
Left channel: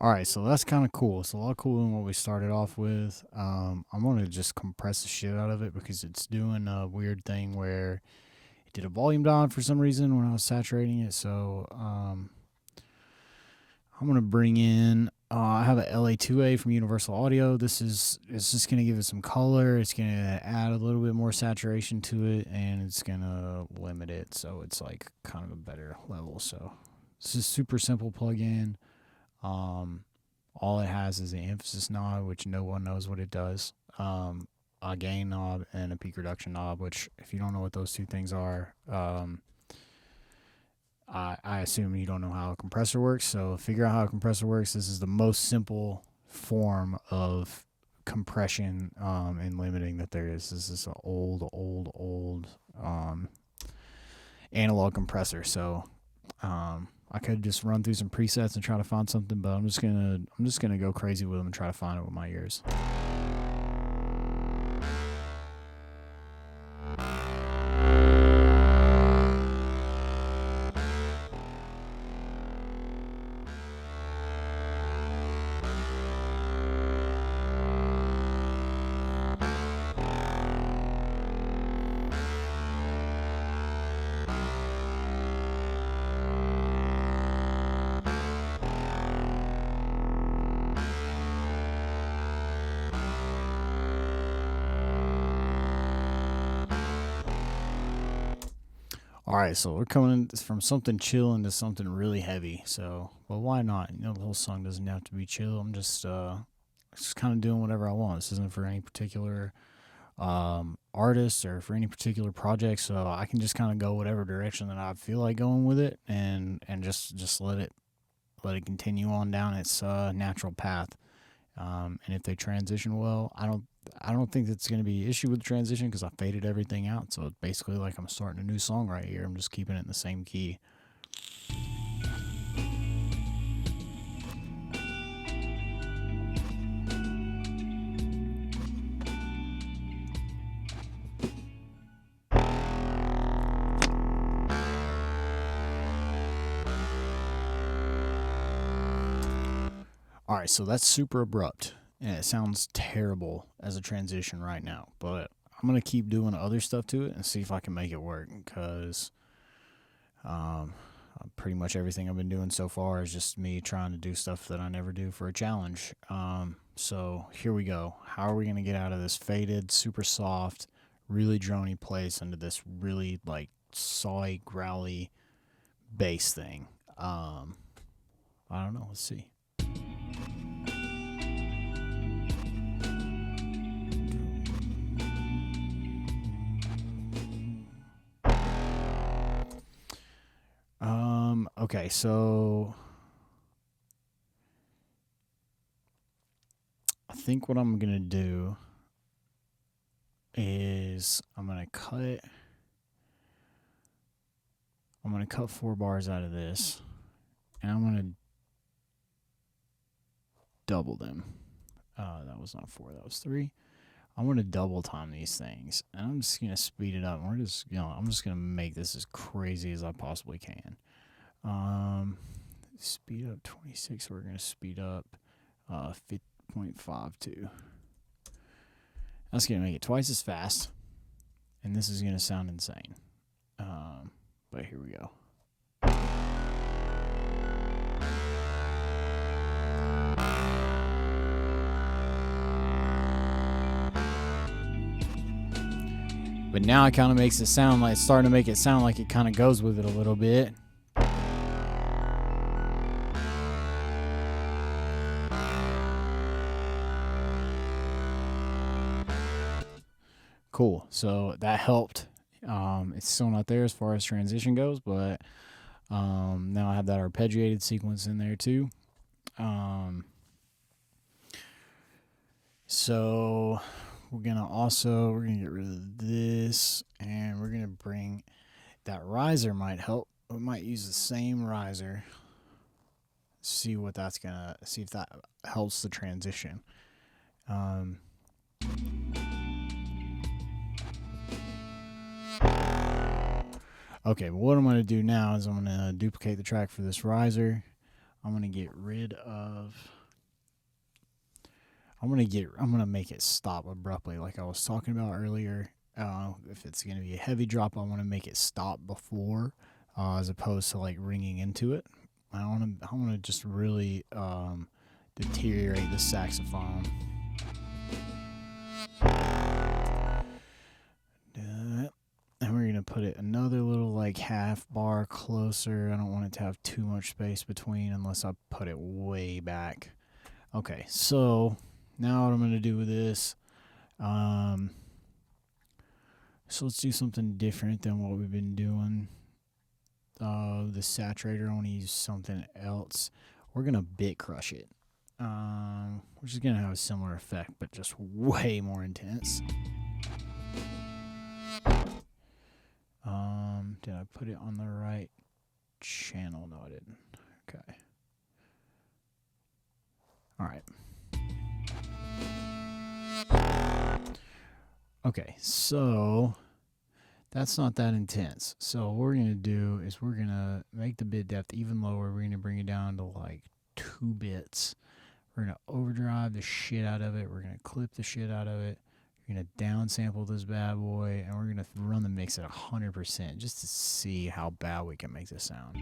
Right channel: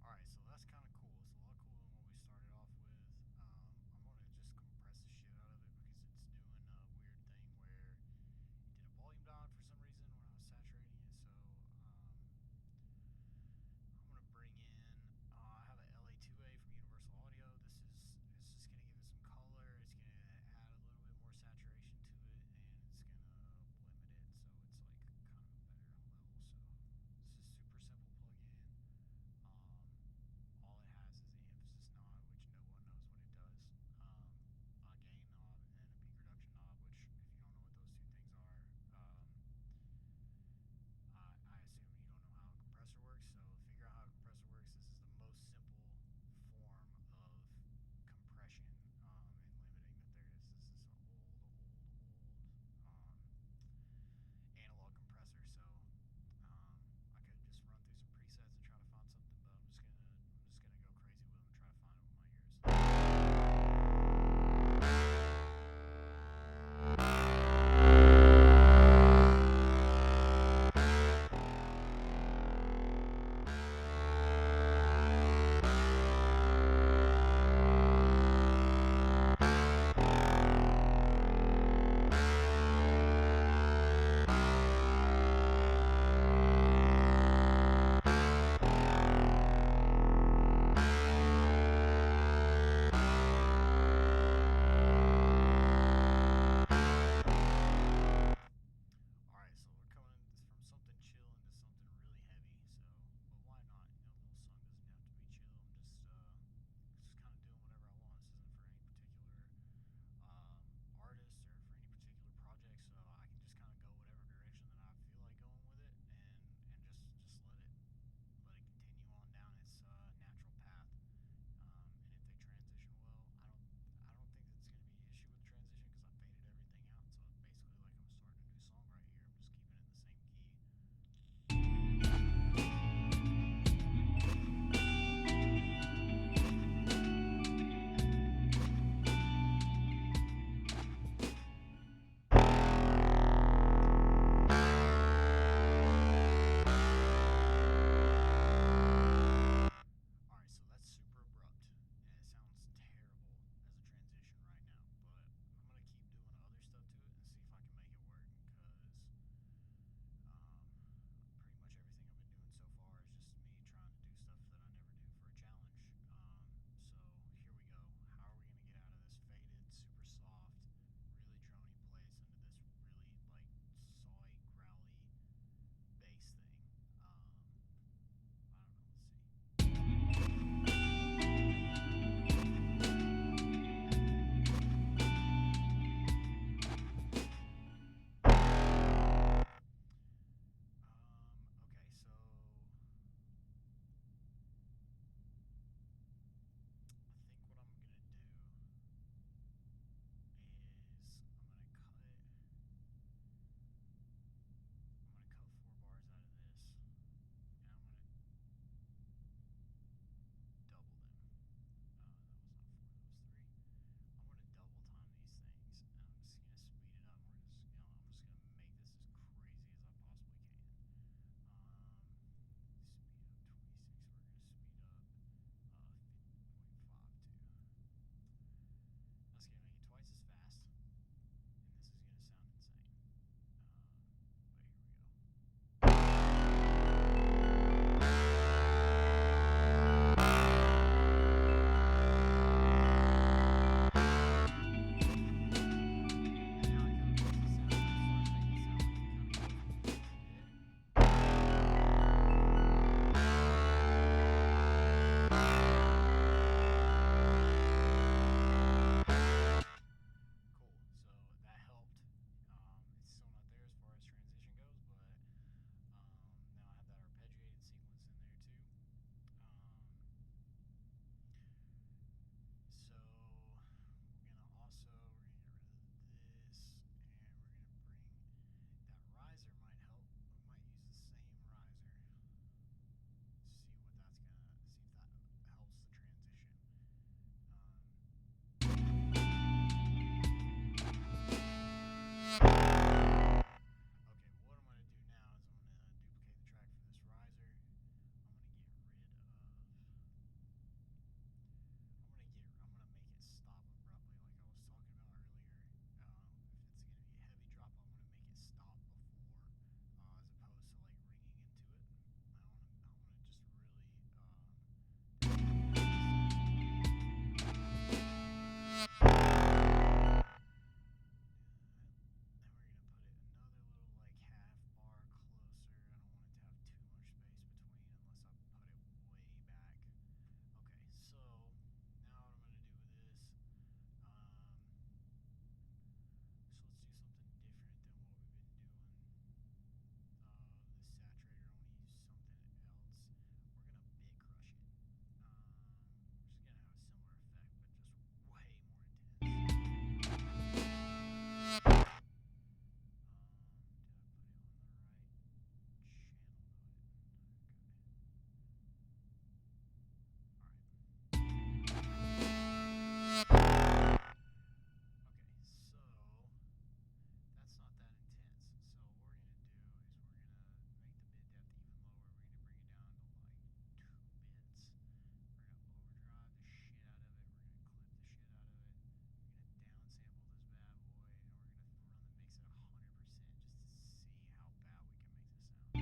Alright, so that's kind of cool. It's a lot cooler than what we started off with. I'm going to just compress the shit out of it because it's doing a weird thing where it did a volume down for some reason when I was saturating it. So I'm going to bring in, I have a LA2A from Universal Audio. It's just going to give it some color. It's going to add a little bit more saturation to it, and it's going to limit it so it's like kind of a better level. So this is super simple plug-in. All it has is the emphasis knob, which no one knows what it does, a gain knob, and a peak reduction knob, which if you don't know what those two things are, I assume you don't know how a compressor works. So figure out how a compressor works. This is the most simple form of compression and limiting that there is. This is an old analog compressor. So I could just run through some presets and try to find something, but I'm just gonna go crazy with them and try to find it with my ears. Alright, so we're coming from something chill into something really heavy. So, well, why not? You know, the whole song doesn't have to be chill. I'm just kind of doing whatever I want. This isn't for any particular artist or for any particular project, so I can just kind of go whatever direction that I feel like going with it, and just let it continue on down its natural path. And if they transition well, I don't think that's going to be an issue with the transition because I faded everything out. So it's basically like I'm starting a new song right here. I'm just keeping it in the same key. Alright, so that's super abrupt. And it sounds terrible as a transition right now, but I'm going to keep doing other stuff to it and see if I can make it work, because pretty much everything I've been doing so far is just me trying to do stuff that I never do for a challenge. So here we go. How are we going to get out of this faded, super soft, really drony place into this really like sawy, growly bass thing? I don't know. Let's see. Okay, so I think what I'm gonna do is I'm gonna cut 4 bars out of this, and I'm gonna double them. That was not 4, that was 3. I'm gonna double time these things, and I'm just gonna speed it up. I'm just gonna make this as crazy as I possibly can. Speed up 26. We're gonna speed up 5.52. That's gonna make it twice as fast, and this is gonna sound insane. But here we go. But now it kind of makes it sound like, starting to make it sound like it kind of goes with it a little bit. Cool. So that helped. It's still not there as far as transition goes, but now I have that arpeggiated sequence in there too. So we're gonna get rid of this, and we're gonna bring that riser. Might help. We might use the same riser. See if that helps the transition. Okay, but what I'm going to do now is I'm going to duplicate the track for this riser. I'm going to get rid of... I'm going to make it stop abruptly like I was talking about earlier. If it's going to be a heavy drop, I want to make it stop before as opposed to like ringing into it. I want to just really deteriorate the saxophone. And we're going to put it another little like half bar closer. I don't want it to have too much space between unless I put it way back. Okay, so now what I'm going to do with this, so let's do something different than what we've been doing. The saturator, I want to use something else. We're going to bit crush it, which is going to have a similar effect, but just way more intense. Did I put it on the right channel? No, I didn't. Okay. Alright. Okay, so that's not that intense. So what we're going to do is we're going to make the bit depth even lower. We're going to bring it down to like 2 bits. We're going to overdrive the shit out of it. We're going to clip the shit out of it. We're going to downsample this bad boy, and we're going to run the mix at 100% just to see how bad we can make this sound.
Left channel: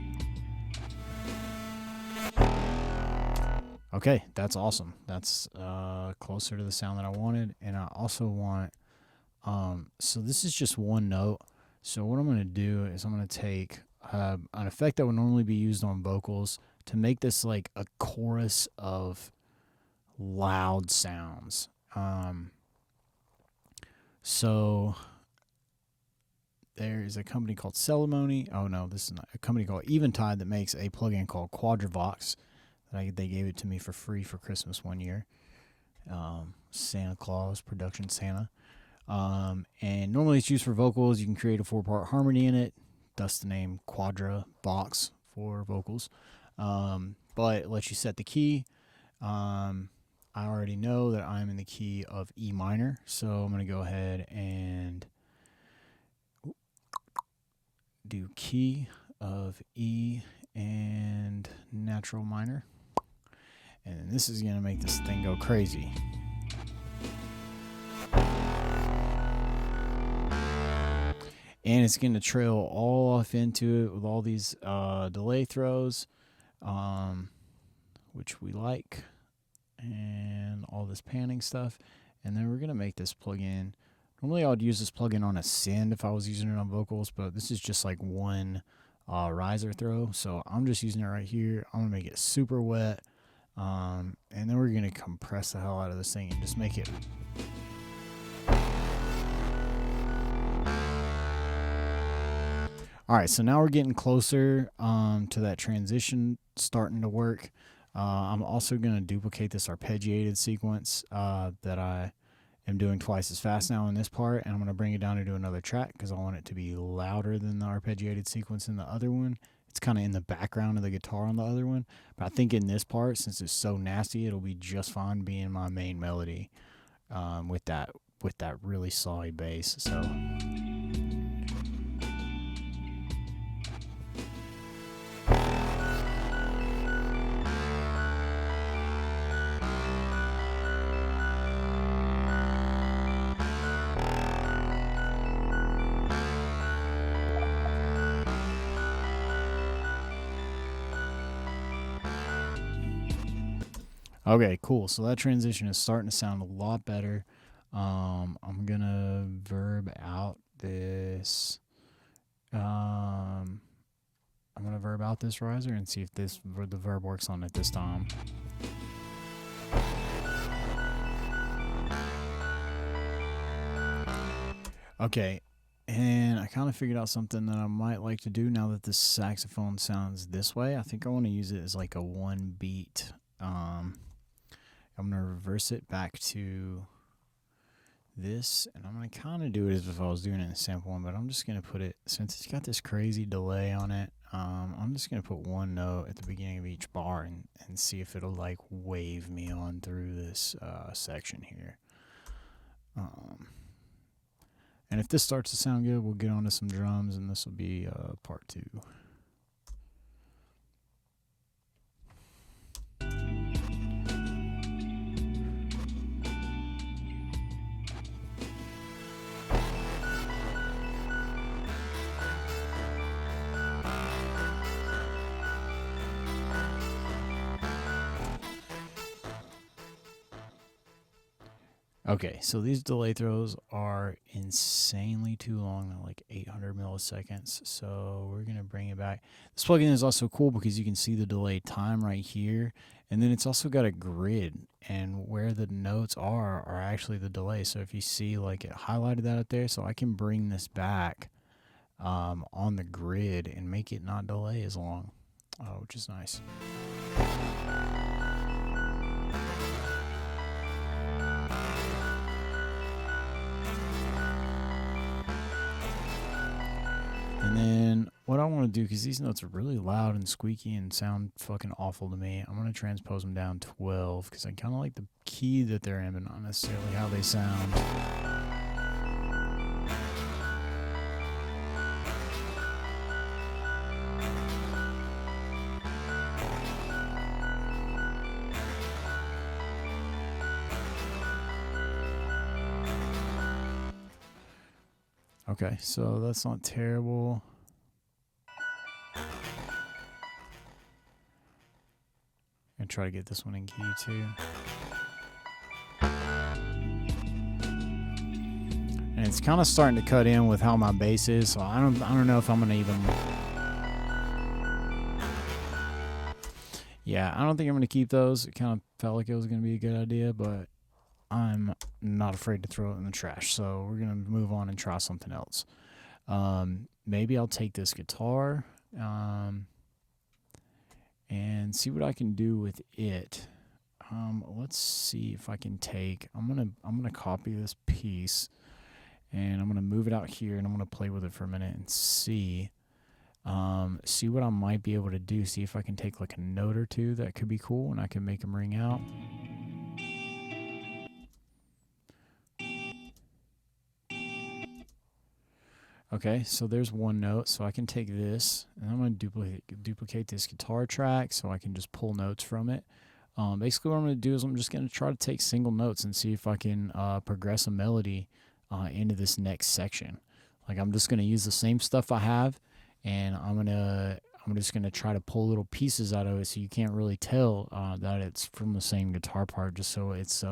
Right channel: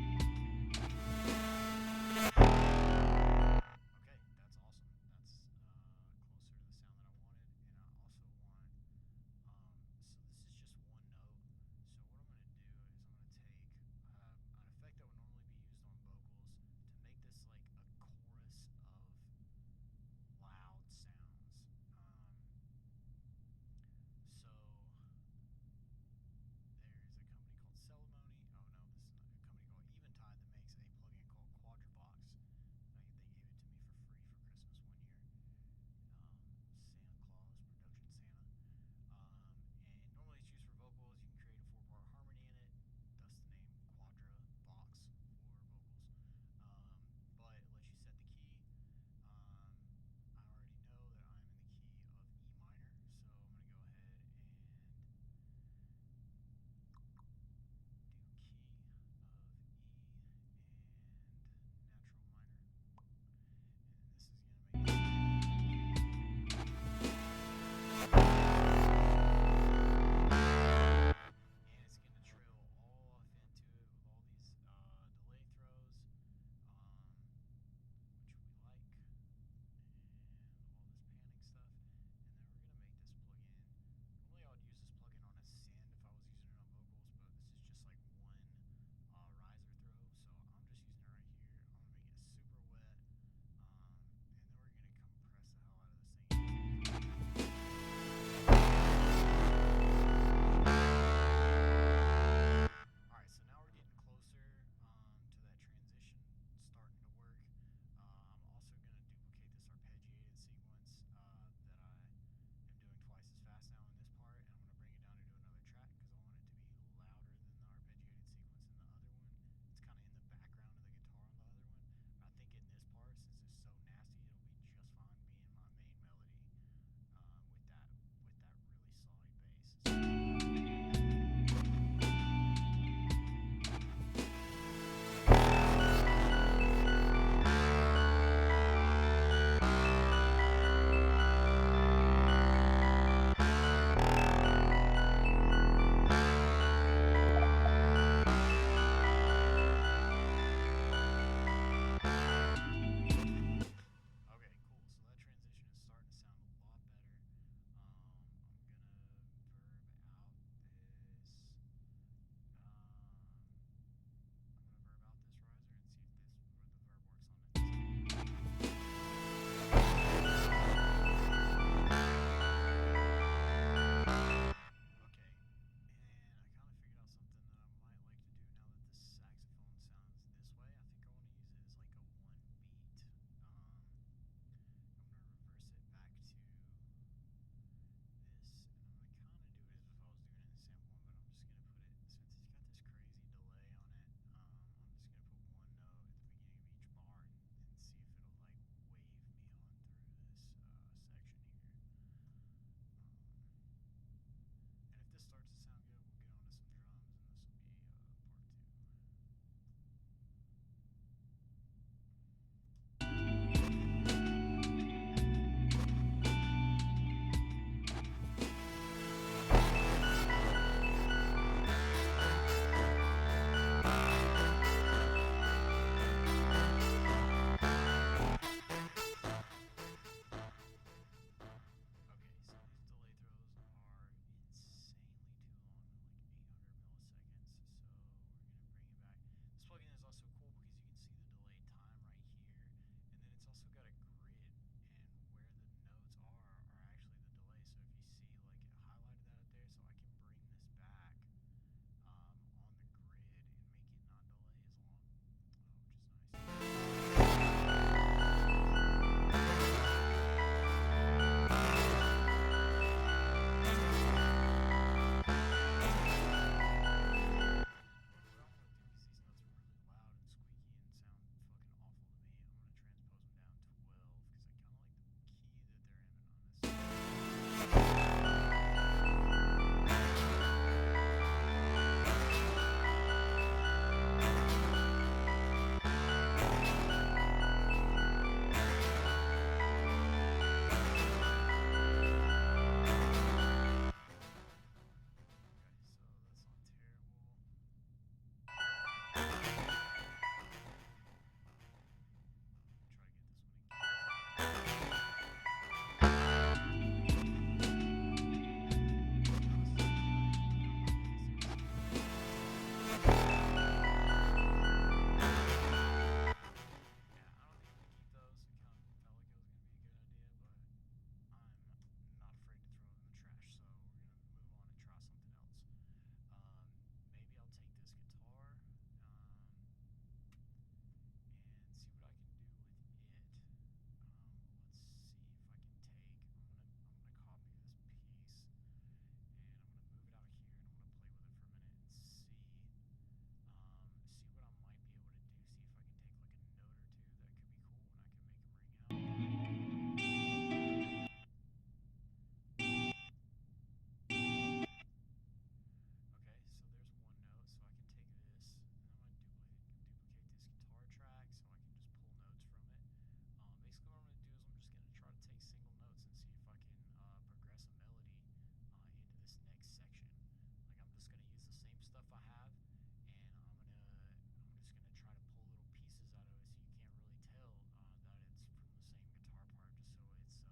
Okay, that's awesome. That's closer to the sound that I wanted, and I also want... so this is just one note. So what I'm going to do is I'm going to take an effect that would normally be used on vocals to make this like a chorus of loud sounds. So there's a company called Ceremony. Oh no, this is not a company called Eventide that makes a plugin called Quadravox. They gave it to me for free for Christmas one year. Santa Claus, Production Santa. And normally it's used for vocals. You can create a 4-part harmony in it. Thus the name Quadravox for vocals. But it lets you set the key. I already know that I'm in the key of E minor, so I'm going to go ahead and do key of E and natural minor. And then this is going to make this thing go crazy. And it's going to trail all off into it with all these delay throws, which we like. And all this panning stuff, and then we're gonna make this plugin. Normally I would use this plugin on a send if I was using it on vocals, but this is just like one riser throw, so I'm just using it right here. I'm gonna make it super wet, and then we're gonna compress the hell out of this thing and just make it All right, so now we're getting closer to that transition starting to work. I'm also going to duplicate this arpeggiated sequence that I am doing twice as fast now in this part, and I'm going to bring it down into another track because I want it to be louder than the arpeggiated sequence in the other one. It's kind of in the background of the guitar on the other one, but I think in this part, since it's so nasty, it'll be just fine being my main melody with that really solid bass. So. Okay, cool. So that transition is starting to sound a lot better. I'm gonna verb out this. I'm gonna verb out this riser and see if the verb works on it this time. Okay, and I kind of figured out something that I might like to do now that this saxophone sounds this way. I think I want to use it as like a one beat. I'm going to reverse it back to this, and I'm going to kind of do it as if I was doing it in a sample one, but I'm just going to put it, since it's got this crazy delay on it, I'm just going to put one note at the beginning of each bar and see if it'll like wave me on through this section here. And if this starts to sound good, we'll get onto some drums, and this will be part 2. Okay, so these delay throws are insanely too long, they're like 800 milliseconds, so we're going to bring it back. This plugin is also cool because you can see the delay time right here, and then it's also got a grid, and where the notes are actually the delay. So if you see, like, it highlighted that up there, so I can bring this back on the grid and make it not delay as long, which is nice. What I want to do, because these notes are really loud and squeaky and sound fucking awful to me, I'm going to transpose them down 12, because I kind of like the key that they're in, but not necessarily how they sound. Okay, so that's not terrible. And try to get this one in key too. And it's kind of starting to cut in with how my bass is, so I don't know if I'm gonna even. Yeah, I don't think I'm gonna keep those. It kind of felt like it was gonna be a good idea, but I'm not afraid to throw it in the trash. So we're gonna move on and try something else. Maybe I'll take this guitar. And see what I can do with it. Let's see if I can take. I'm gonna copy this piece, and I'm gonna move it out here, and I'm gonna play with it for a minute and see what I might be able to do. See if I can take like a note or two that could be cool, and I can make them ring out. Okay, so there's one note, so I can take this, and I'm going to duplicate this guitar track so I can just pull notes from it. Basically what I'm going to do is I'm just going to try to take single notes and see if I can progress a melody into this next section. Like, I'm just going to use the same stuff I have, and I'm just going to try to pull little pieces out of it so you can't really tell that it's from the same guitar part, just so it's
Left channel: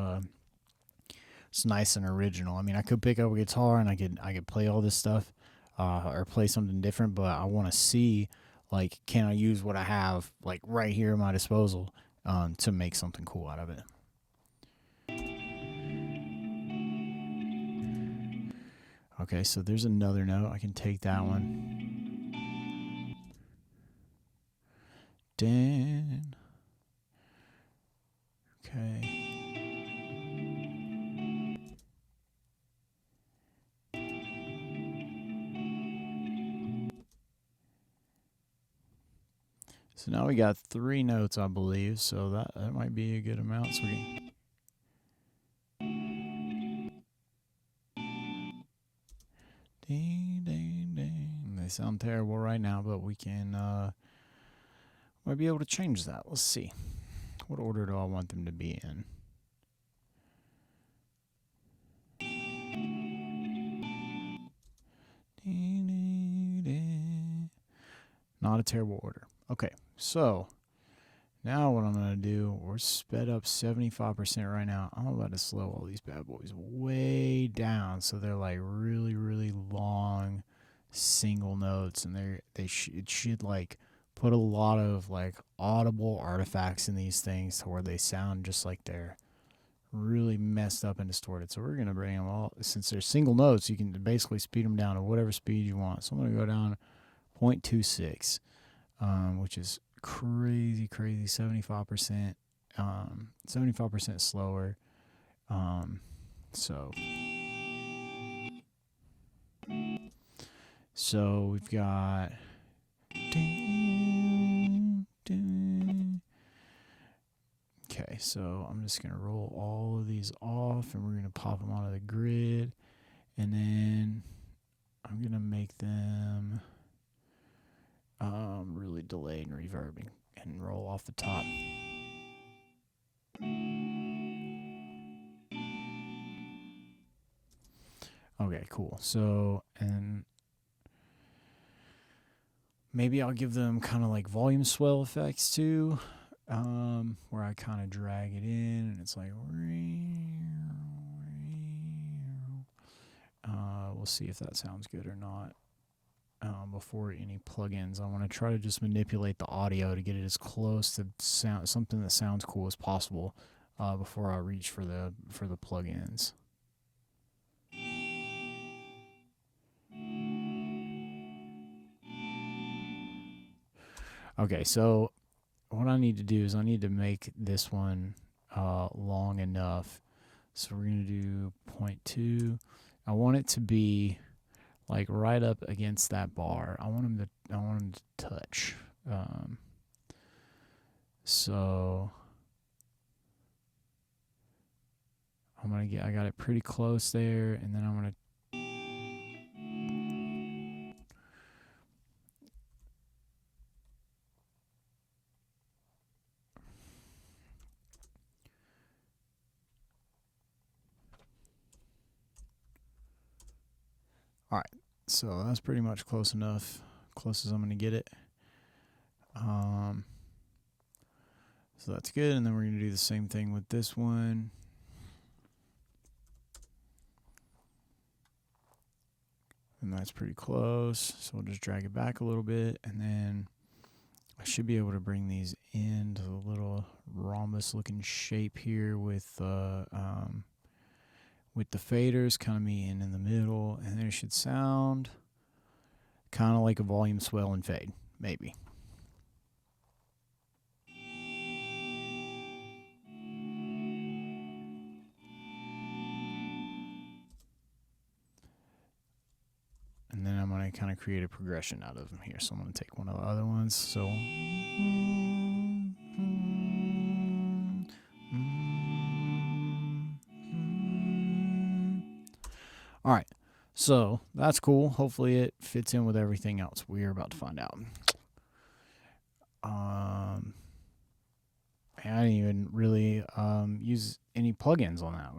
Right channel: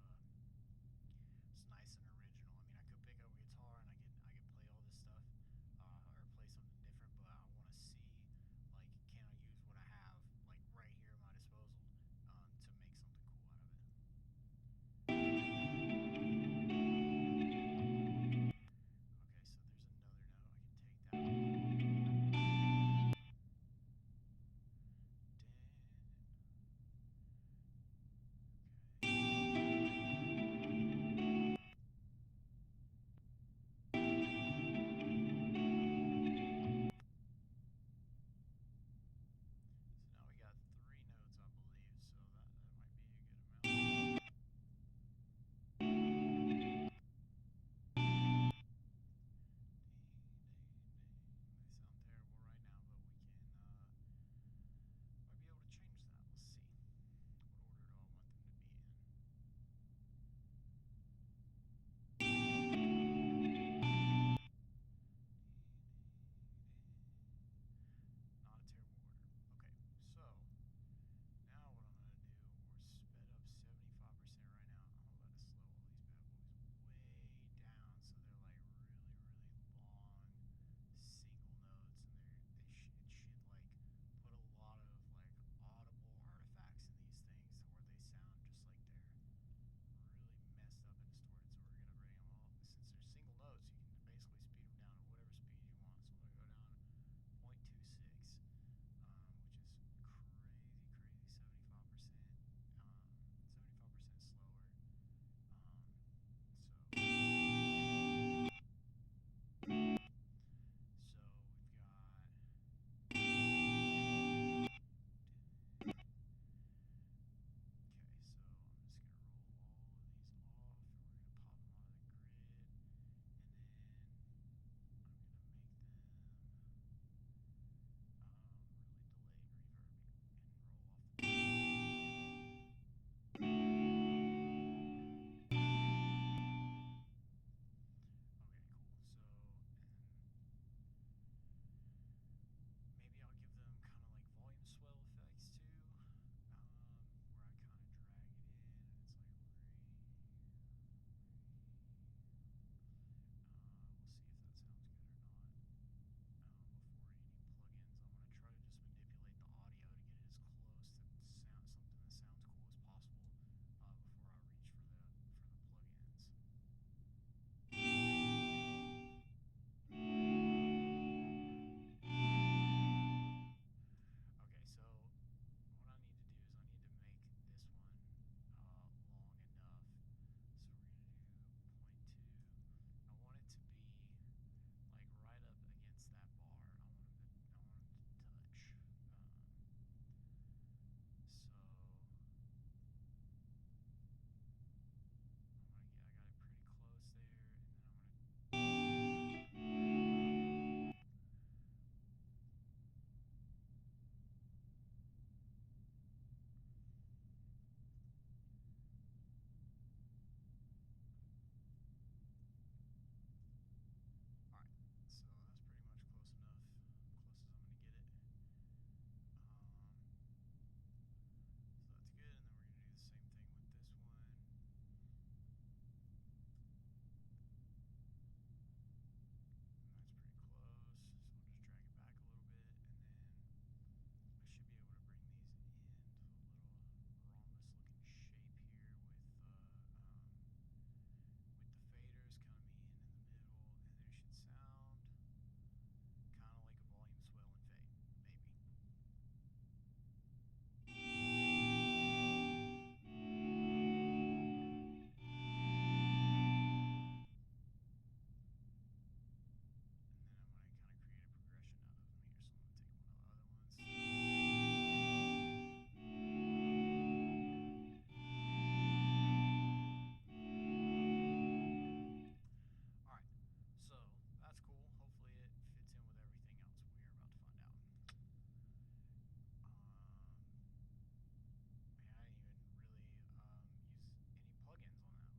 nice and original. I mean, I could pick up a guitar and I could play all this stuff. Or play something different, but I want to see, like, can I use what I have, like, right here at my disposal to make something cool out of it. Okay, so there's another note. I can take that one. Dan. Okay. So now we got 3 notes, I believe, so that might be a good amount. So ding, ding, ding. They sound terrible right now, but we can might be able to change that. Let's see. What order do I want them to be in? Not a terrible order. Okay, so now what I'm going to do, we're sped up 75% right now. I'm about to slow all these bad boys way down so they're like really, really long single notes, and it should like put a lot of like audible artifacts in these things to where they sound just like they're really messed up and distorted. So we're going to bring them all, since they're single notes, you can basically speed them down to whatever speed you want. So I'm going to go down 0.26, which is crazy 75%, 75% slower. So we've got okay, so I'm just gonna roll all of these off and we're gonna pop them onto the grid, and then I'm gonna make them really delayed and reverbing and roll off the top. Okay, cool. So, and maybe I'll give them kind of like volume swell effects too, where I kind of drag it in and it's like, we'll see if that sounds good or not. Before any plugins, I want to try to just manipulate the audio to get it as close to something that sounds cool as possible before I reach for the plugins. Okay, so what I need to do is I need to make this one long enough. So we're going to do 0.2. I want it to be like right up against that bar. I want him to touch. So I got it pretty close there, and then I'm gonna all right. So that's pretty much close enough, close as I'm gonna get it. So that's good, and then we're gonna do the same thing with this one. And that's pretty close, so we'll just drag it back a little bit, and then I should be able to bring these into a little rhombus looking shape here with the faders coming in the middle, and it should sound kind of like a volume swell and fade, maybe. And then I'm going to kind of create a progression out of them here. So I'm going to take one of the other ones. So all right. So that's cool. Hopefully it fits in with everything else. We're about to find out. I didn't even really use any plugins on that.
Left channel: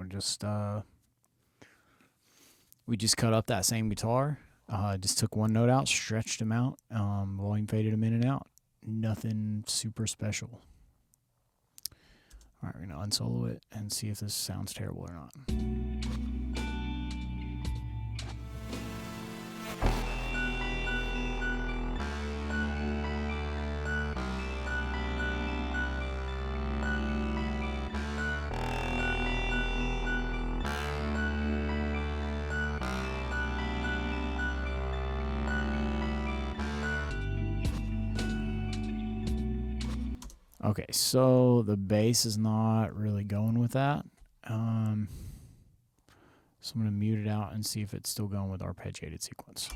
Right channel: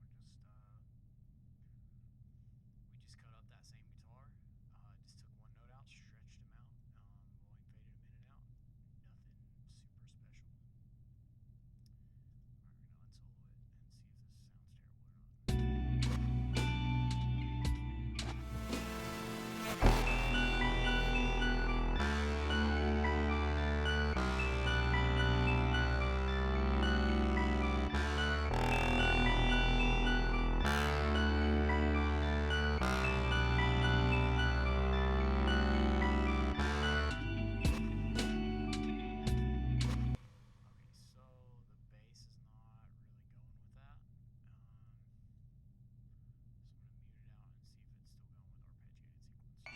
We just cut up that same guitar. Just took one note out, stretched them out, volume faded them in and out. Nothing super special. All right, we're going to unsolo it and see if this sounds terrible or not. Okay, so the bass is not really going with that. So I'm going to mute it out and see if it's still going with arpeggiated sequence.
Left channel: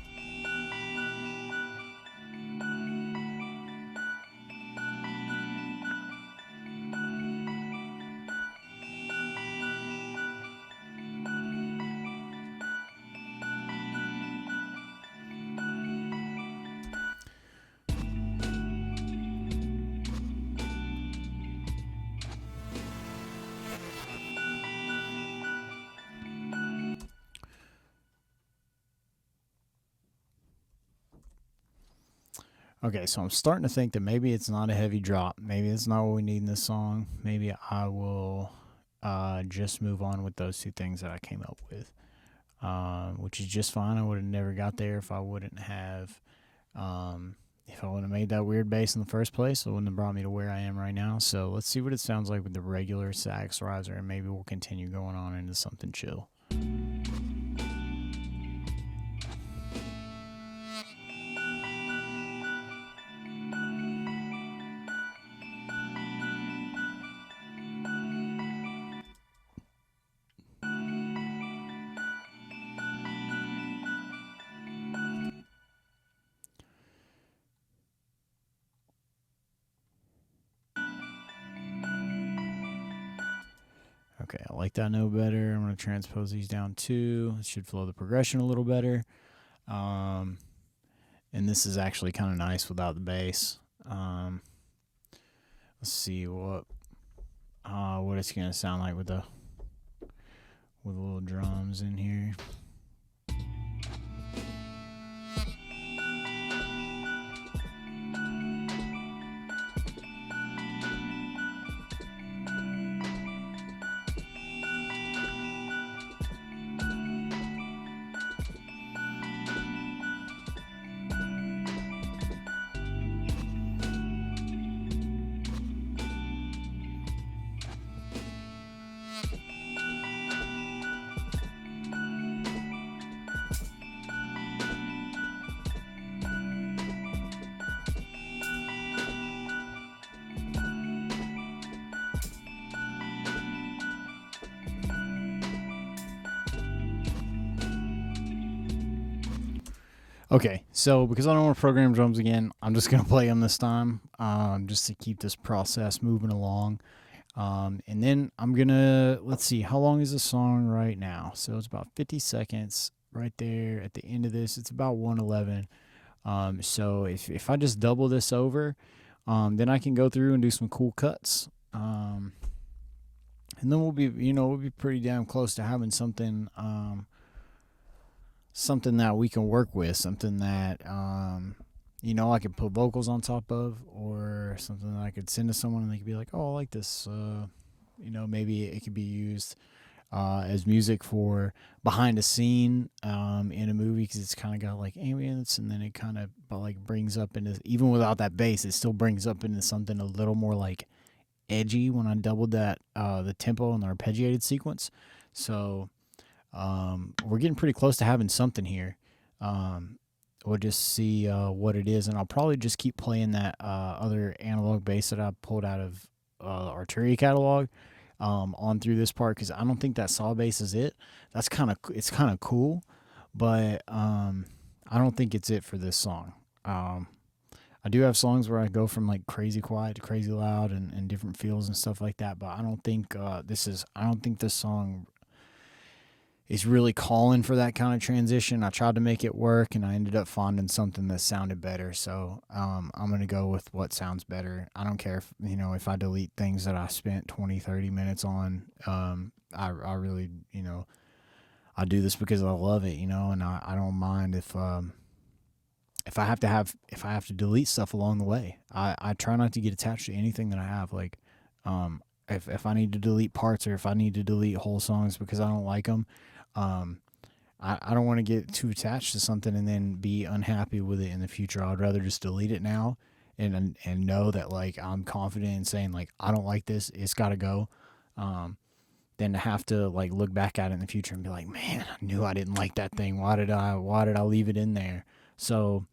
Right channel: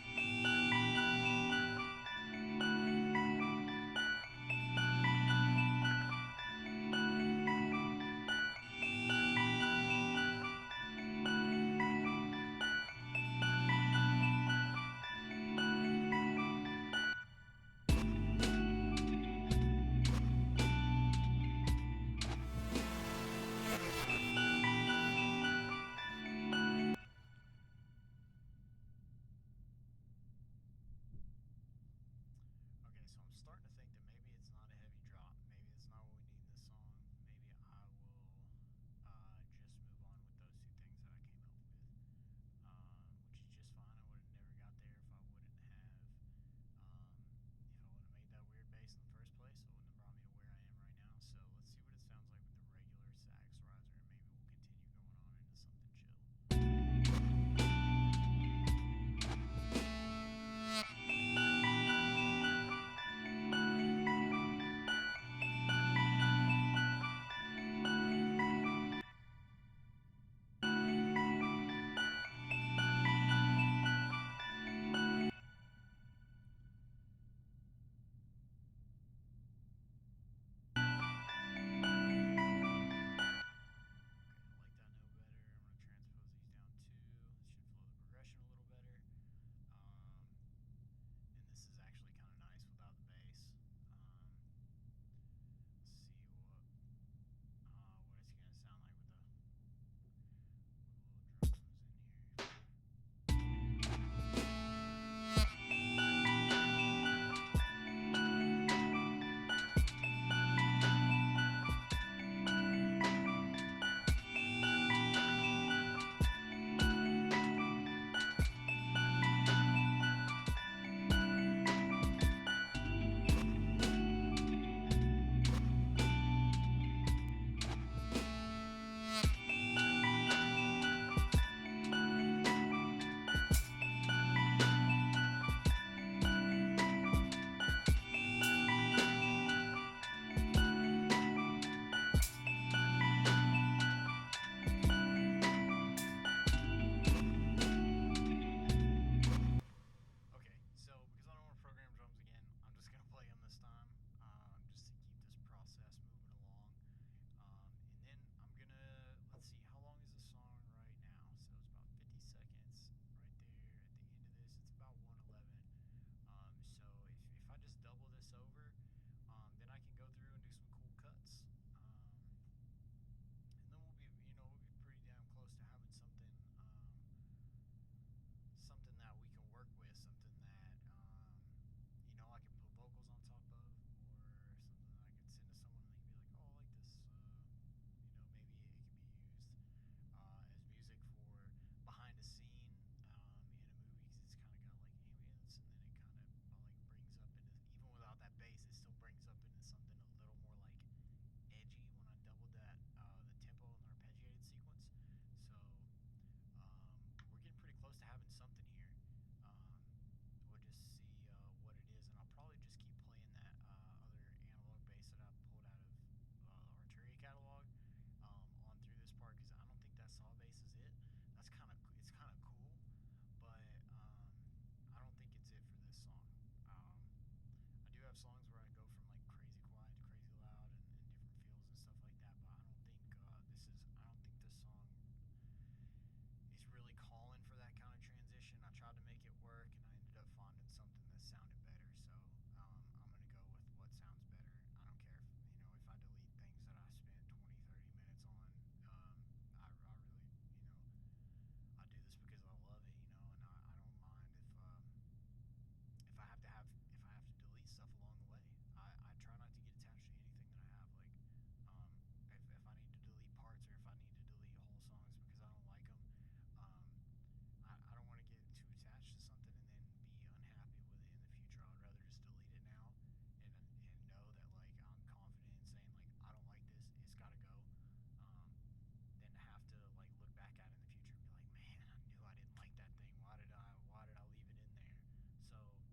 Okay, so I'm starting to think that maybe it's not a heavy drop. Maybe it's not what we need in this song. Maybe I will just move on with those two things that I came up with, which is just fine. I would have never got there if I wouldn't have, if I wouldn't have made that weird bass in the first place. It wouldn't have brought me to where I am right now. So let's see what it sounds like with the regular sax riser, and maybe we'll continue going on into something chill. Okay, I like that note better. I'm going to transpose these down too. It should flow the progression a little better. And this is actually kind of nice without the bass. Let's see what it's going to sound like with the little drums in here. Okay, so because I don't want to program drums again, I'm just going to play them this time, just to keep this process moving along. And then I'm going to, let's see, how long is the song right now? So it's about 50 seconds right there at the end of this. It's about 1:11. So if I just double this over, then I can go through and do some cool cuts. And then we'll be pretty damn close to having something that we can work with, something that I could put vocals on top of, or something that I could send to someone and they could be like, oh, I like this. Maybe it could be used as music for behind a scene in a movie, because it's kind of got like ambience, and then it kind of like brings up into, even without that bass, it still brings up into something a little more like edgy when I doubled that the tempo and the arpeggiated sequence. So we're getting pretty close to having something here. We'll just see what it is, and I'll probably just keep playing that other analog bass that I pulled out of Arturia catalog on through this part, because I don't think that saw bass is it. It's kind of cool, but I don't think it's it for this song. I do have songs where I go from like crazy quiet to crazy loud and different feels and stuff like that, but I don't think this song is really calling for that kind of transition. I tried to make it work, and I ended up finding something that sounded better. So I'm going to go with what sounds better. I don't care if I delete things that I spent 20, 30 minutes on. I really, I do this because I love it, and I don't mind if I have to delete stuff along the way. I try not to get attached to anything that I have. Like, if I need to delete parts, or if I need to delete whole songs because I don't like them, I don't want to get too attached to something and then be unhappy with it in the future. I'd rather just delete it now and know that like I'm confident in saying like I don't like this, it's got to go, than to have to like look back at it in the future and be like, man, I knew I didn't like that thing. Why did I leave it in there? So,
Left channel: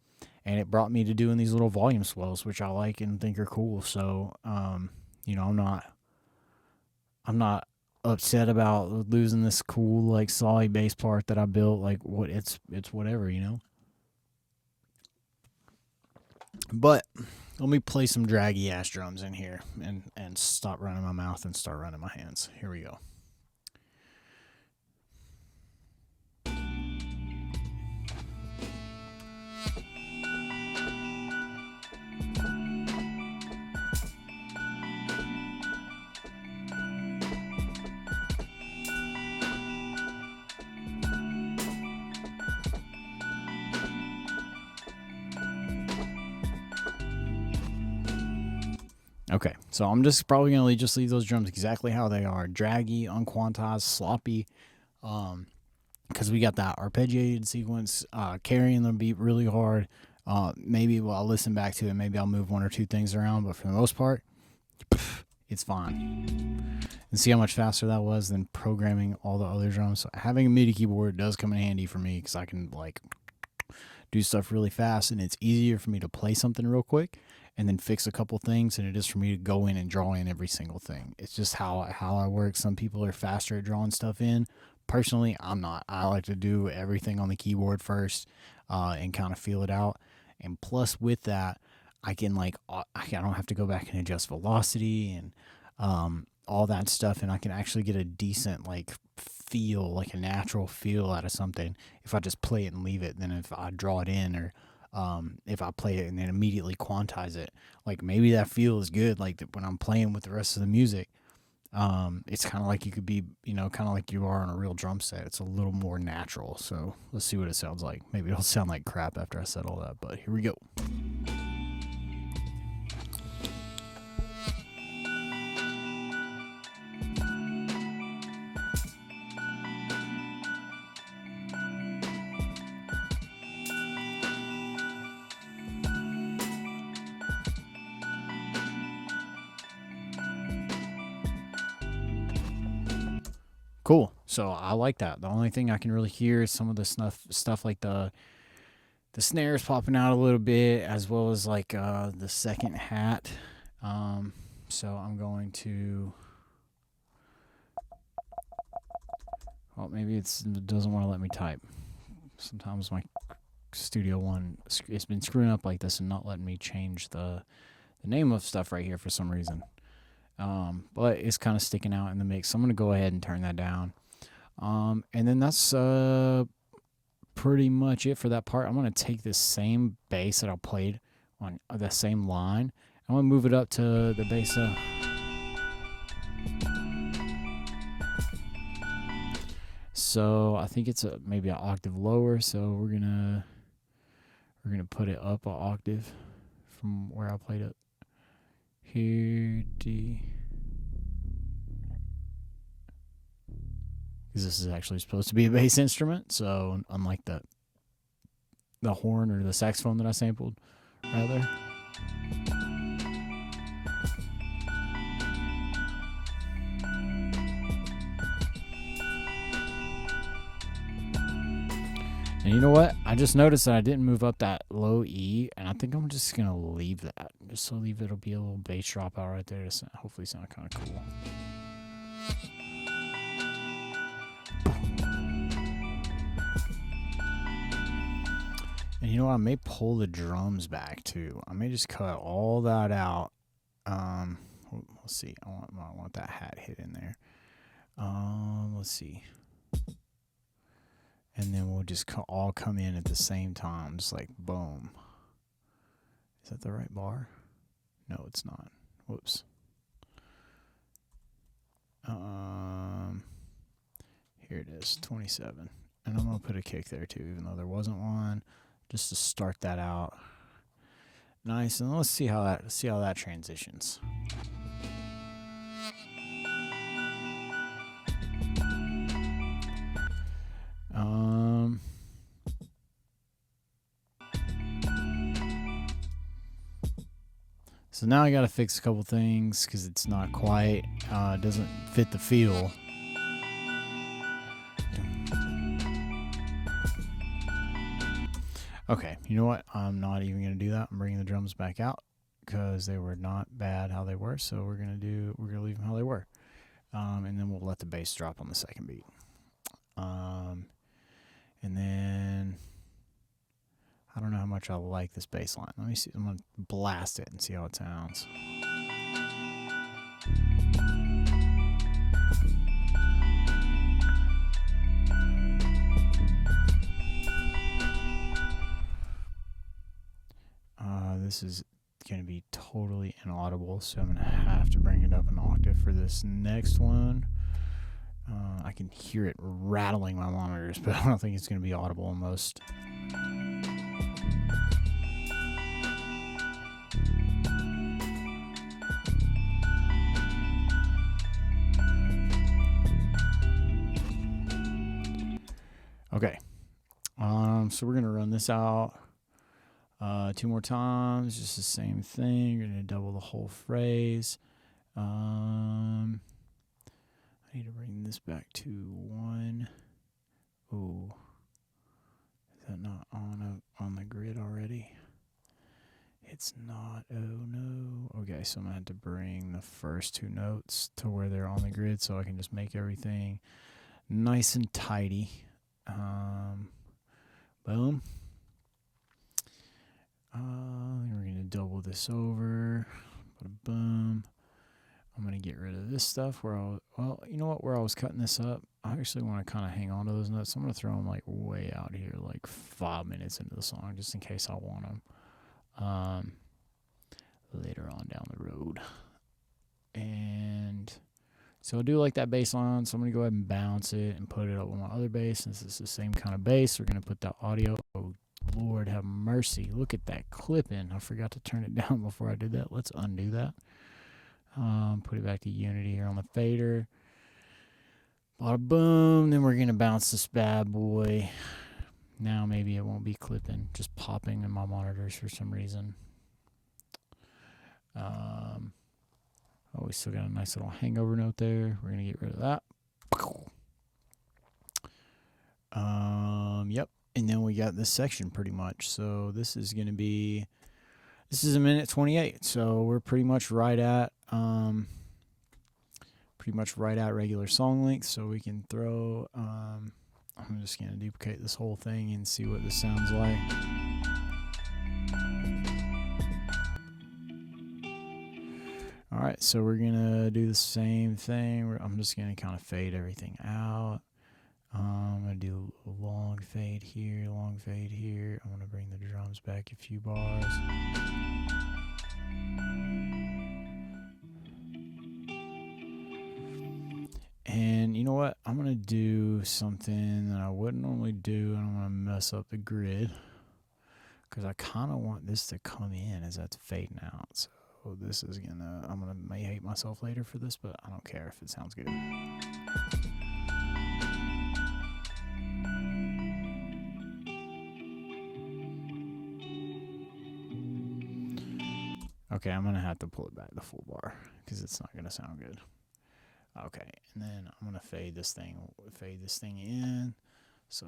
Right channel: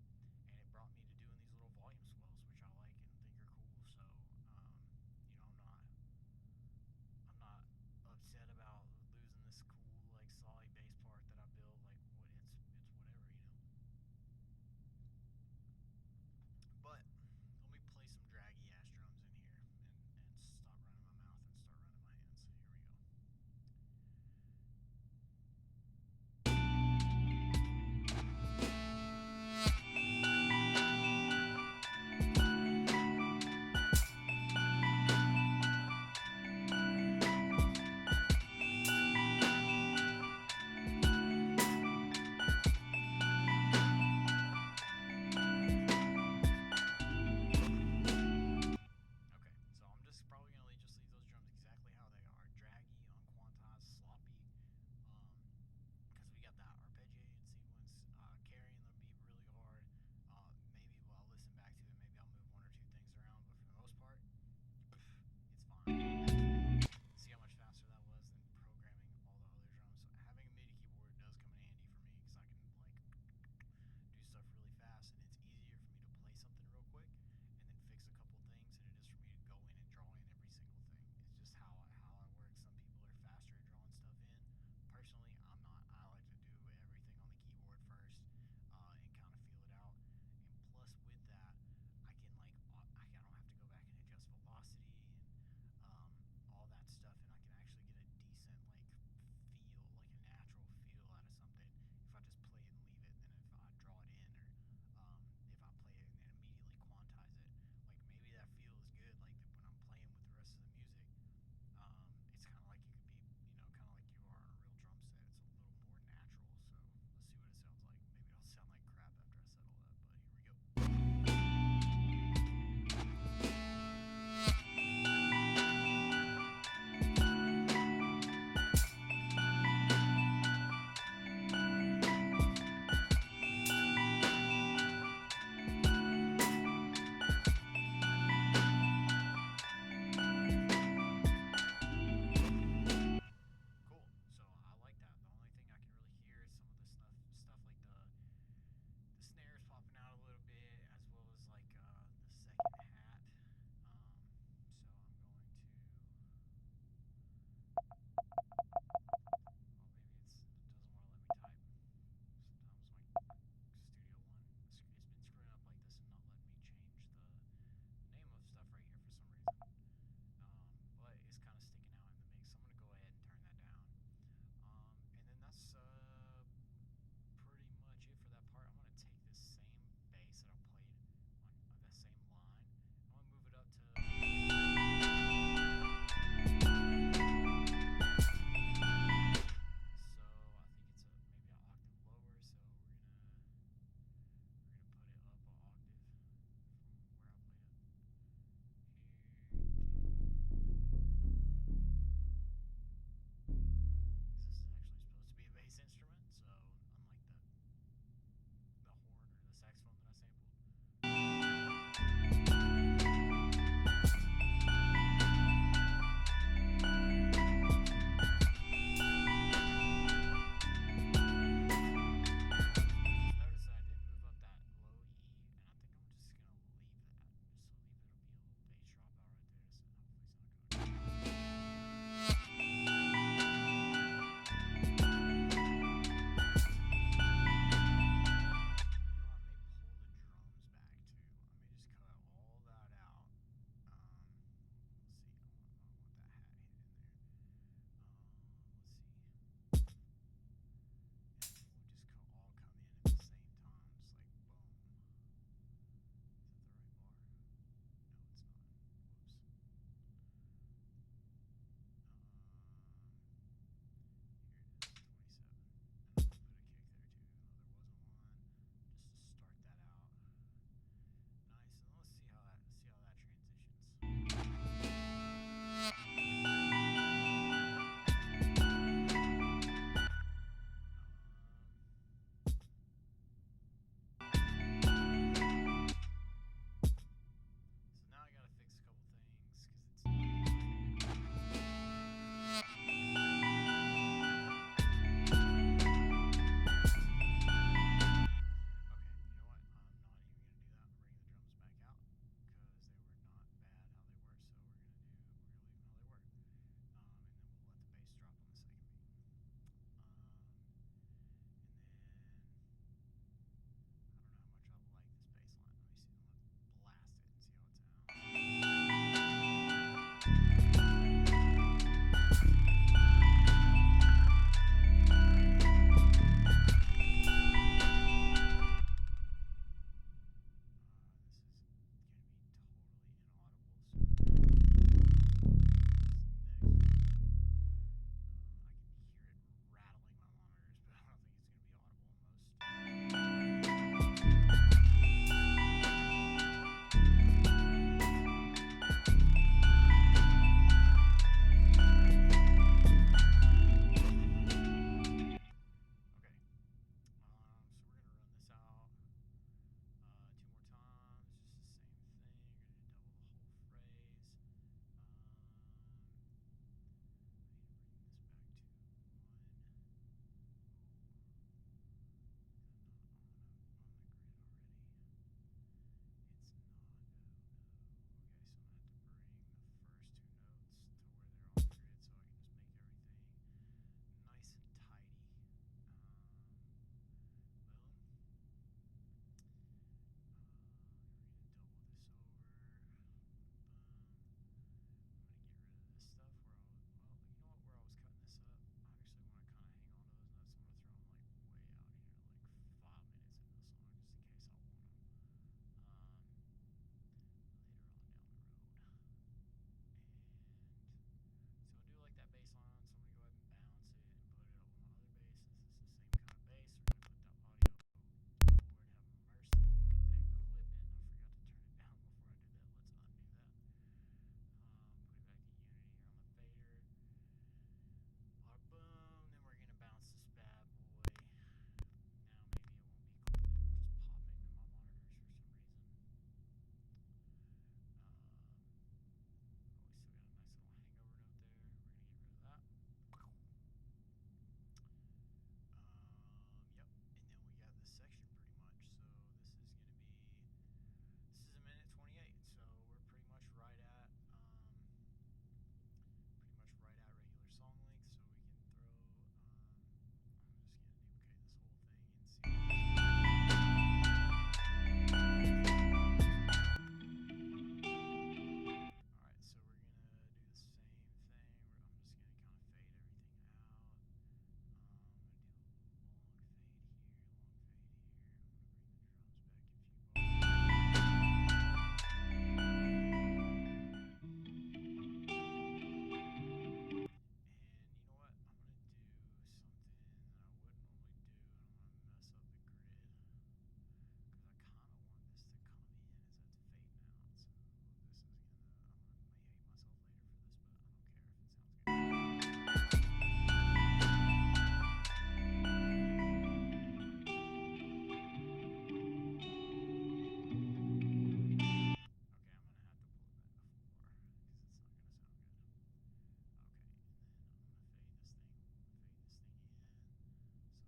and it brought me to doing these little volume swells, which I like and think are cool. So, you know, I'm not upset about losing this cool like solid bass part that I built. Like, what it's whatever, you know. But let me play some draggy ass drums in here and stop running my mouth and start running my hands. Here we go. Okay, so I'm just probably going to just leave those drums exactly how they are. Draggy, unquantized, sloppy, because we got that arpeggiated sequence, carrying the beat really hard. Maybe I'll listen back to it, maybe I'll move one or two things around, but for the most part, it's fine. And see how much faster that was than programming all the other drums. So having a MIDI keyboard does come in handy for me, because I can like do stuff really fast, and it's easier for me to play something real quick and then fix a couple things than it is for me to go in and draw in every single thing. It's just how I work. Some people are faster at drawing stuff in. Personally, I'm not. I like to do everything on the keyboard first and kind of feel it out. And plus with that, I can I don't have to go back and adjust velocity and all that stuff, and I can actually get a decent feel, like a natural feel out of something if I just play it and leave it than if I draw it in, or if I play it and then immediately quantize it. Like, maybe that feel is good, like when I'm playing with the rest of the music. It's kind of like you could be, you know, kind of like you are on a real drum set. It's a little more natural. So let's see what it sounds like. Maybe it'll sound like crap after I said all that, but here we go. Cool. So I like that. The only thing I can really hear is some of the stuff like the snares popping out a little bit, as well as the second hat. So I'm going to. Well, maybe it doesn't want to let me type. Sometimes my Studio One, it's been screwing up like this and not letting me change the name of stuff right here for some reason. But it's kind of sticking out in the mix, so I'm going to go ahead and turn that down. And then that's pretty much it for that part. I'm going to take this same bass that I played on the same line. I'm going to move it up to the bass. So I think it's maybe an octave lower, so we're gonna put it up an octave from where I played it. Here, D. Because this is actually supposed to be a bass instrument, so unlike the horn or the saxophone that I sampled, rather. And you know what? I just noticed that I didn't move up that low E, and I think I'm just going to leave that. Just so it'll be a little bass drop out right there to hopefully sound kind of cool. And you know what? I may pull the drums back too. I may just cut all that out. Let's see. I want that hat hit in there. Let's see. And then we'll just all come in at the same time, just like boom. Is that the right bar? No, it's not. Whoops. Here it is, 27. And I'm gonna put a kick there too, even though there wasn't one, just to start that out. Nice, and let's see how that transitions. So now I gotta fix a couple things because it's not quite, doesn't fit the feel. Okay, you know what? I'm not even going to do that. I'm bringing the drums back out because they were not bad how they were. So we're going to leave them how they were. And then we'll let the bass drop on the second beat. And then I don't know how much I like this bass line. Let me see. I'm going to blast it and see how it sounds. This is going to be totally inaudible, so I'm going to have to bring it up an octave for this next one. I can hear it rattling my monitors, but I don't think it's going to be audible on most. Okay, so we're going to run this out 2 more times, just the same thing. You're going to double the whole phrase. I need to bring this back to 1. Ooh, is that not on the grid already? It's not. Oh no. Okay, so I'm gonna have to bring the first 2 notes to where they're on the grid, so I can just make everything nice and tidy. Boom. Then we're gonna double this over. Boom. I'm going to get rid of this stuff where you know what, where I was cutting this up, I actually want to kind of hang on to those notes. So I'm going to throw them like way out here, like 5 minutes into the song, just in case I want them later on down the road. And so I'll do like that bass line. So I'm going to go ahead and bounce it and put it up with my other bass. Since it's the same kind of bass, we're going to put that audio. Oh, Lord have mercy. Look at that clipping. I forgot to turn it down before I did that. Let's undo that. Put it back to unity here on the fader. Bada boom. Then we're going to bounce this bad boy. Now maybe it won't be clipping, just popping in my monitors for some reason. Oh, we still got a nice little hangover note there. We're going to get rid of that. Yep. And then we got this section pretty much. So this is going to be... This is 1:28, so we're pretty much right at regular song length. So we can throw. I'm just gonna duplicate this whole thing and see what this sounds like. All right, so we're gonna do the same thing. I'm just gonna kind of fade everything out. I'm gonna do a long fade here, long fade here. I'm gonna bring the drums back a few bars. And you know what? I'm gonna do something that I wouldn't normally do, and I'm gonna mess up the grid because I kind of want this to come in as that's fading out. So this is I'm gonna may hate myself later for this, but I don't care if it sounds good. Okay, I'm gonna have to pull it back the full bar because it's not gonna sound good. Okay, and then I'm gonna fade this thing in. So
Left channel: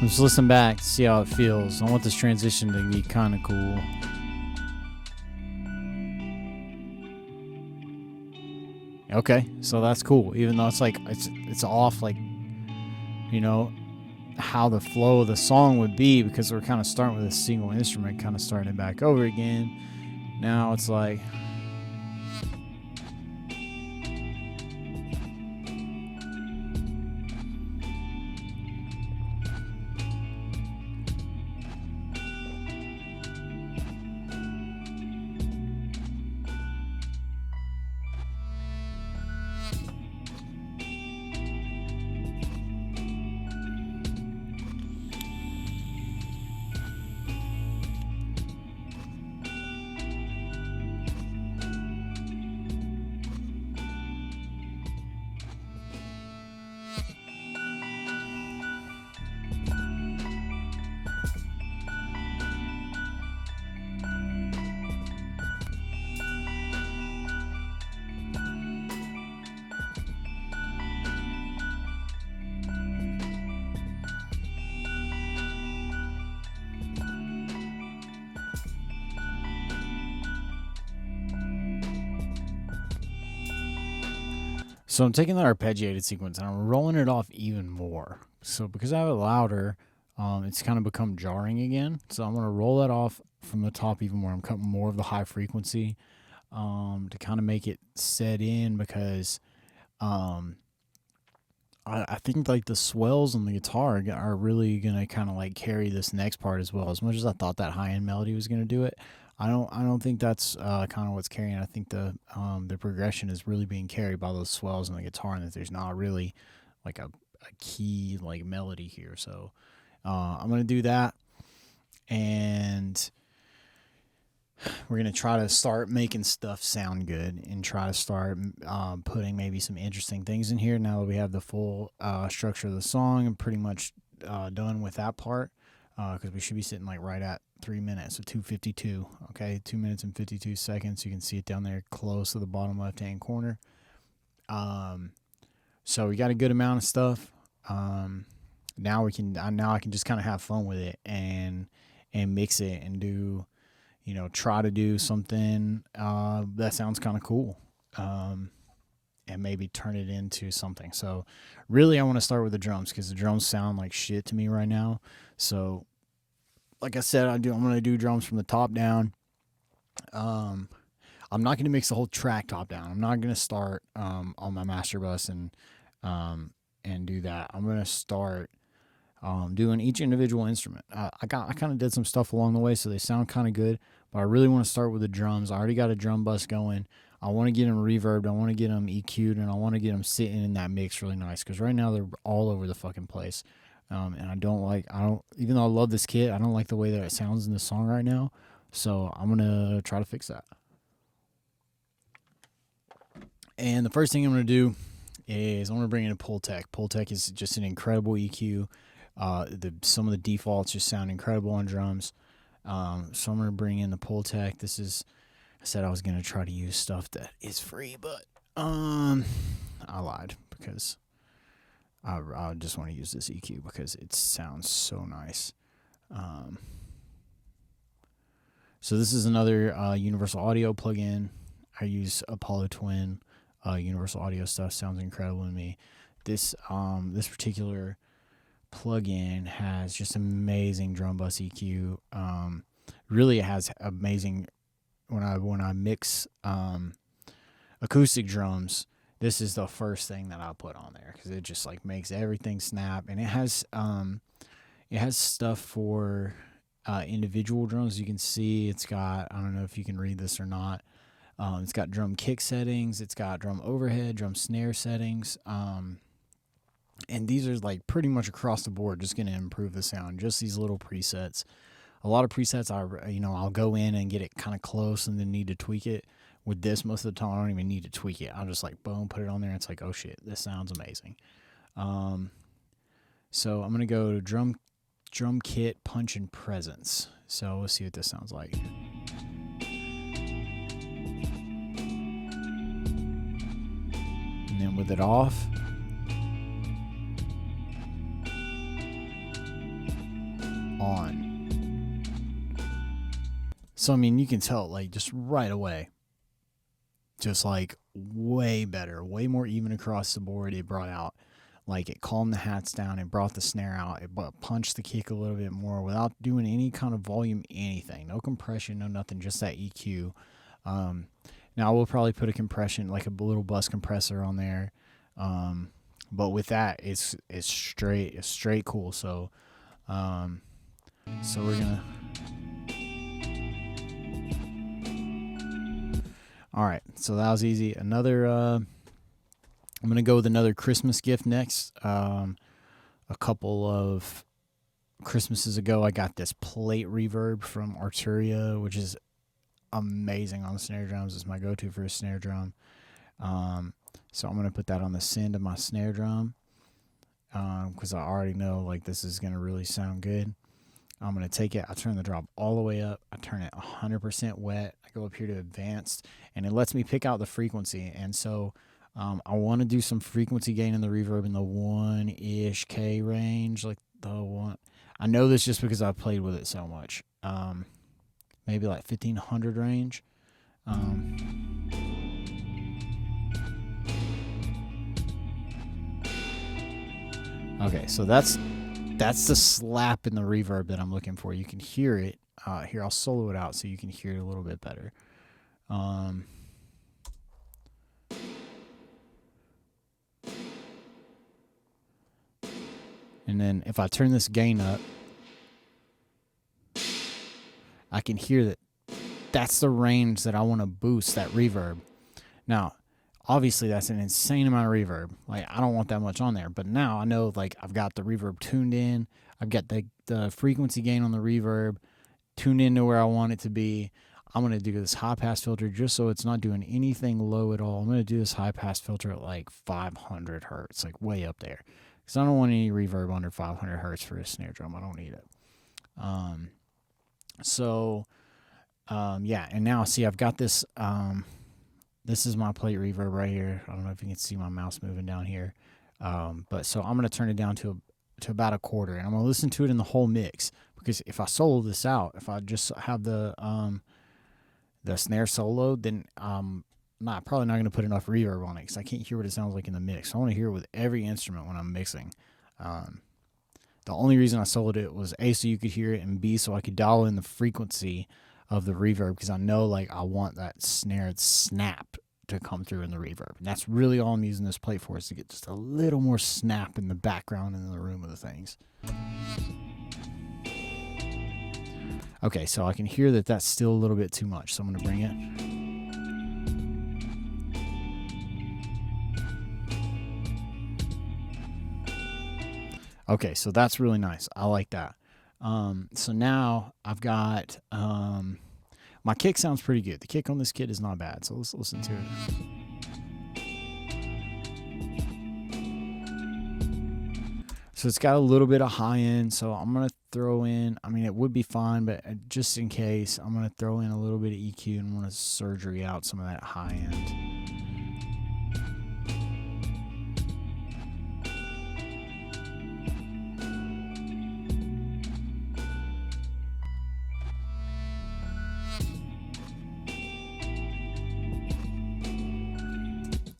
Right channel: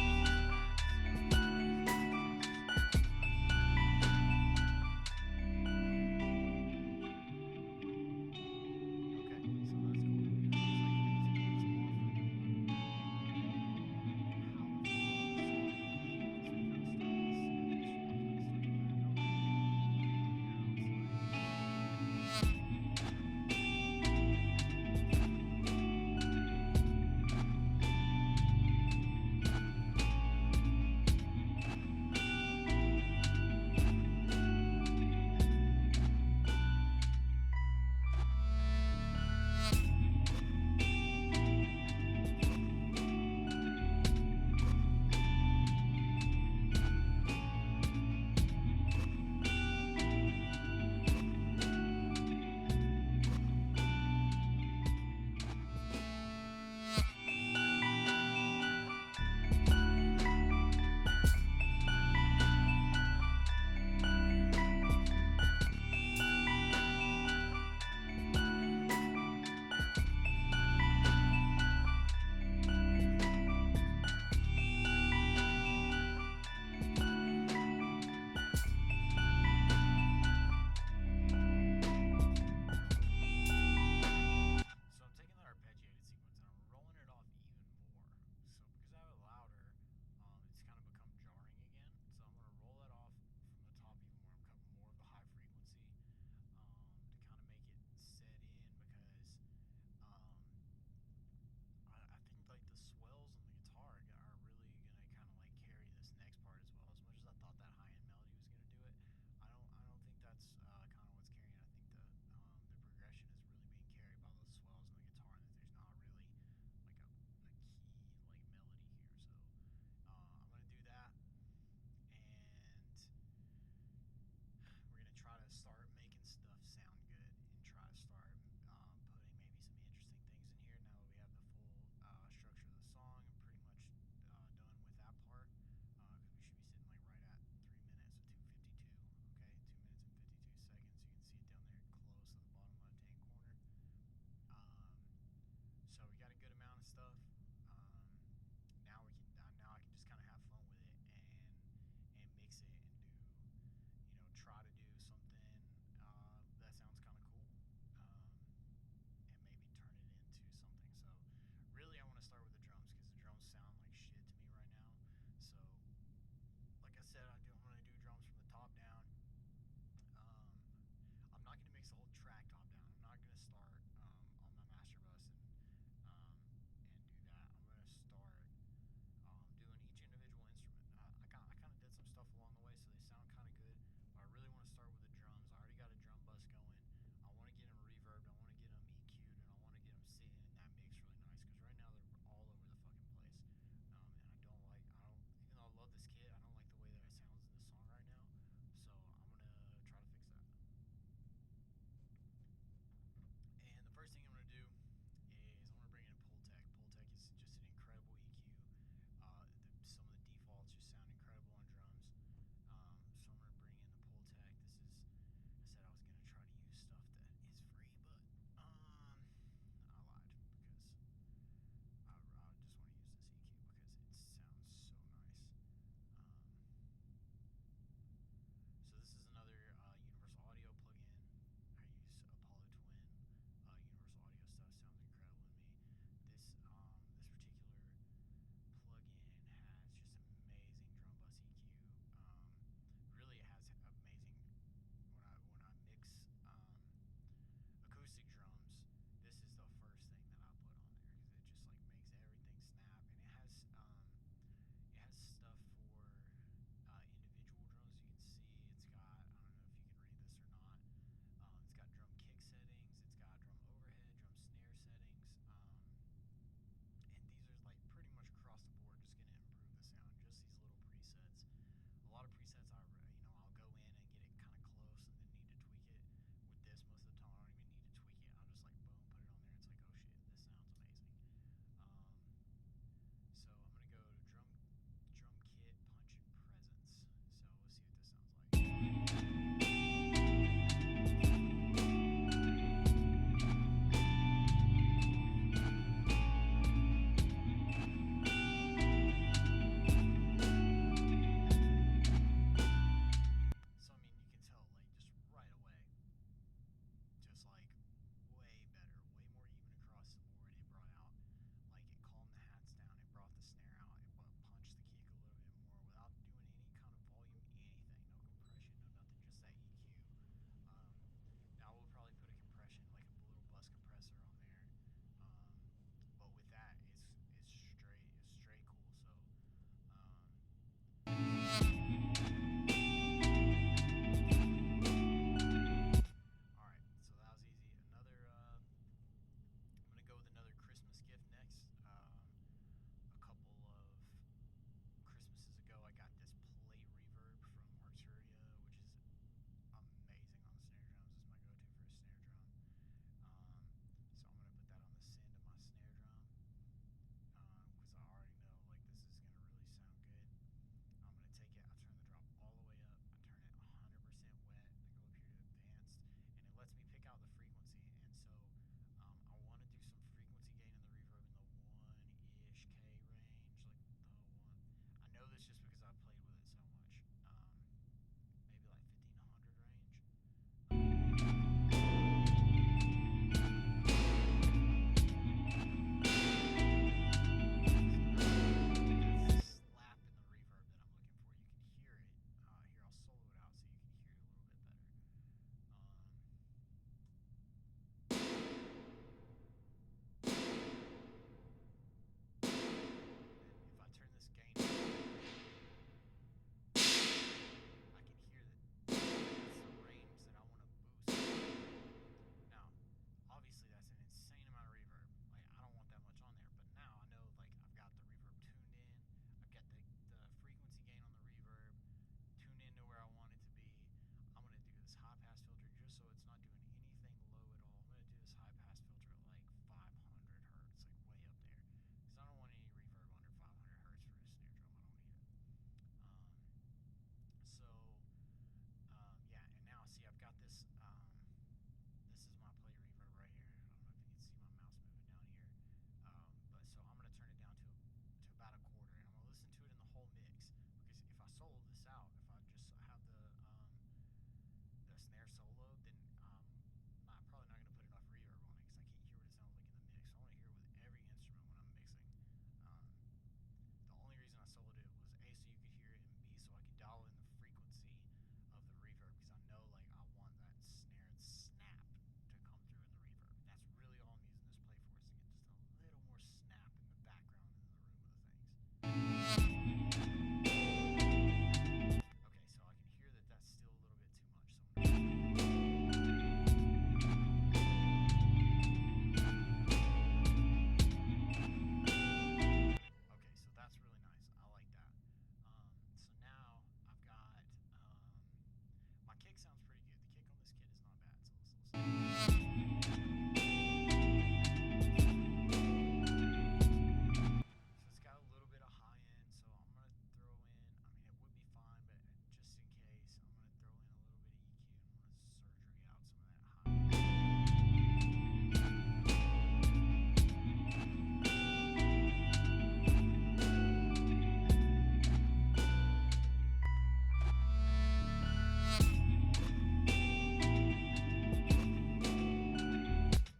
just listen back to see how it feels. I want this transition to be kind of cool. Okay, so that's cool. Even though it's like it's off, like, you know, how the flow of the song would be, because we're kind of starting with a single instrument, kind of starting it back over again. Now it's like. So I'm taking that arpeggiated sequence and I'm rolling it off even more. So because I have it louder, it's kind of become jarring again. So I'm going to roll that off from the top even more. I'm cutting more of the high frequency to kind of make it set in, because I think like the swells on the guitar are really going to kind of like carry this next part as well. As much as I thought that high end melody was going to do it, I don't think that's kind of what's carrying. I think the progression is really being carried by those swells on the guitar, and that there's not really like a key like melody here. So I'm gonna do that, and we're gonna try to start making stuff sound good and try to start putting maybe some interesting things in here. Now that we have the full structure of the song, I'm pretty much done with that part, because we should be sitting like right at 3 minutes, so 2:52. Okay, 2 minutes and 52 seconds. You can see it down there close to the bottom left hand corner. So we got a good amount of stuff. Now I can just kind of have fun with it and mix it and do, try to do something that sounds kind of cool, and maybe turn it into something. So really I want to start with the drums, because the drums sound like shit to me right now. So like I said, I'm going to do drums from the top down. I'm not going to mix the whole track top down. I'm not going to start on my master bus and do that. I'm going to start doing each individual instrument. I kind of did some stuff along the way, so they sound kind of good, but I really want to start with the drums. I already got a drum bus going. I want to get them reverbed. I want to get them EQ'd, and I want to get them sitting in that mix really nice, because right now they're all over the fucking place. And even though I love this kit, I don't like the way that it sounds in the song right now. So I'm going to try to fix that. And the first thing I'm going to do is I'm going to bring in a Pultec. Pultec is just an incredible EQ. Some of the defaults just sound incredible on drums. So I'm going to bring in the Pultec. I said I was going to try to use stuff that is free, but I lied, because I just want to use this EQ because it sounds so nice. So this is another Universal Audio plugin. I use Apollo Twin. Universal Audio stuff sounds incredible to me. This particular plugin has just amazing drum bus EQ. Really, it has amazing when I mix acoustic drums. This is the first thing that I put on there, because it just like makes everything snap, and it has stuff for individual drums. You can see it's got, I don't know if you can read this or not. It's got drum kick settings. It's got drum overhead, drum snare settings. And these are like pretty much across the board, just going to improve the sound. Just these little presets. A lot of presets, I'll go in and get it kind of close and then need to tweak it. With this, most of the time, I don't even need to tweak it. I'll just like, boom, put it on there. And it's like, oh shit, this sounds amazing. So I'm going to go to drum kit, punch, and presence. So let's see what this sounds like. And then with it off. On. So, I mean, you can tell, like, just right away. Just like way better, way more even across the board. It brought out, like, it calmed the hats down, it brought the snare out, it punched the kick a little bit more without doing any kind of volume, anything. No compression, no nothing, just that EQ. Now we'll probably put a compression, like a little bus compressor on there. But with that, it's straight cool. So we're gonna. All right, so that was easy. I'm going to go with another Christmas gift next. A couple of Christmases ago, I got this plate reverb from Arturia, which is amazing on the snare drums. It's my go-to for a snare drum. So I'm going to put that on the send of my snare drum, because I already know like this is going to really sound good. I'm going to take it, I turn the drop all the way up, I turn it 100% wet, I go up here to advanced, and it lets me pick out the frequency. And so I want to do some frequency gain in the reverb in the 1-ish K range, like the one. I know this just because I've played with it so much. Maybe like 1500 range. Okay, so that's the slap in the reverb that I'm looking for. You can hear it. Here, I'll solo it out so you can hear it a little bit better. And then if I turn this gain up, I can hear that that's the range that I want to boost that reverb. Now, obviously that's an insane amount of reverb. Like, I don't want that much on there, but now I know, like, I've got the reverb tuned in. I've got the frequency gain on the reverb tuned into where I want it to be. I'm going to do this high pass filter just so it's not doing anything low at all. I'm going to do this high pass filter at like 500 hertz, like way up there. Because I don't want any reverb under 500 hertz for a snare drum. I don't need it. Yeah, and now see, I've got this. This is my plate reverb right here. I don't know if you can see my mouse moving down here. But so I'm going to turn it down to about a quarter, and I'm going to listen to it in the whole mix. Because if I solo this out, if I just have the snare soloed, then probably not going to put enough reverb on it because I can't hear what it sounds like in the mix. So I want to hear it with every instrument when I'm mixing. The only reason I soloed it was A, so you could hear it, and B, so I could dial in the frequency of the reverb because I know, like, I want that snare snap to come through in the reverb. And that's really all I'm using this plate for, is to get just a little more snap in the background and in the room of the things. Okay, so I can hear that that's still a little bit too much, so I'm going to bring it. Okay, so that's really nice. I like that. So now I've got my kick sounds pretty good. The kick on this kit is not bad, so let's listen to it. So it's got a little bit of high end, so I'm going to throw in, I mean, it would be fine, but just in case, I'm going to throw in a little bit of EQ and want to surgery out some of that high end.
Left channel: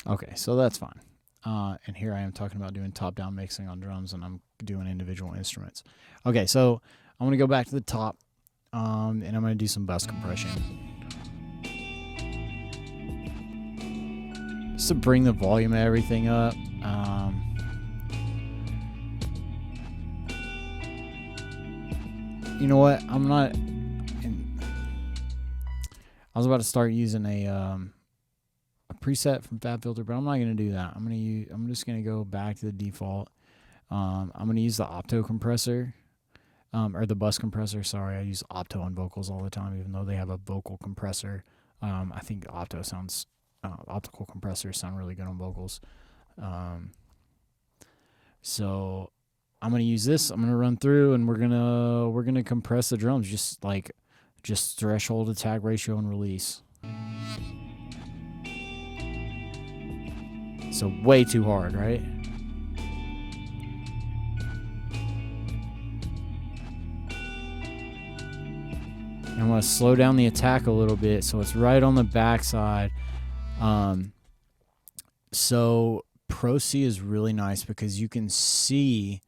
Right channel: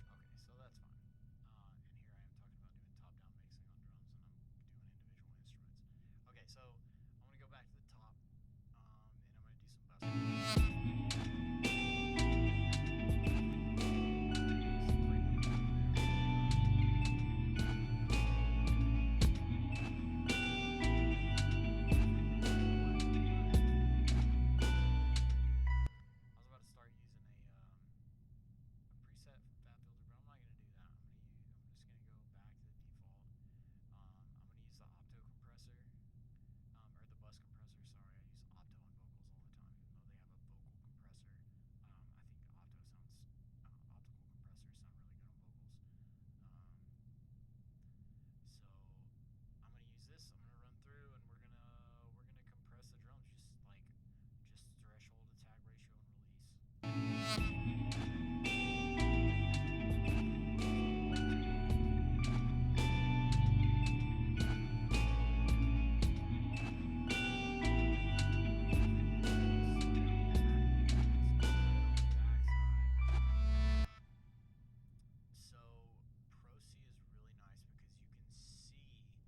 Okay, so that's fine. And here I am talking about doing top-down mixing on drums, and I'm doing individual instruments. Okay, so I'm going to go back to the top, and I'm going to do some bus compression. Just to bring the volume of everything up. You know what? I was about to start using a preset from FabFilter, but I'm not going to do that. I'm just going to go back to the default. I'm going to use the opto compressor, or the bus compressor. Sorry, I use opto on vocals all the time, even though they have a vocal compressor. I think optical compressors sound really good on vocals. So I'm going to use this. I'm going to run through, and we're gonna compress the drums, just threshold, attack ratio, and release. So way too hard, right? And I'm going to slow down the attack a little bit so it's right on the backside. So Pro C is really nice because you can see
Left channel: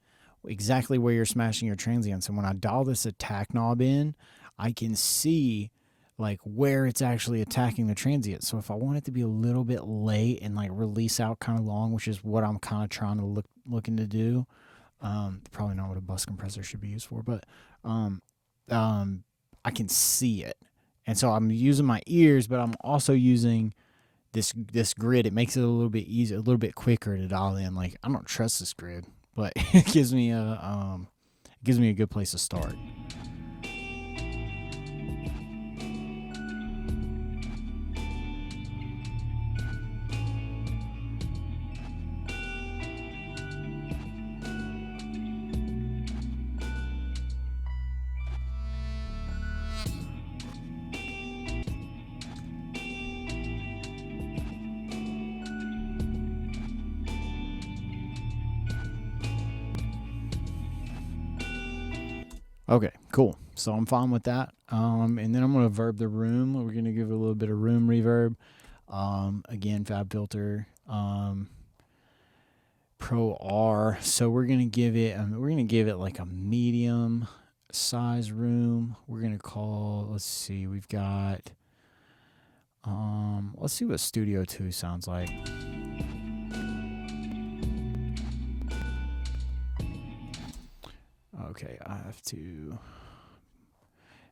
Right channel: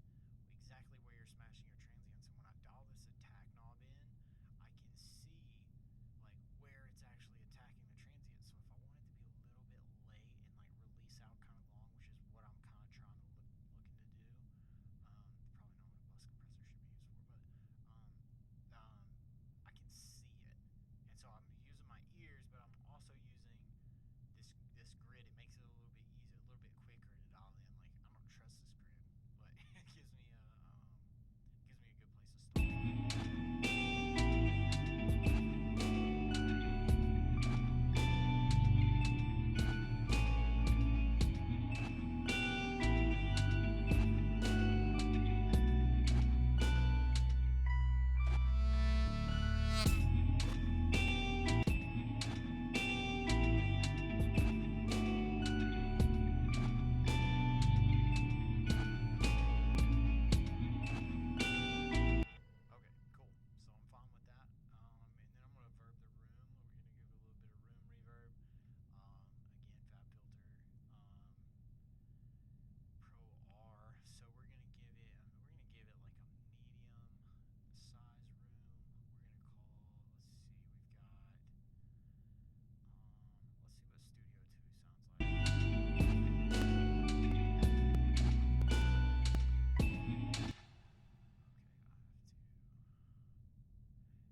exactly where you're smashing your transients. And when I dial this attack knob in, I can see like where it's actually attacking the transient. So if I want it to be a little bit late and like release out kind of long, which is what I'm kind of trying to looking to do, probably not what a bus compressor should be used for, but I can see it. And so I'm using my ears, but I'm also using this grid. It makes it a little bit easier, a little bit quicker to dial in. Like, I don't trust this grid, but it gives me a good place to start. Okay, cool. So I'm fine with that. And then I'm going to verb the room. We're going to give it a little bit of room reverb. Again, FabFilter. Pro R. So we're gonna give it like a medium size room. We're gonna call. Let's see. We've got. Let's see what Studio 2 sounds like. Okay,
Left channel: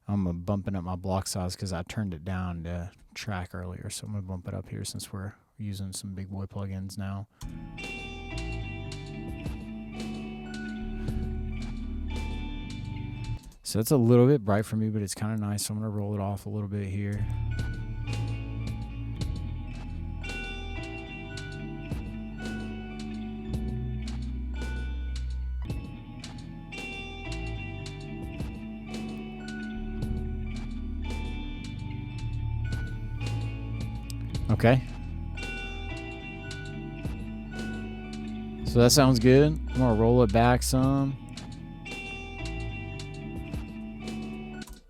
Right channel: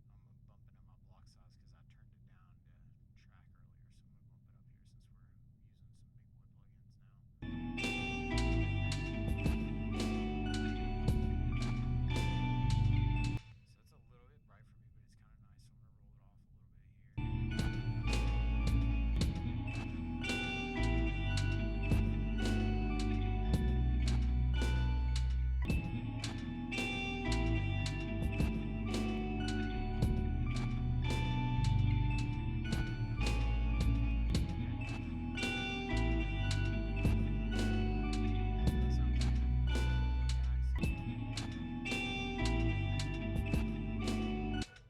I'm bumping up my block size because I turned it down to track earlier, so I'm gonna bump it up here since we're using some big boy plugins now. So it's a little bit bright for me, but it's kind of nice. So I'm gonna roll it off a little bit here. Okay. So that sounds good. I'm gonna roll it back some.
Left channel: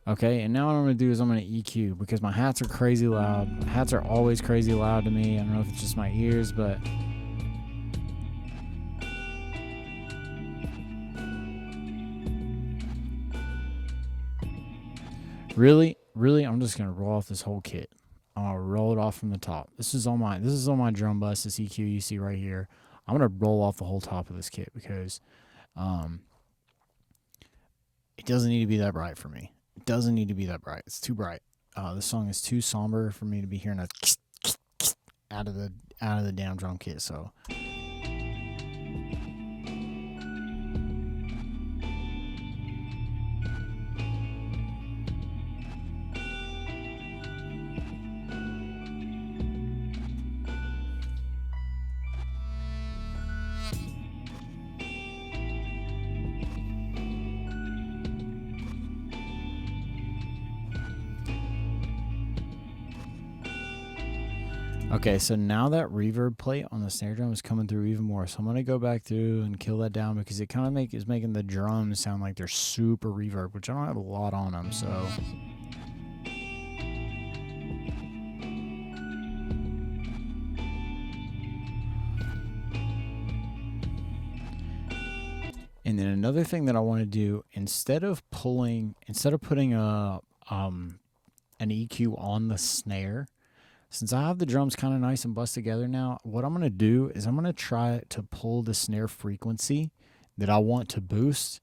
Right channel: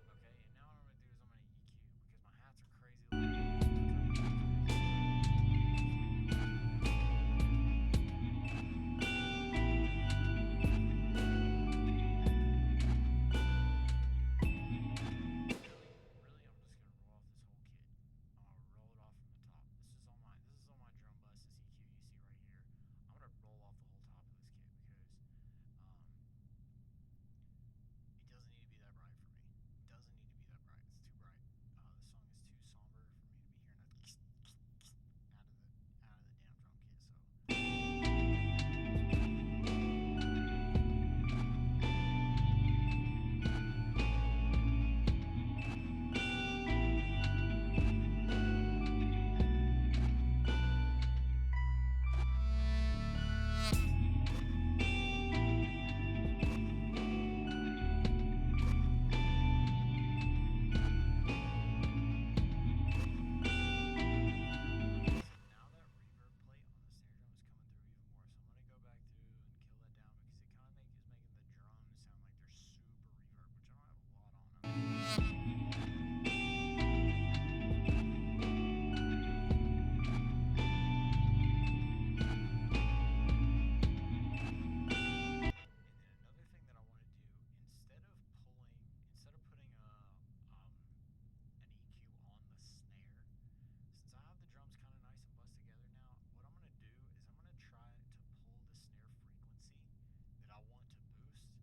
Okay, and now what I'm gonna do is I'm gonna EQ because my hats are crazy loud. My hats are always crazy loud to me. I don't know if it's just my ears, but really, I'm just gonna roll off this whole kit. I'll roll it off from the top. This is on my drum bus, this EQ you see right here. I'm gonna roll off the whole top of this kit because it doesn't need to be that bright for me. It doesn't need to be that bright. It's too bright. This song is too somber for me to be hearing a out of the damn drum kit. So. Okay, so now that reverb plate on the snare drum is coming through even more. So I'm going to go back through and kill that down because it kind of is making the drums sound like they're super reverb, which I don't have a lot on them, so. And then another thing that I want to do, instead of putting an EQ on the snare, since I have the drums kind of nice and bust together now, what I'm going to do is I'm going to try to pull the snare frequency that I want to boost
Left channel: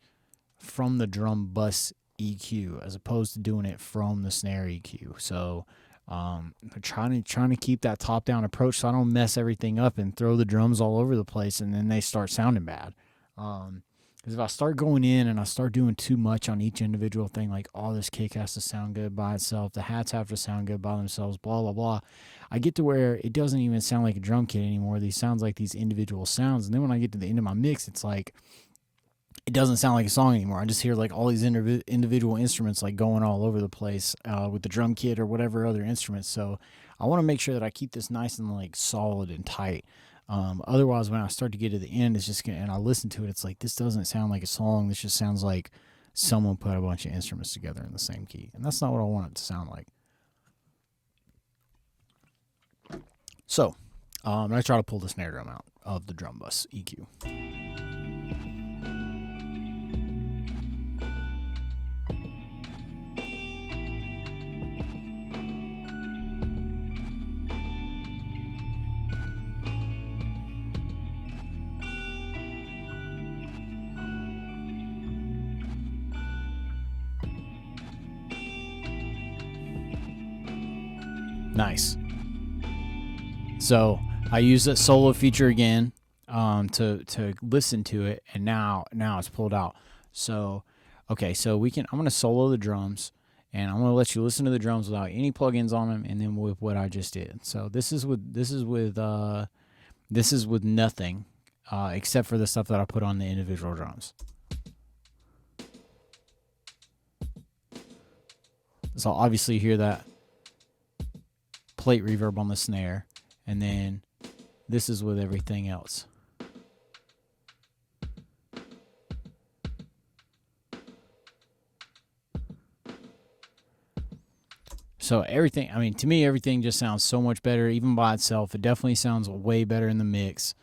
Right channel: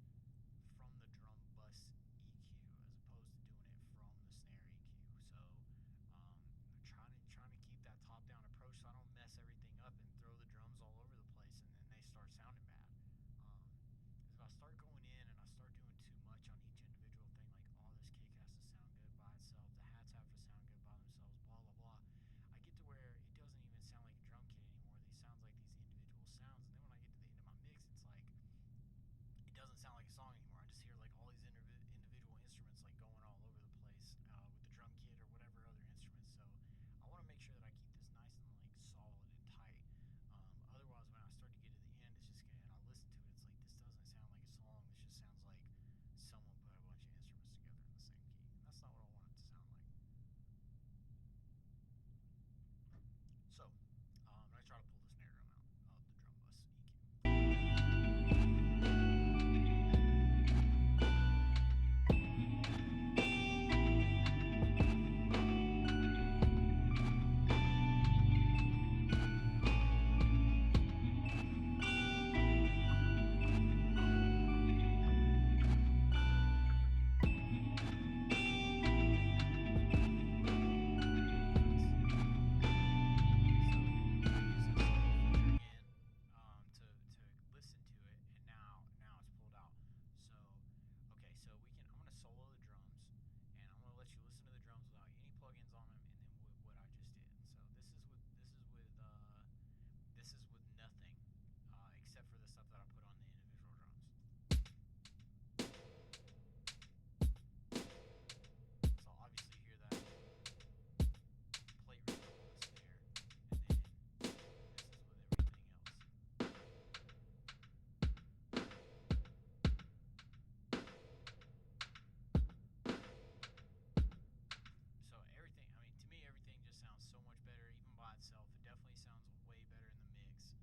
from the drum bus EQ as opposed to doing it from the snare EQ. So I'm trying to keep that top-down approach so I don't mess everything up and throw the drums all over the place and then they start sounding bad. Because if I start going in and I start doing too much on each individual thing, like, oh, this kick has to sound good by itself, the hats have to sound good by themselves, blah, blah, blah, I get to where it doesn't even sound like a drum kit anymore. These sounds like these individual sounds. And then when I get to the end of my mix, it's like, it doesn't sound like a song anymore. I just hear like all these individual instruments like going all over the place with the drum kit or whatever other instruments. So I want to make sure that I keep this nice and like solid and tight. Otherwise, when I start to get to the end, it's just and I listen to it, it's like, this doesn't sound like a song. This just sounds like someone put a bunch of instruments together in the same key, and that's not what I want it to sound like. So, I try to pull the snare drum out of the drum bus EQ. Nice. So I use that solo feature again to listen to it, and now it's pulled out. So okay, so I'm gonna solo the drums, and I'm gonna let you listen to the drums without any plugins on them, and then with what I just did. So this is with nothing except for the stuff that I put on the individual drums. So obviously you hear that plate reverb on the snare, and then this is with everything else. So everything, I mean, to me, everything just sounds so much better, even by itself. It definitely sounds way better in the mix.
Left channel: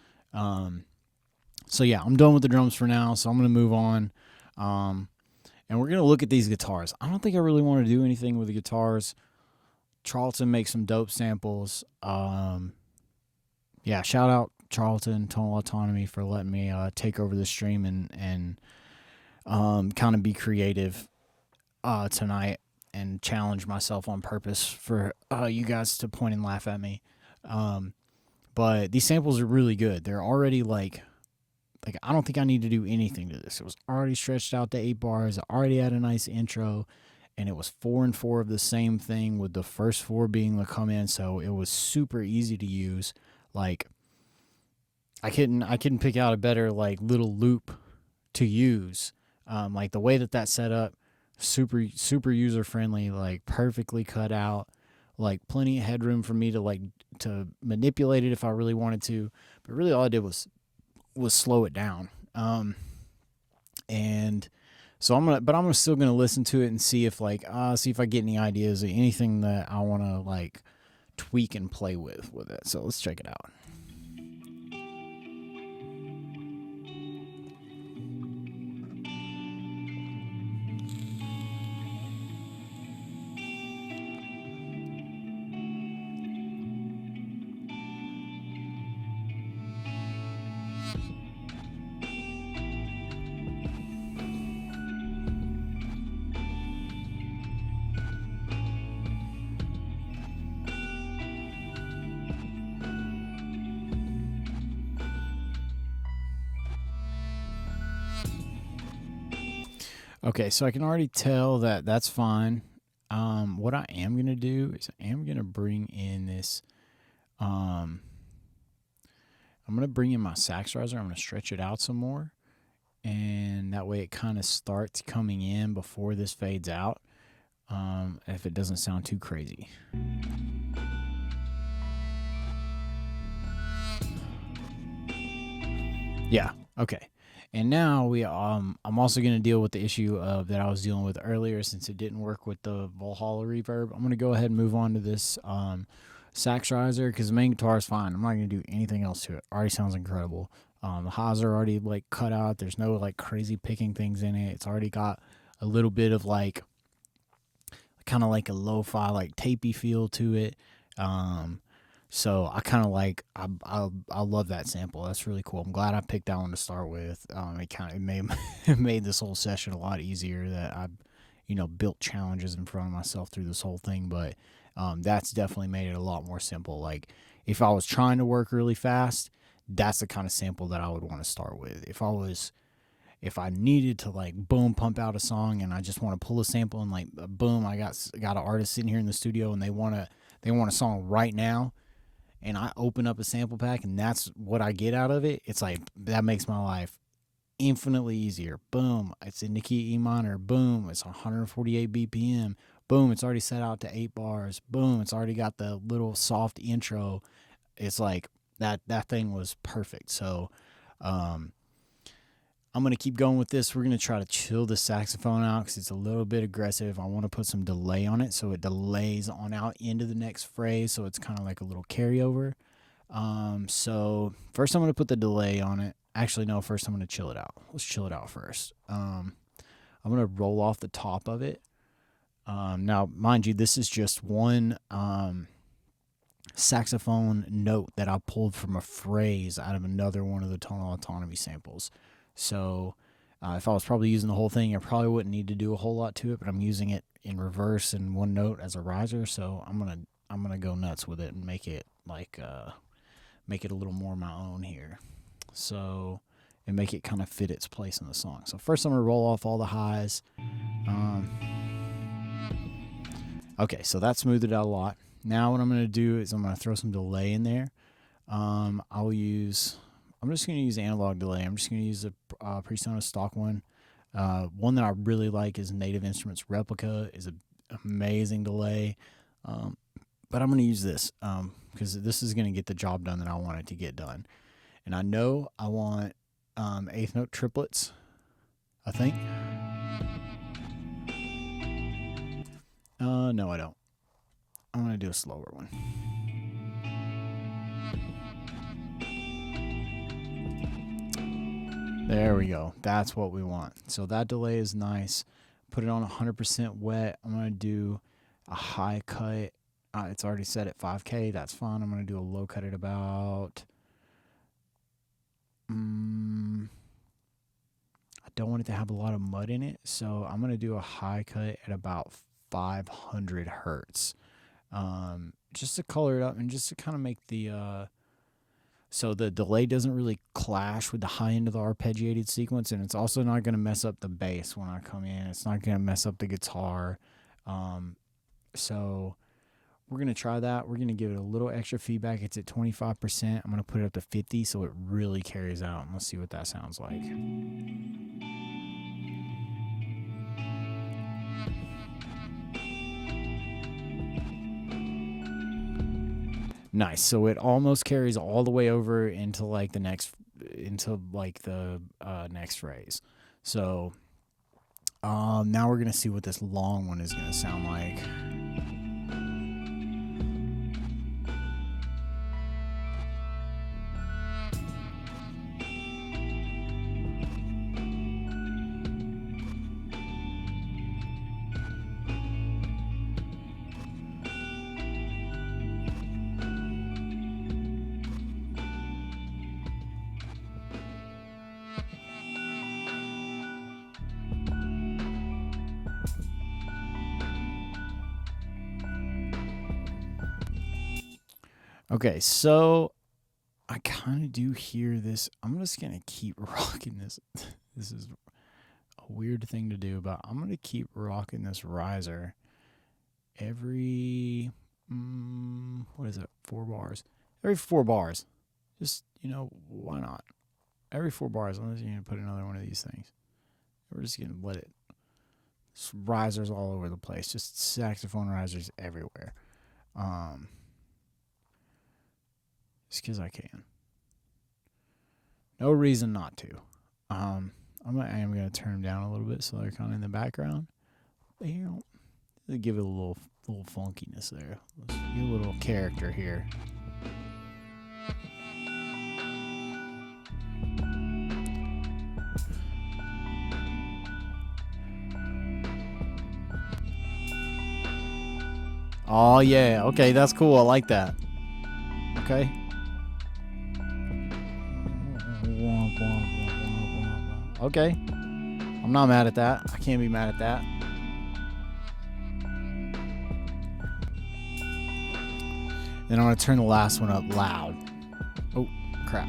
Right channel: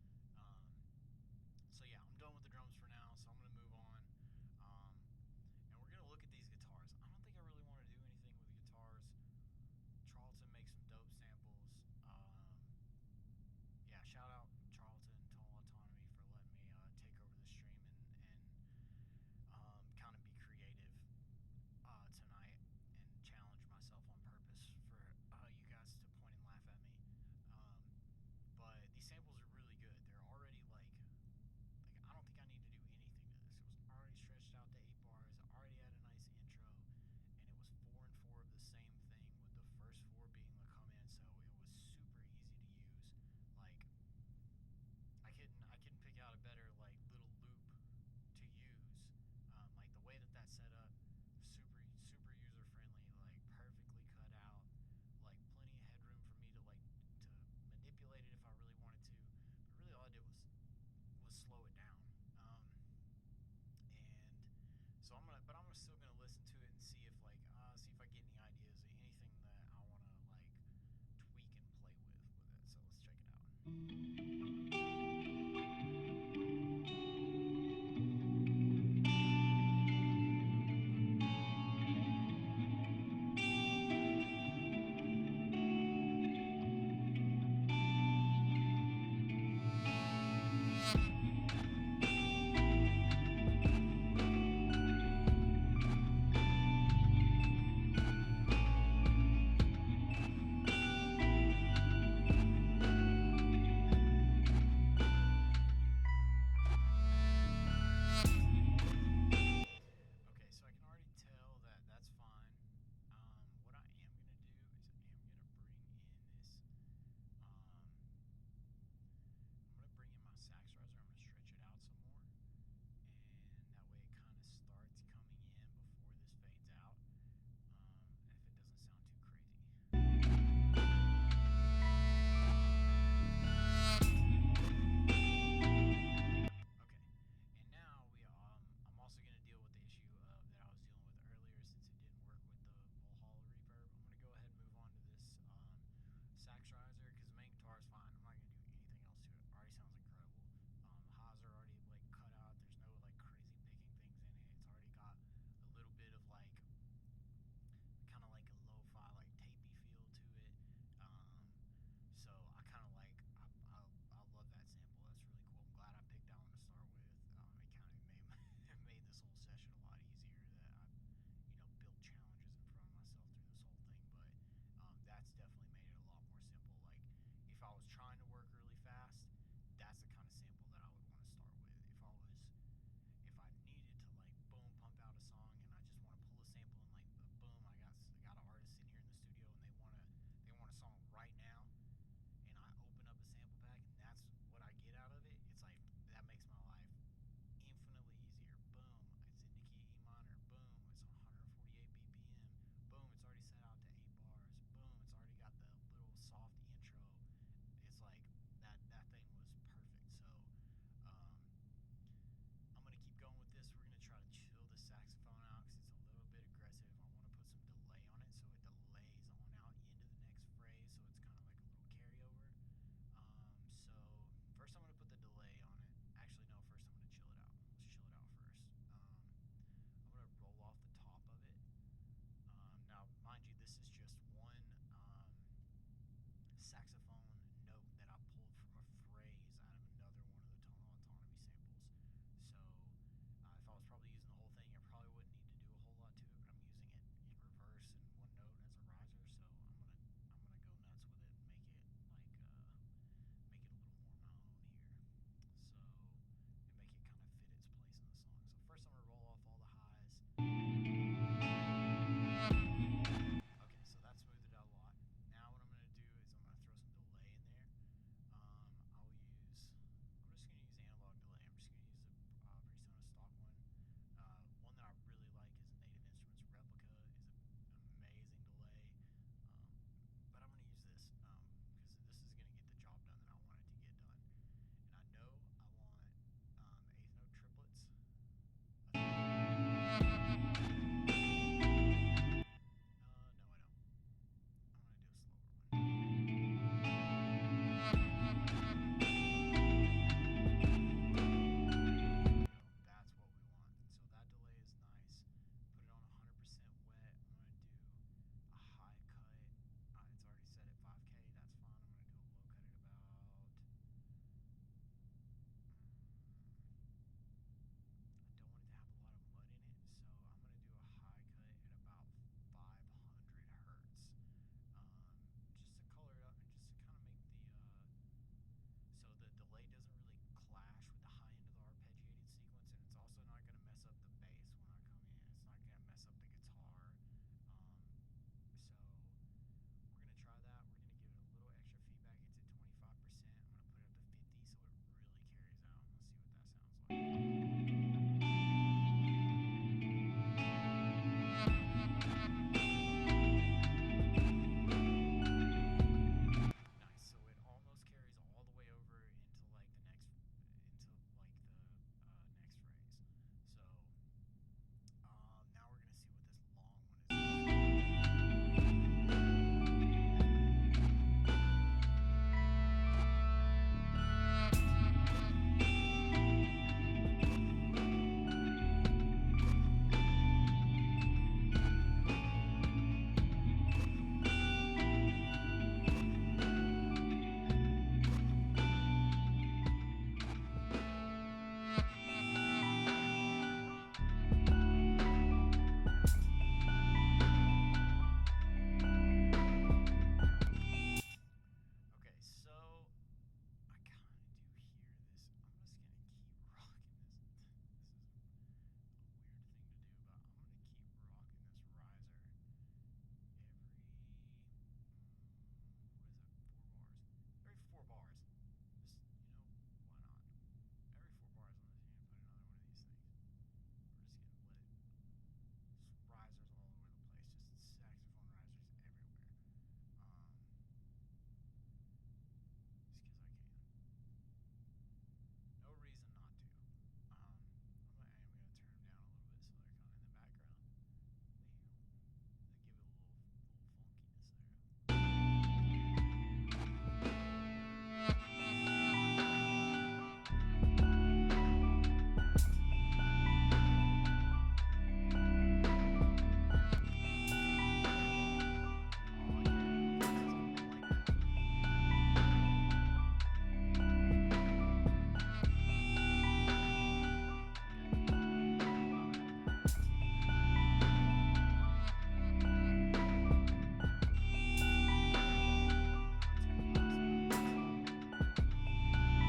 So yeah, I'm done with the drums for now, so I'm going to move on. And we're going to look at these guitars. I don't think I really want to do anything with the guitars. Charlton makes some dope samples. Yeah, shout out Charlton, Tonal Autonomy, for letting me take over the stream and kind of be creative tonight and challenge myself on purpose for you guys to point and laugh at me. But these samples are really good. They're already like I don't think I need to do anything to this. It was already stretched out to 8 bars. It already had a nice intro, and it was 4 and 4 of the same thing, with the first 4 being the come in. So it was super easy to use. Like I couldn't pick out a better like little loop to use. Like the way that's set up, super user friendly, like perfectly cut out, like plenty of headroom for me to manipulate it if I really wanted to. But really all I did was slow it down. And so I'm still gonna listen to it and see if I get any ideas or anything that I want to like tweak and play with it. So let's check it out. Okay, so I can already tell that that's fine. What I am going to do is I am going to bring in this, I'm going to bring in my sax riser. I'm going to stretch it out some more, and that way it kind of starts coming in before this fades out, if it doesn't sound too crazy. Yeah, okay. And now I'm also going to deal with the issue that I was dealing with earlier, since it didn't work with the Valhalla reverb. I'm going to go ahead and move on to this sax riser, because the main guitar is fine. I'm not going to do anything else to it. Already sounds incredible. The highs are already like cut out. There's no like crazy picking things in it. It's already got a little bit of like kind of like a lo-fi like tapey feel to it. So I kind of like I love that sample. That's really cool. I'm glad I picked that one to start with. It made this whole session a lot easier, that I built challenges in front of myself through this whole thing. But that's definitely made it a lot more simple. Like if I was trying to work really fast, that's the kind of sample that I would want to start with. If I needed to like boom pump out a song and I just want to pull a sample and like boom, I got an artist sitting here in the studio and they want a song right now, and I open up a sample pack and that's what I get out of it, it's like that makes my life infinitely easier. Boom, it's in the key E minor. Boom, it's 148 BPM. Boom, it's already set out to 8 bars. Boom, it's already got the little soft intro. It's like that thing was perfect. So I'm going to keep going with this. We're going to try to chill the saxophone out because it's a little bit aggressive. I want to put some delay on it so it delays on out into the next phrase, so it's kind of like a little carryover. So first I'm going to put the delay on it. Actually, no, first I'm going to chill it out. Let's chill it out first. I'm going to roll off the top of it. Now, mind you, this is just one saxophone note that I pulled from a phrase out of another one of the Tonal Autonomy samples. So if I was probably using the whole thing, I probably wouldn't need to do a whole lot to it, but I'm using it in reverse and one note as a riser, so I'm gonna go nuts with it and make it like make it a little more my own here. So and make it kind of fit its place in the song. So first I'm gonna roll off all the highs. Okay, so that smoothed it out a lot. Now what I'm gonna do is I'm gonna throw some delay in there. I'm just going to use analog delay. I'm just going to use a Presonus stock one. One that I really like is Native Instruments Replica. Is an amazing delay. But I'm going to use this because this is going to get the job done that I want it to get done. And I know I want eighth note triplets, I think. No, I don't. I'm going to do a slower one. There we go. That's what we want. So that delay is nice. Put it on 100% wet. I'm going to do a high cut. It's already set at 5K. That's fine. I'm going to do a low cut at about... I don't want it to have a lot of mud in it, so I'm going to do a high cut at about 500 hertz. Just to color it up and just to kind of make the... so the delay doesn't really clash with the high end of the arpeggiated sequence, and it's also not going to mess up the bass when I come in. It's not going to mess up the guitar. So we're going to try that. We're going to give it a little extra feedback. It's at 25%. I'm going to put it up to 50 so it really carries out. And let's see what that sounds like. Nice. So it almost carries all the way over into like the next phrase. So now we're gonna see what this long one is gonna sound like. Okay, so I kind of do hear this. I'm just going to keep rocking this. This is a weird thing to do, but I'm going to keep rocking this riser every, 4 bars? Every 4 bars. Just, why not? Every 4 bars, I'm just going to put another one of these things. We're just going to let it. Just risers all over the place. Just saxophone risers everywhere. Just because I can. No reason not to. I am going to turn them down a little bit so they're kind of in the background. But, give it a little funkiness there. Let's give a little character here. Oh, yeah. Okay, that's cool. I like that. Okay. Okay. I'm not mad at that. I can't be mad at that. Then I'm going to turn the last one up loud. Oh, crap.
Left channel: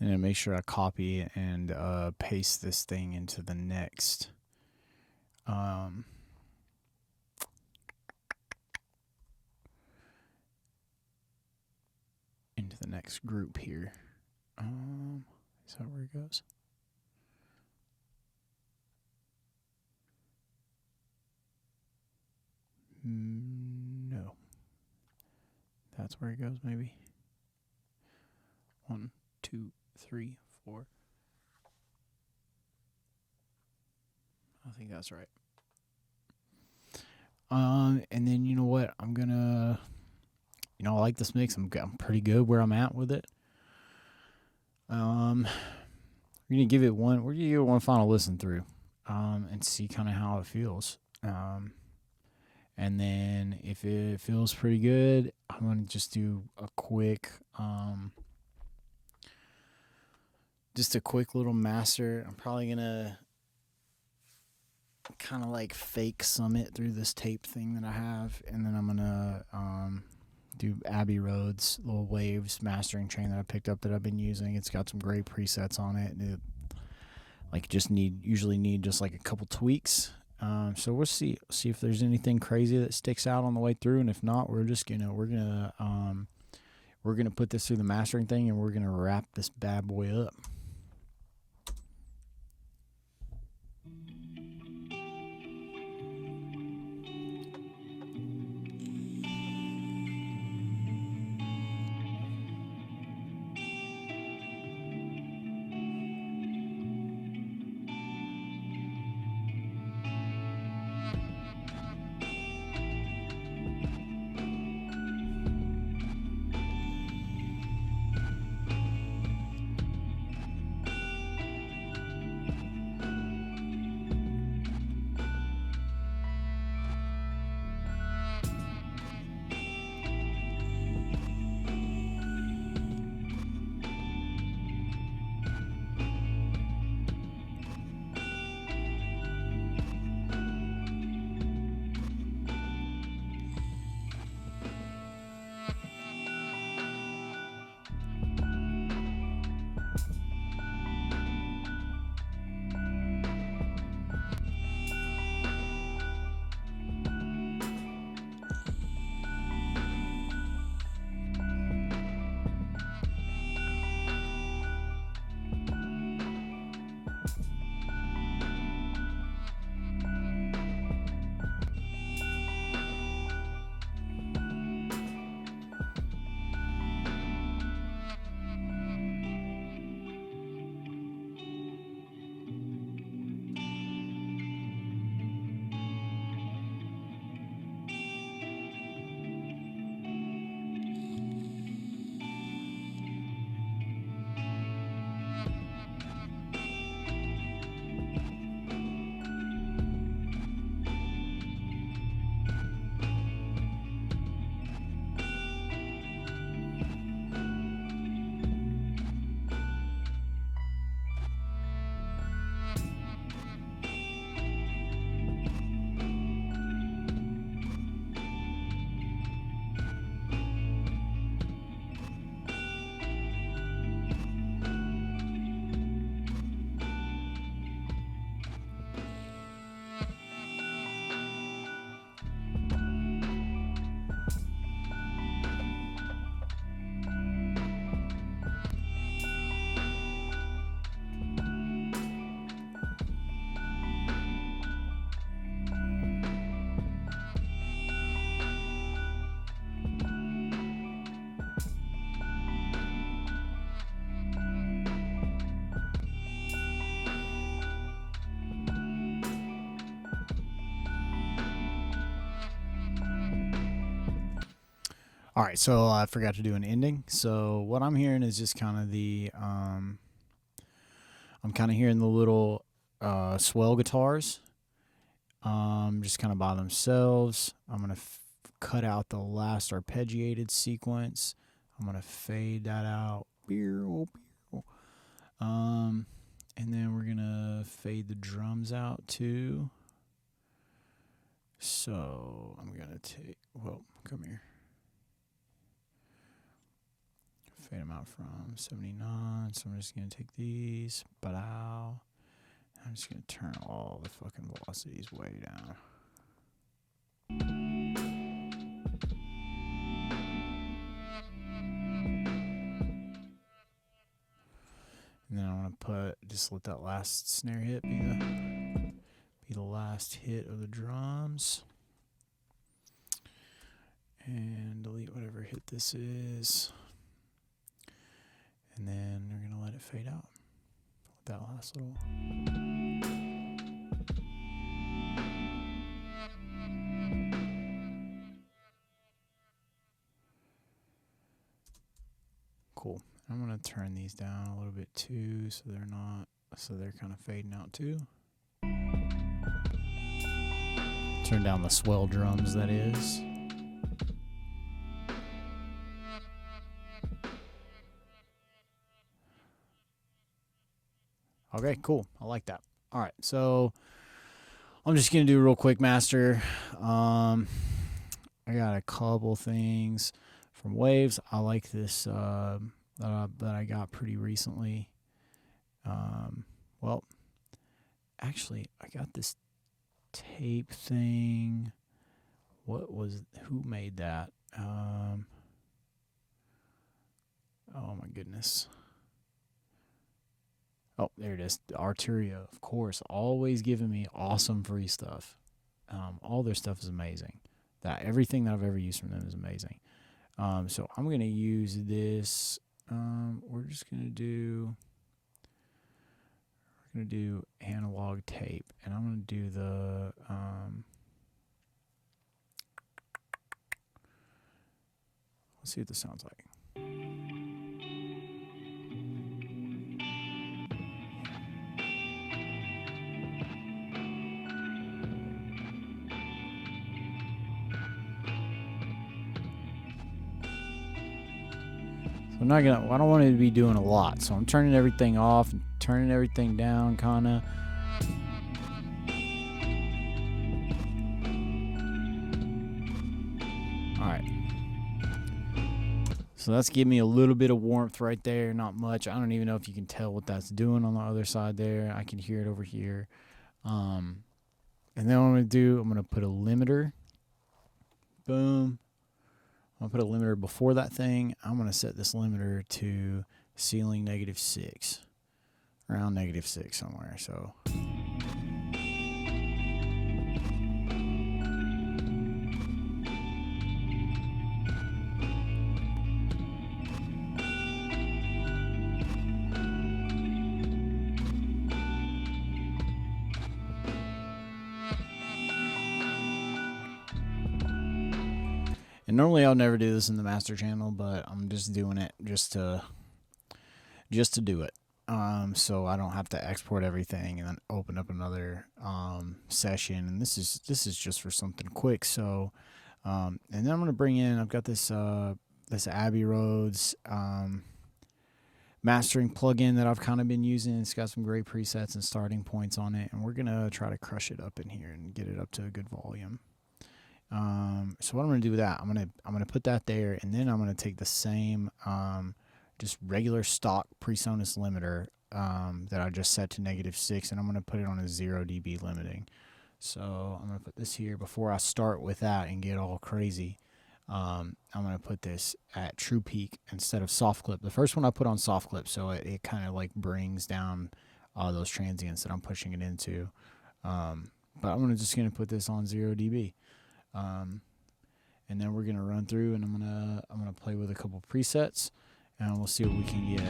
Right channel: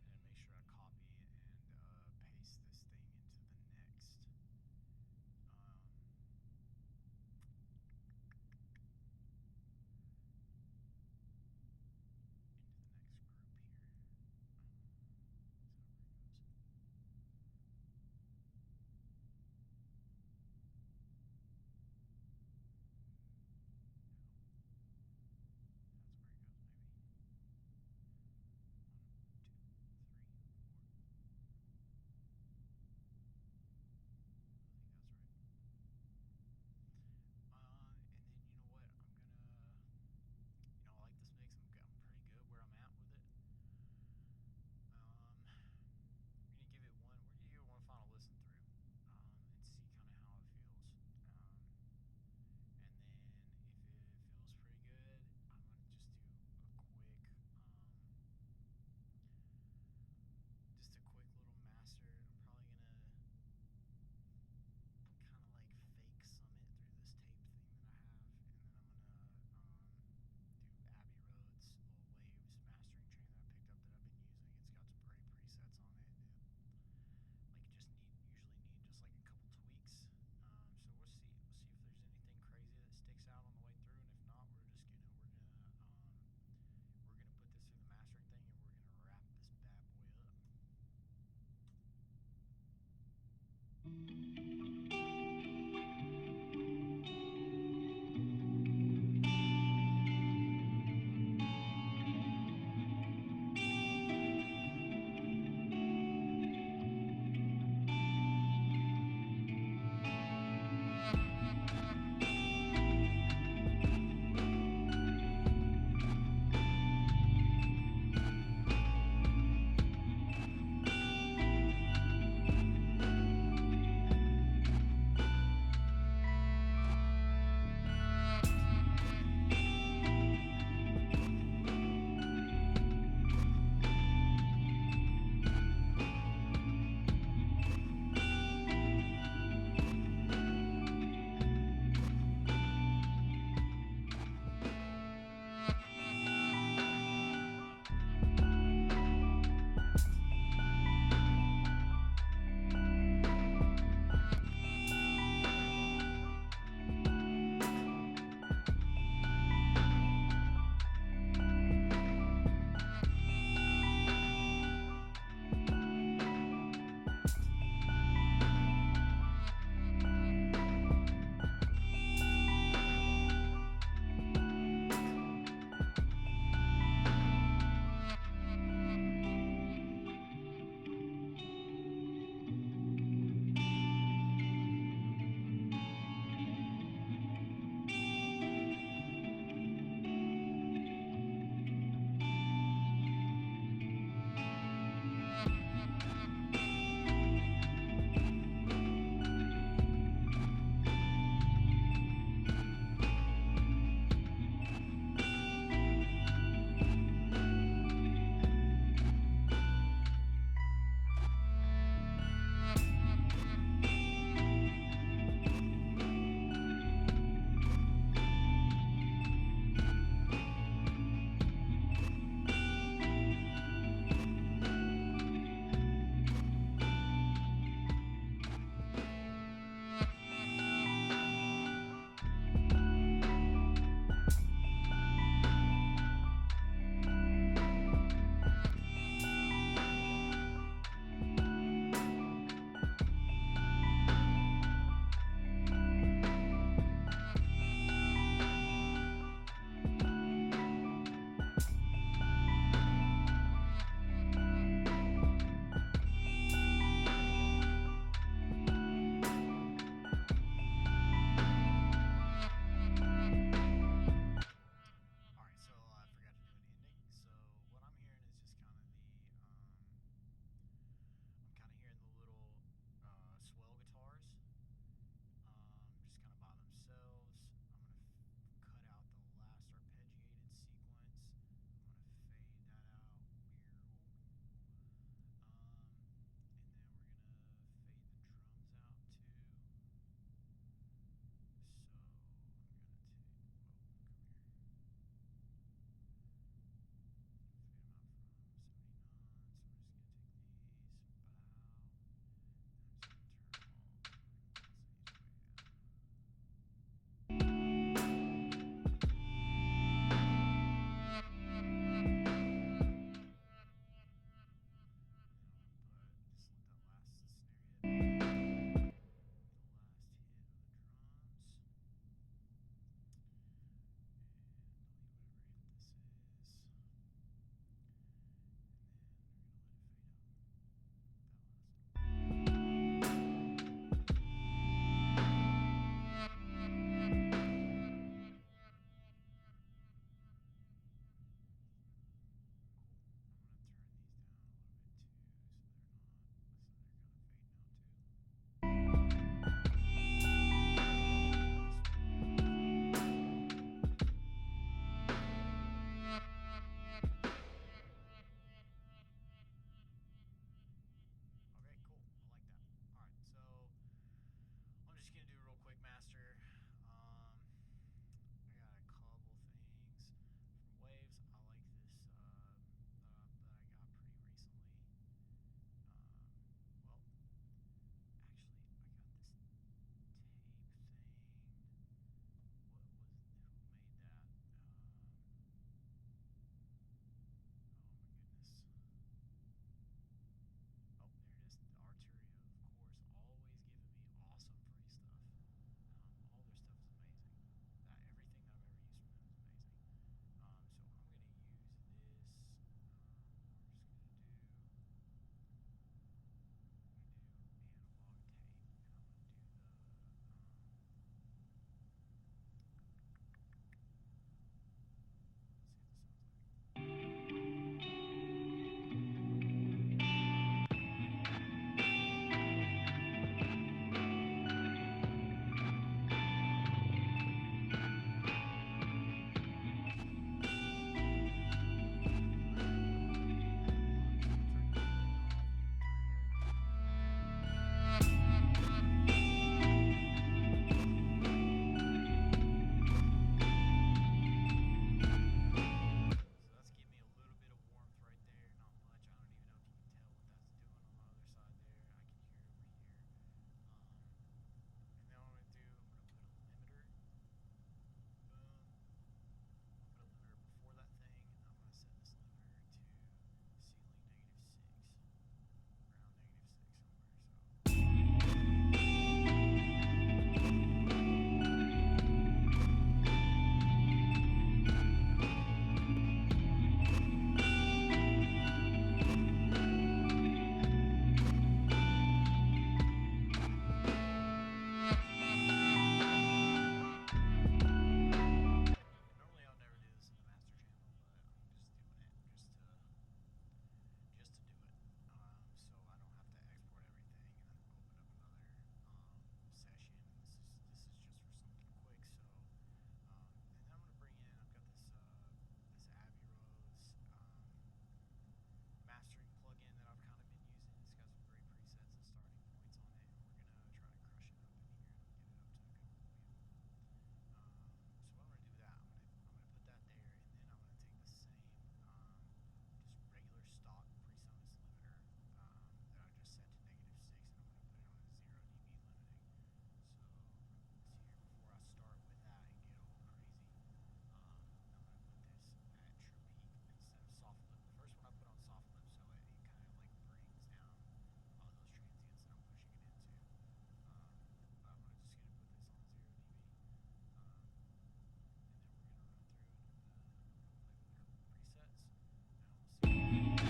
And make sure I copy and paste this thing into the next group here. Is that where it goes? No. That's where it goes, maybe. 1, 2, 3, 4. I think that's right. And then you know what? I'm gonna, I like this mix. I'm pretty good where I'm at with it. We're gonna give it one final listen through, and see kind of how it feels. And then if it feels pretty good, I'm gonna just do a quick, just a quick little master. I'm probably gonna kind of like fake summit through this tape thing that I have, and then I'm gonna do Abbey Road's little waves mastering train that I picked up that I've been using. It's got some great presets on it. And it usually need just like a couple tweaks. So we'll see if there's anything crazy that sticks out on the way through, and if not, we're gonna put this through the mastering thing, and we're gonna wrap this bad boy up. All right, so I forgot to do an ending. So what I'm hearing is just kind of the I'm kind of hearing the little swell guitars, just kind of by themselves. I'm gonna cut out the last arpeggiated sequence. I'm gonna fade that out. And then we're gonna fade the drums out too. So I'm gonna take, well, come here. Fade them out from 79. So I'm just gonna take these, but I'm just gonna turn all the fucking velocities way down. And then I want to just let that last snare hit be the last hit of the drums. And delete whatever hit this is. And then we're going to let it fade out with that last little. Cool. I'm going to turn these down a little bit too so they're kind of fading out too. Turn down the swell drums, that is. Okay, cool. I like that. All right, so I'm just going to do a real quick master. I got a couple things from Waves. I like this that I got pretty recently. Well, actually, I got this tape thing. Who made that? Oh my goodness. Oh, there it is. Arturia, of course, always giving me awesome free stuff. All their stuff is amazing. Everything that I've ever used from them is amazing. So I'm gonna use this. We're gonna do analog tape, and I'm gonna do the let's see what this sounds like. I don't want it to be doing a lot, so I'm turning everything off and turning everything down, kinda. Alright. So that's giving me a little bit of warmth right there, not much. I don't even know if you can tell what that's doing on the other side there. I can hear it over here. And then what I'm going to do, I'm going to put a limiter. Boom. I'm going to put a limiter before that thing. I'm going to set this limiter to ceiling -6. Around -6 somewhere. So. Normally I'll never do this in the master channel, but I'm just doing it just to do it. So I don't have to export everything and then open up another session. And this is just for something quick. So and then I'm gonna bring in. I've got this Abbey Roads mastering plugin that I've kind of been using. It's got some great presets and starting points on it, and we're gonna try to crush it up in here and get it up to a good volume. So what I'm going to do with that, I'm going to put that there, and then I'm going to take the same, just regular stock PreSonus limiter, that I just set to -6, and I'm going to put it on a 0 dB limiting. So I'm going to put this here before I start with that and get all crazy. I'm going to put this at true peak instead of soft clip. The first one I put on soft clip, so it kind of like brings down, those transients that I'm pushing it into. But I'm just going to put this on 0 dB. And then we're gonna run through, and I'm gonna play with a couple presets, and we'll see what we can get.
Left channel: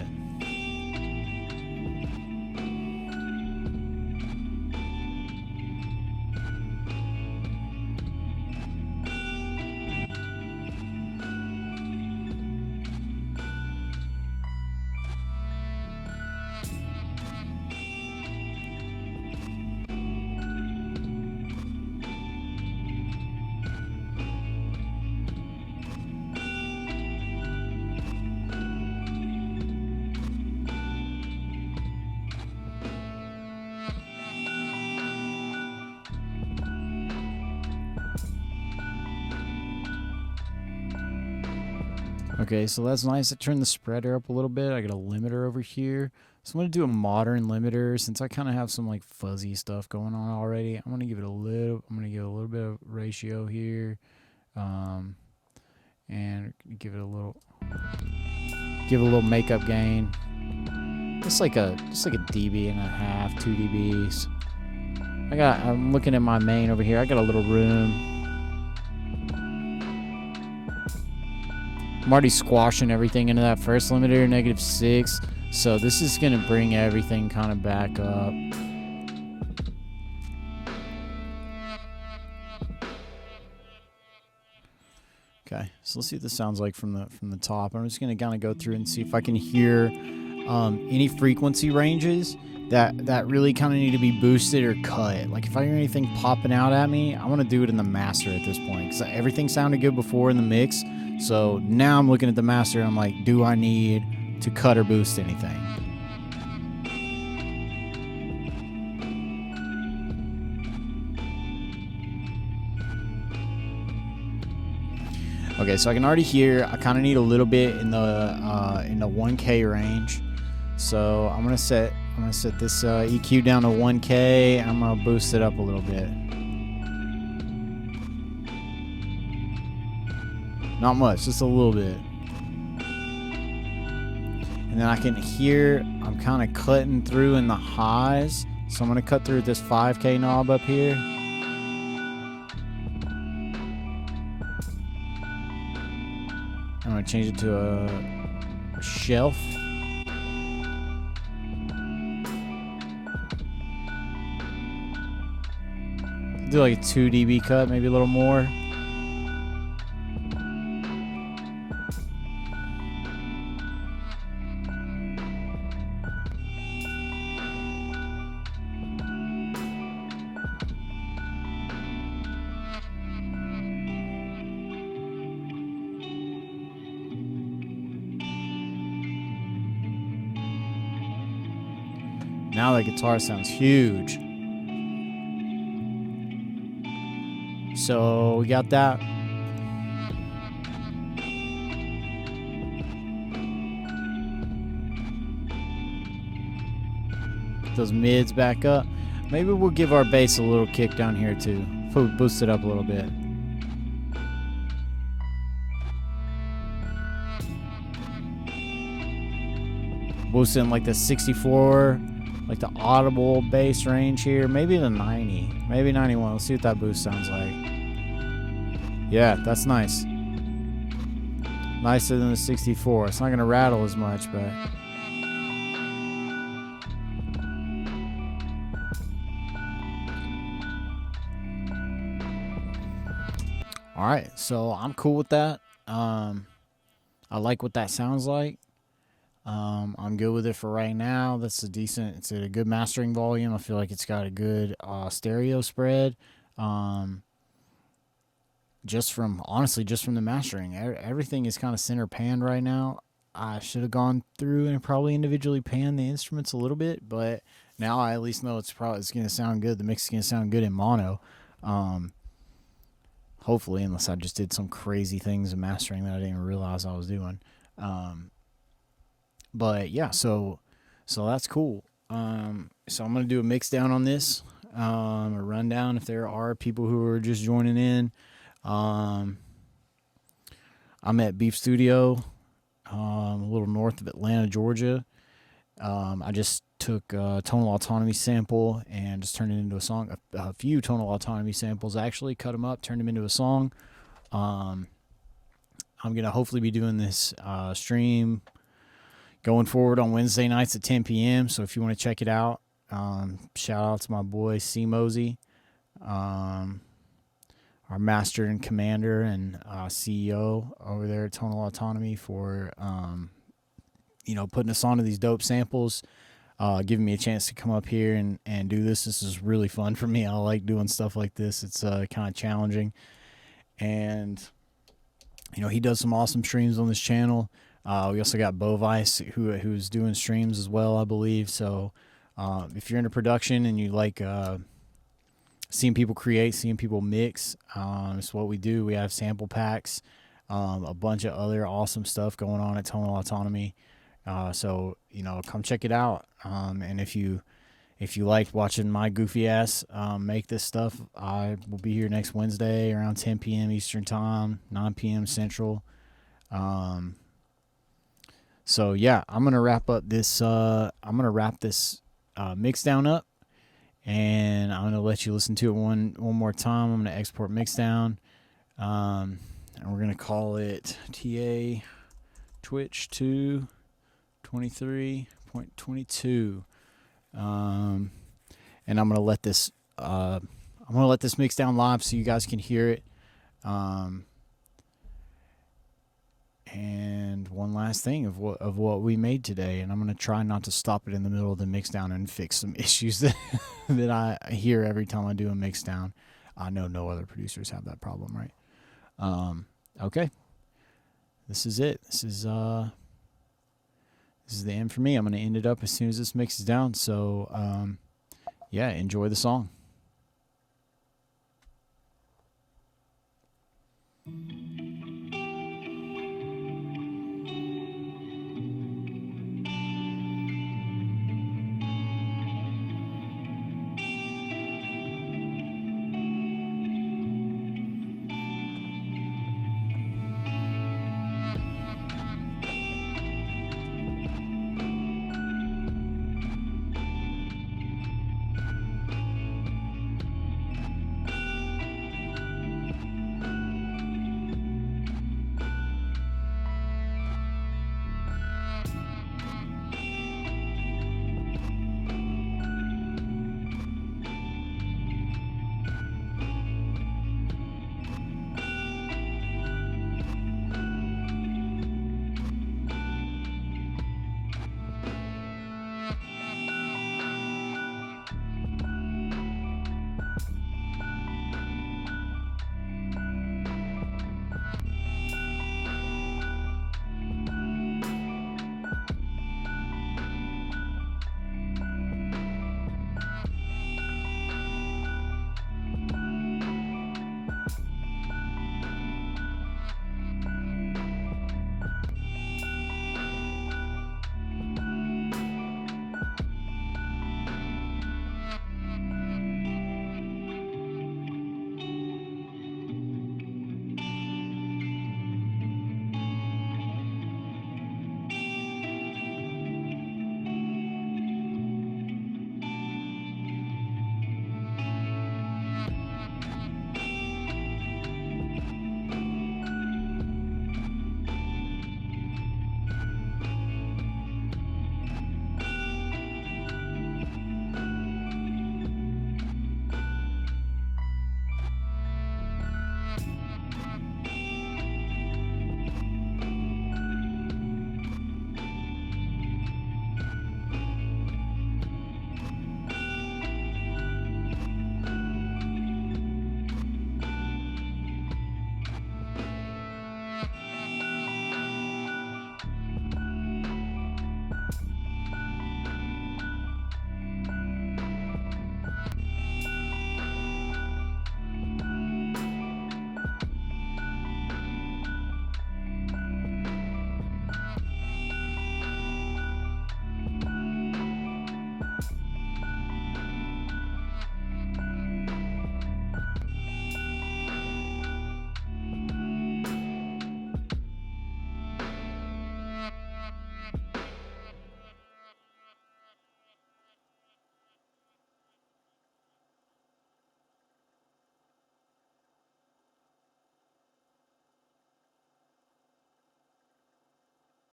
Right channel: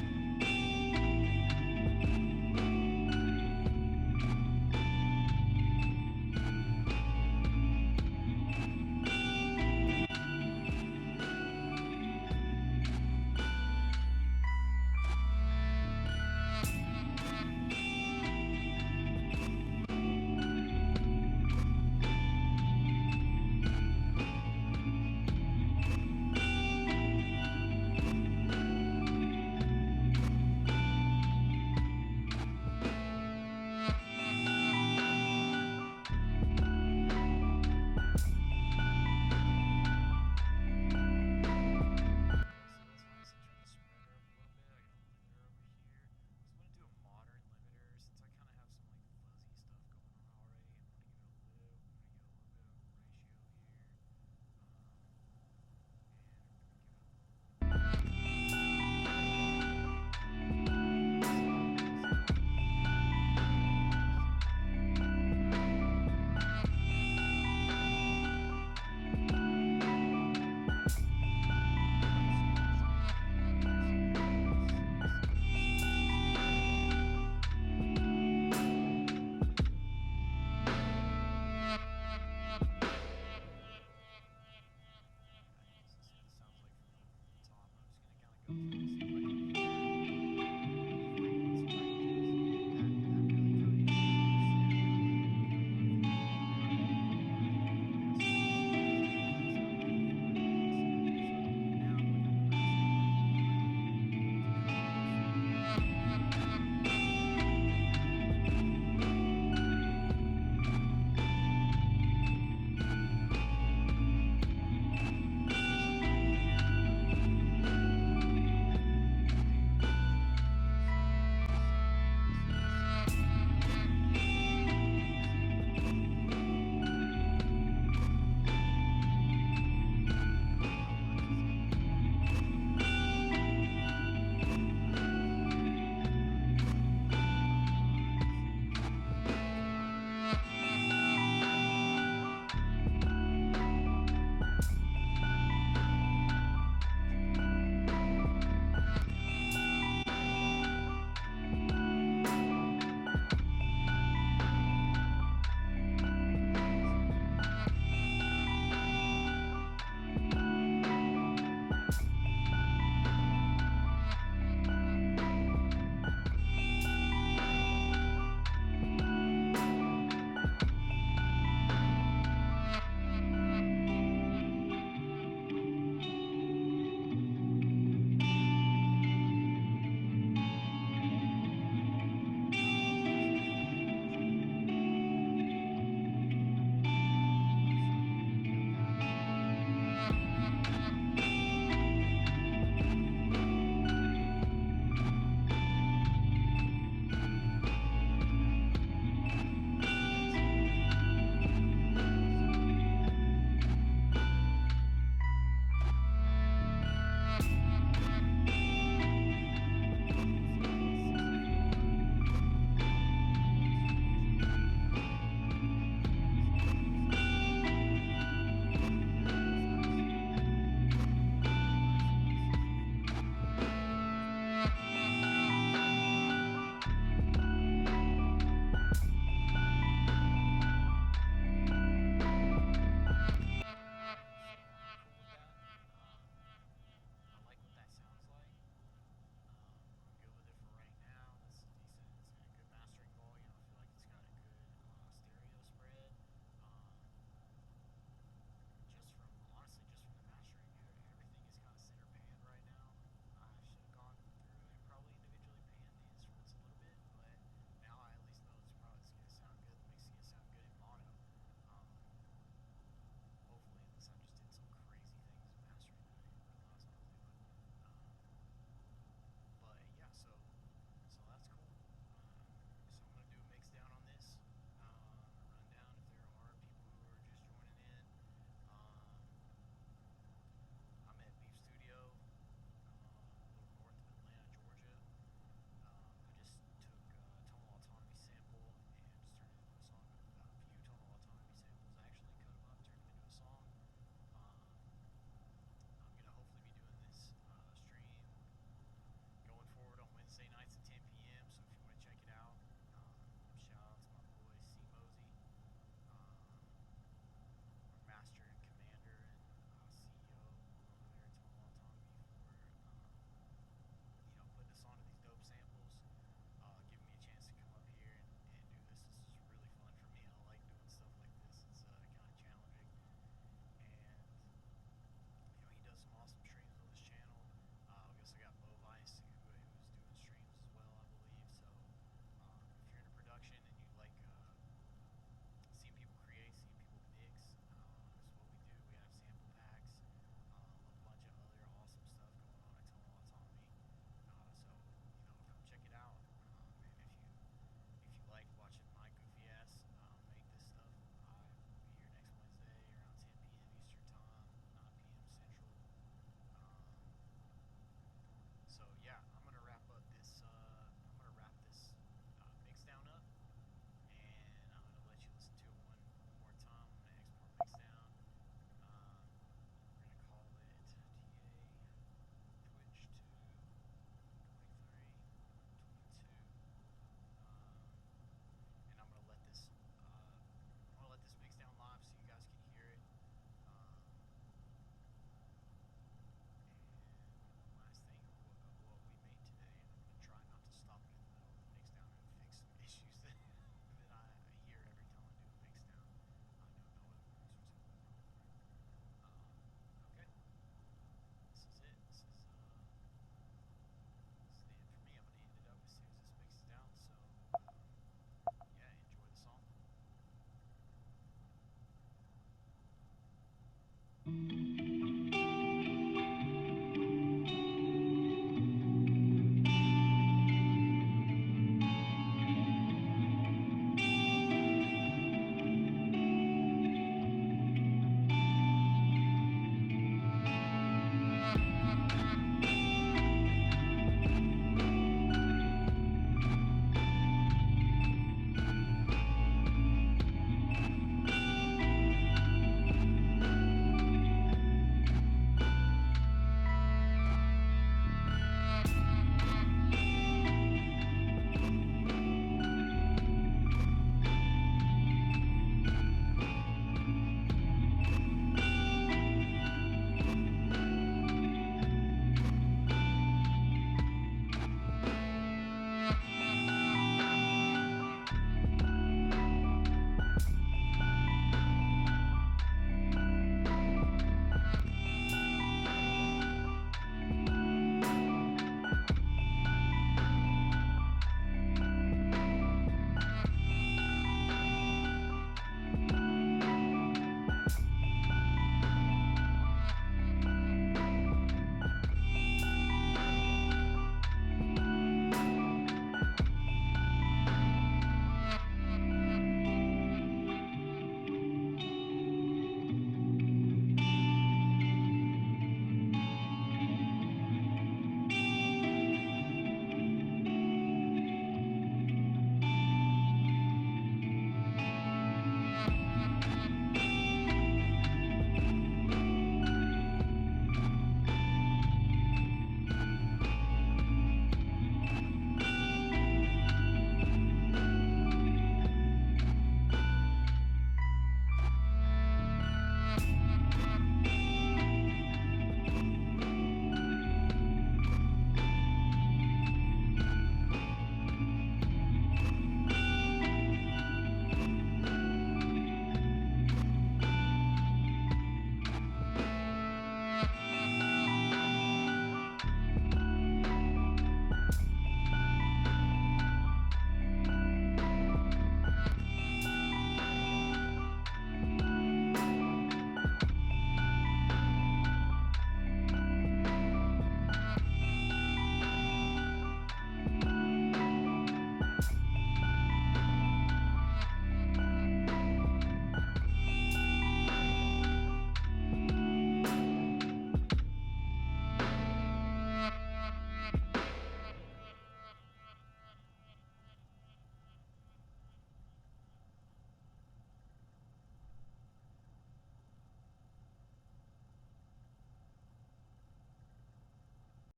Okay, so that's nice. I turned the spreader up a little bit. I got a limiter over here. So I'm going to do a modern limiter since I kind of have some like fuzzy stuff going on already. I'm going to give it a little bit of ratio here. And give it a little makeup gain. Just like a dB and a half, 2 dBs. I'm looking at my main over here. I got a little room. I'm already squashing everything into that first limiter, -6. So this is going to bring everything kind of back up. Okay, so let's see what this sounds like from the top. I'm just going to kind of go through and see if I can hear any frequency ranges that really kind of need to be boosted or cut. Like if I hear anything popping out at me, I want to do it in the master at this point because everything sounded good before in the mix. So now I'm looking at the master and I'm like, do I need to cut or boost anything? Okay, so I can already hear. I kind of need a little bit in the 1K range. So I'm gonna set this EQ down to 1K and I'm gonna boost it up a little bit. Not much, just a little bit. And then I can hear I'm kind of cutting through in the highs. So I'm going to cut through this 5K knob up here. I'm going to change it to a shelf. Do like a 2 dB cut, maybe a little more. Now the guitar sounds huge. So we got that. Get those mids back up. Maybe we'll give our bass a little kick down here too. Boost it up a little bit. Boost it in like the 64, like the audible bass range here. Maybe the 90, maybe 91. Let's see what that boost sounds like. Yeah, that's nice. Nicer than the 64. It's not gonna rattle as much, but. All right, so I'm cool with that. I like what that sounds like. I'm good with it for right now. It's a good mastering volume. I feel like it's got a good stereo spread. Just from the mastering, everything is kind of center panned right now. I should have gone through and probably individually panned the instruments a little bit, but now I at least know it's going to sound good. The mix is going to sound good in mono. Hopefully, unless I just did some crazy things in mastering that I didn't even realize I was doing. But yeah, so that's cool. So I'm gonna do a mix down on this, a rundown if there are people who are just joining in. I'm at Beef Stewdio, a little north of Atlanta, Georgia. I just took a Tonal Autonomy sample and just turned it into a song. A few Tonal Autonomy samples, actually cut them up, turned them into a song. I'm gonna hopefully be doing this stream going forward on Wednesday nights at 10 p.m. So if you want to check it out, shout out to my boy C. Mosey, our master and commander and CEO over there at Tonal Autonomy for putting us onto these dope samples, giving me a chance to come up here and do this. This is really fun for me. I like doing stuff like this. It's kind of challenging. And, he does some awesome streams on this channel. We also got Bovice, who's doing streams as well, I believe. So if you're into production and you like seeing people create, seeing people mix, it's what we do. We have sample packs. a bunch of other awesome stuff going on at Tonal Autonomy. So come check it out. And if you liked watching my goofy ass make this stuff, I will be here next Wednesday around 10 p.m. Eastern Time, 9 p.m. Central. So yeah, I'm gonna wrap up this. Mixdown up, and I'm gonna let you listen to it one more time. I'm gonna export Mixdown, and we're gonna call it TA Twitch 223.22. And I'm gonna let this mix down live so you guys can hear it. And one last thing of what we made today, and I'm gonna try not to stop it in the middle of the mix down and fix some issues that that I hear every time I do a mix down. I know no other producers have that problem, right? Okay, this is it. This is the end for me. I'm gonna end it up as soon as this mixes down. So yeah, enjoy the song.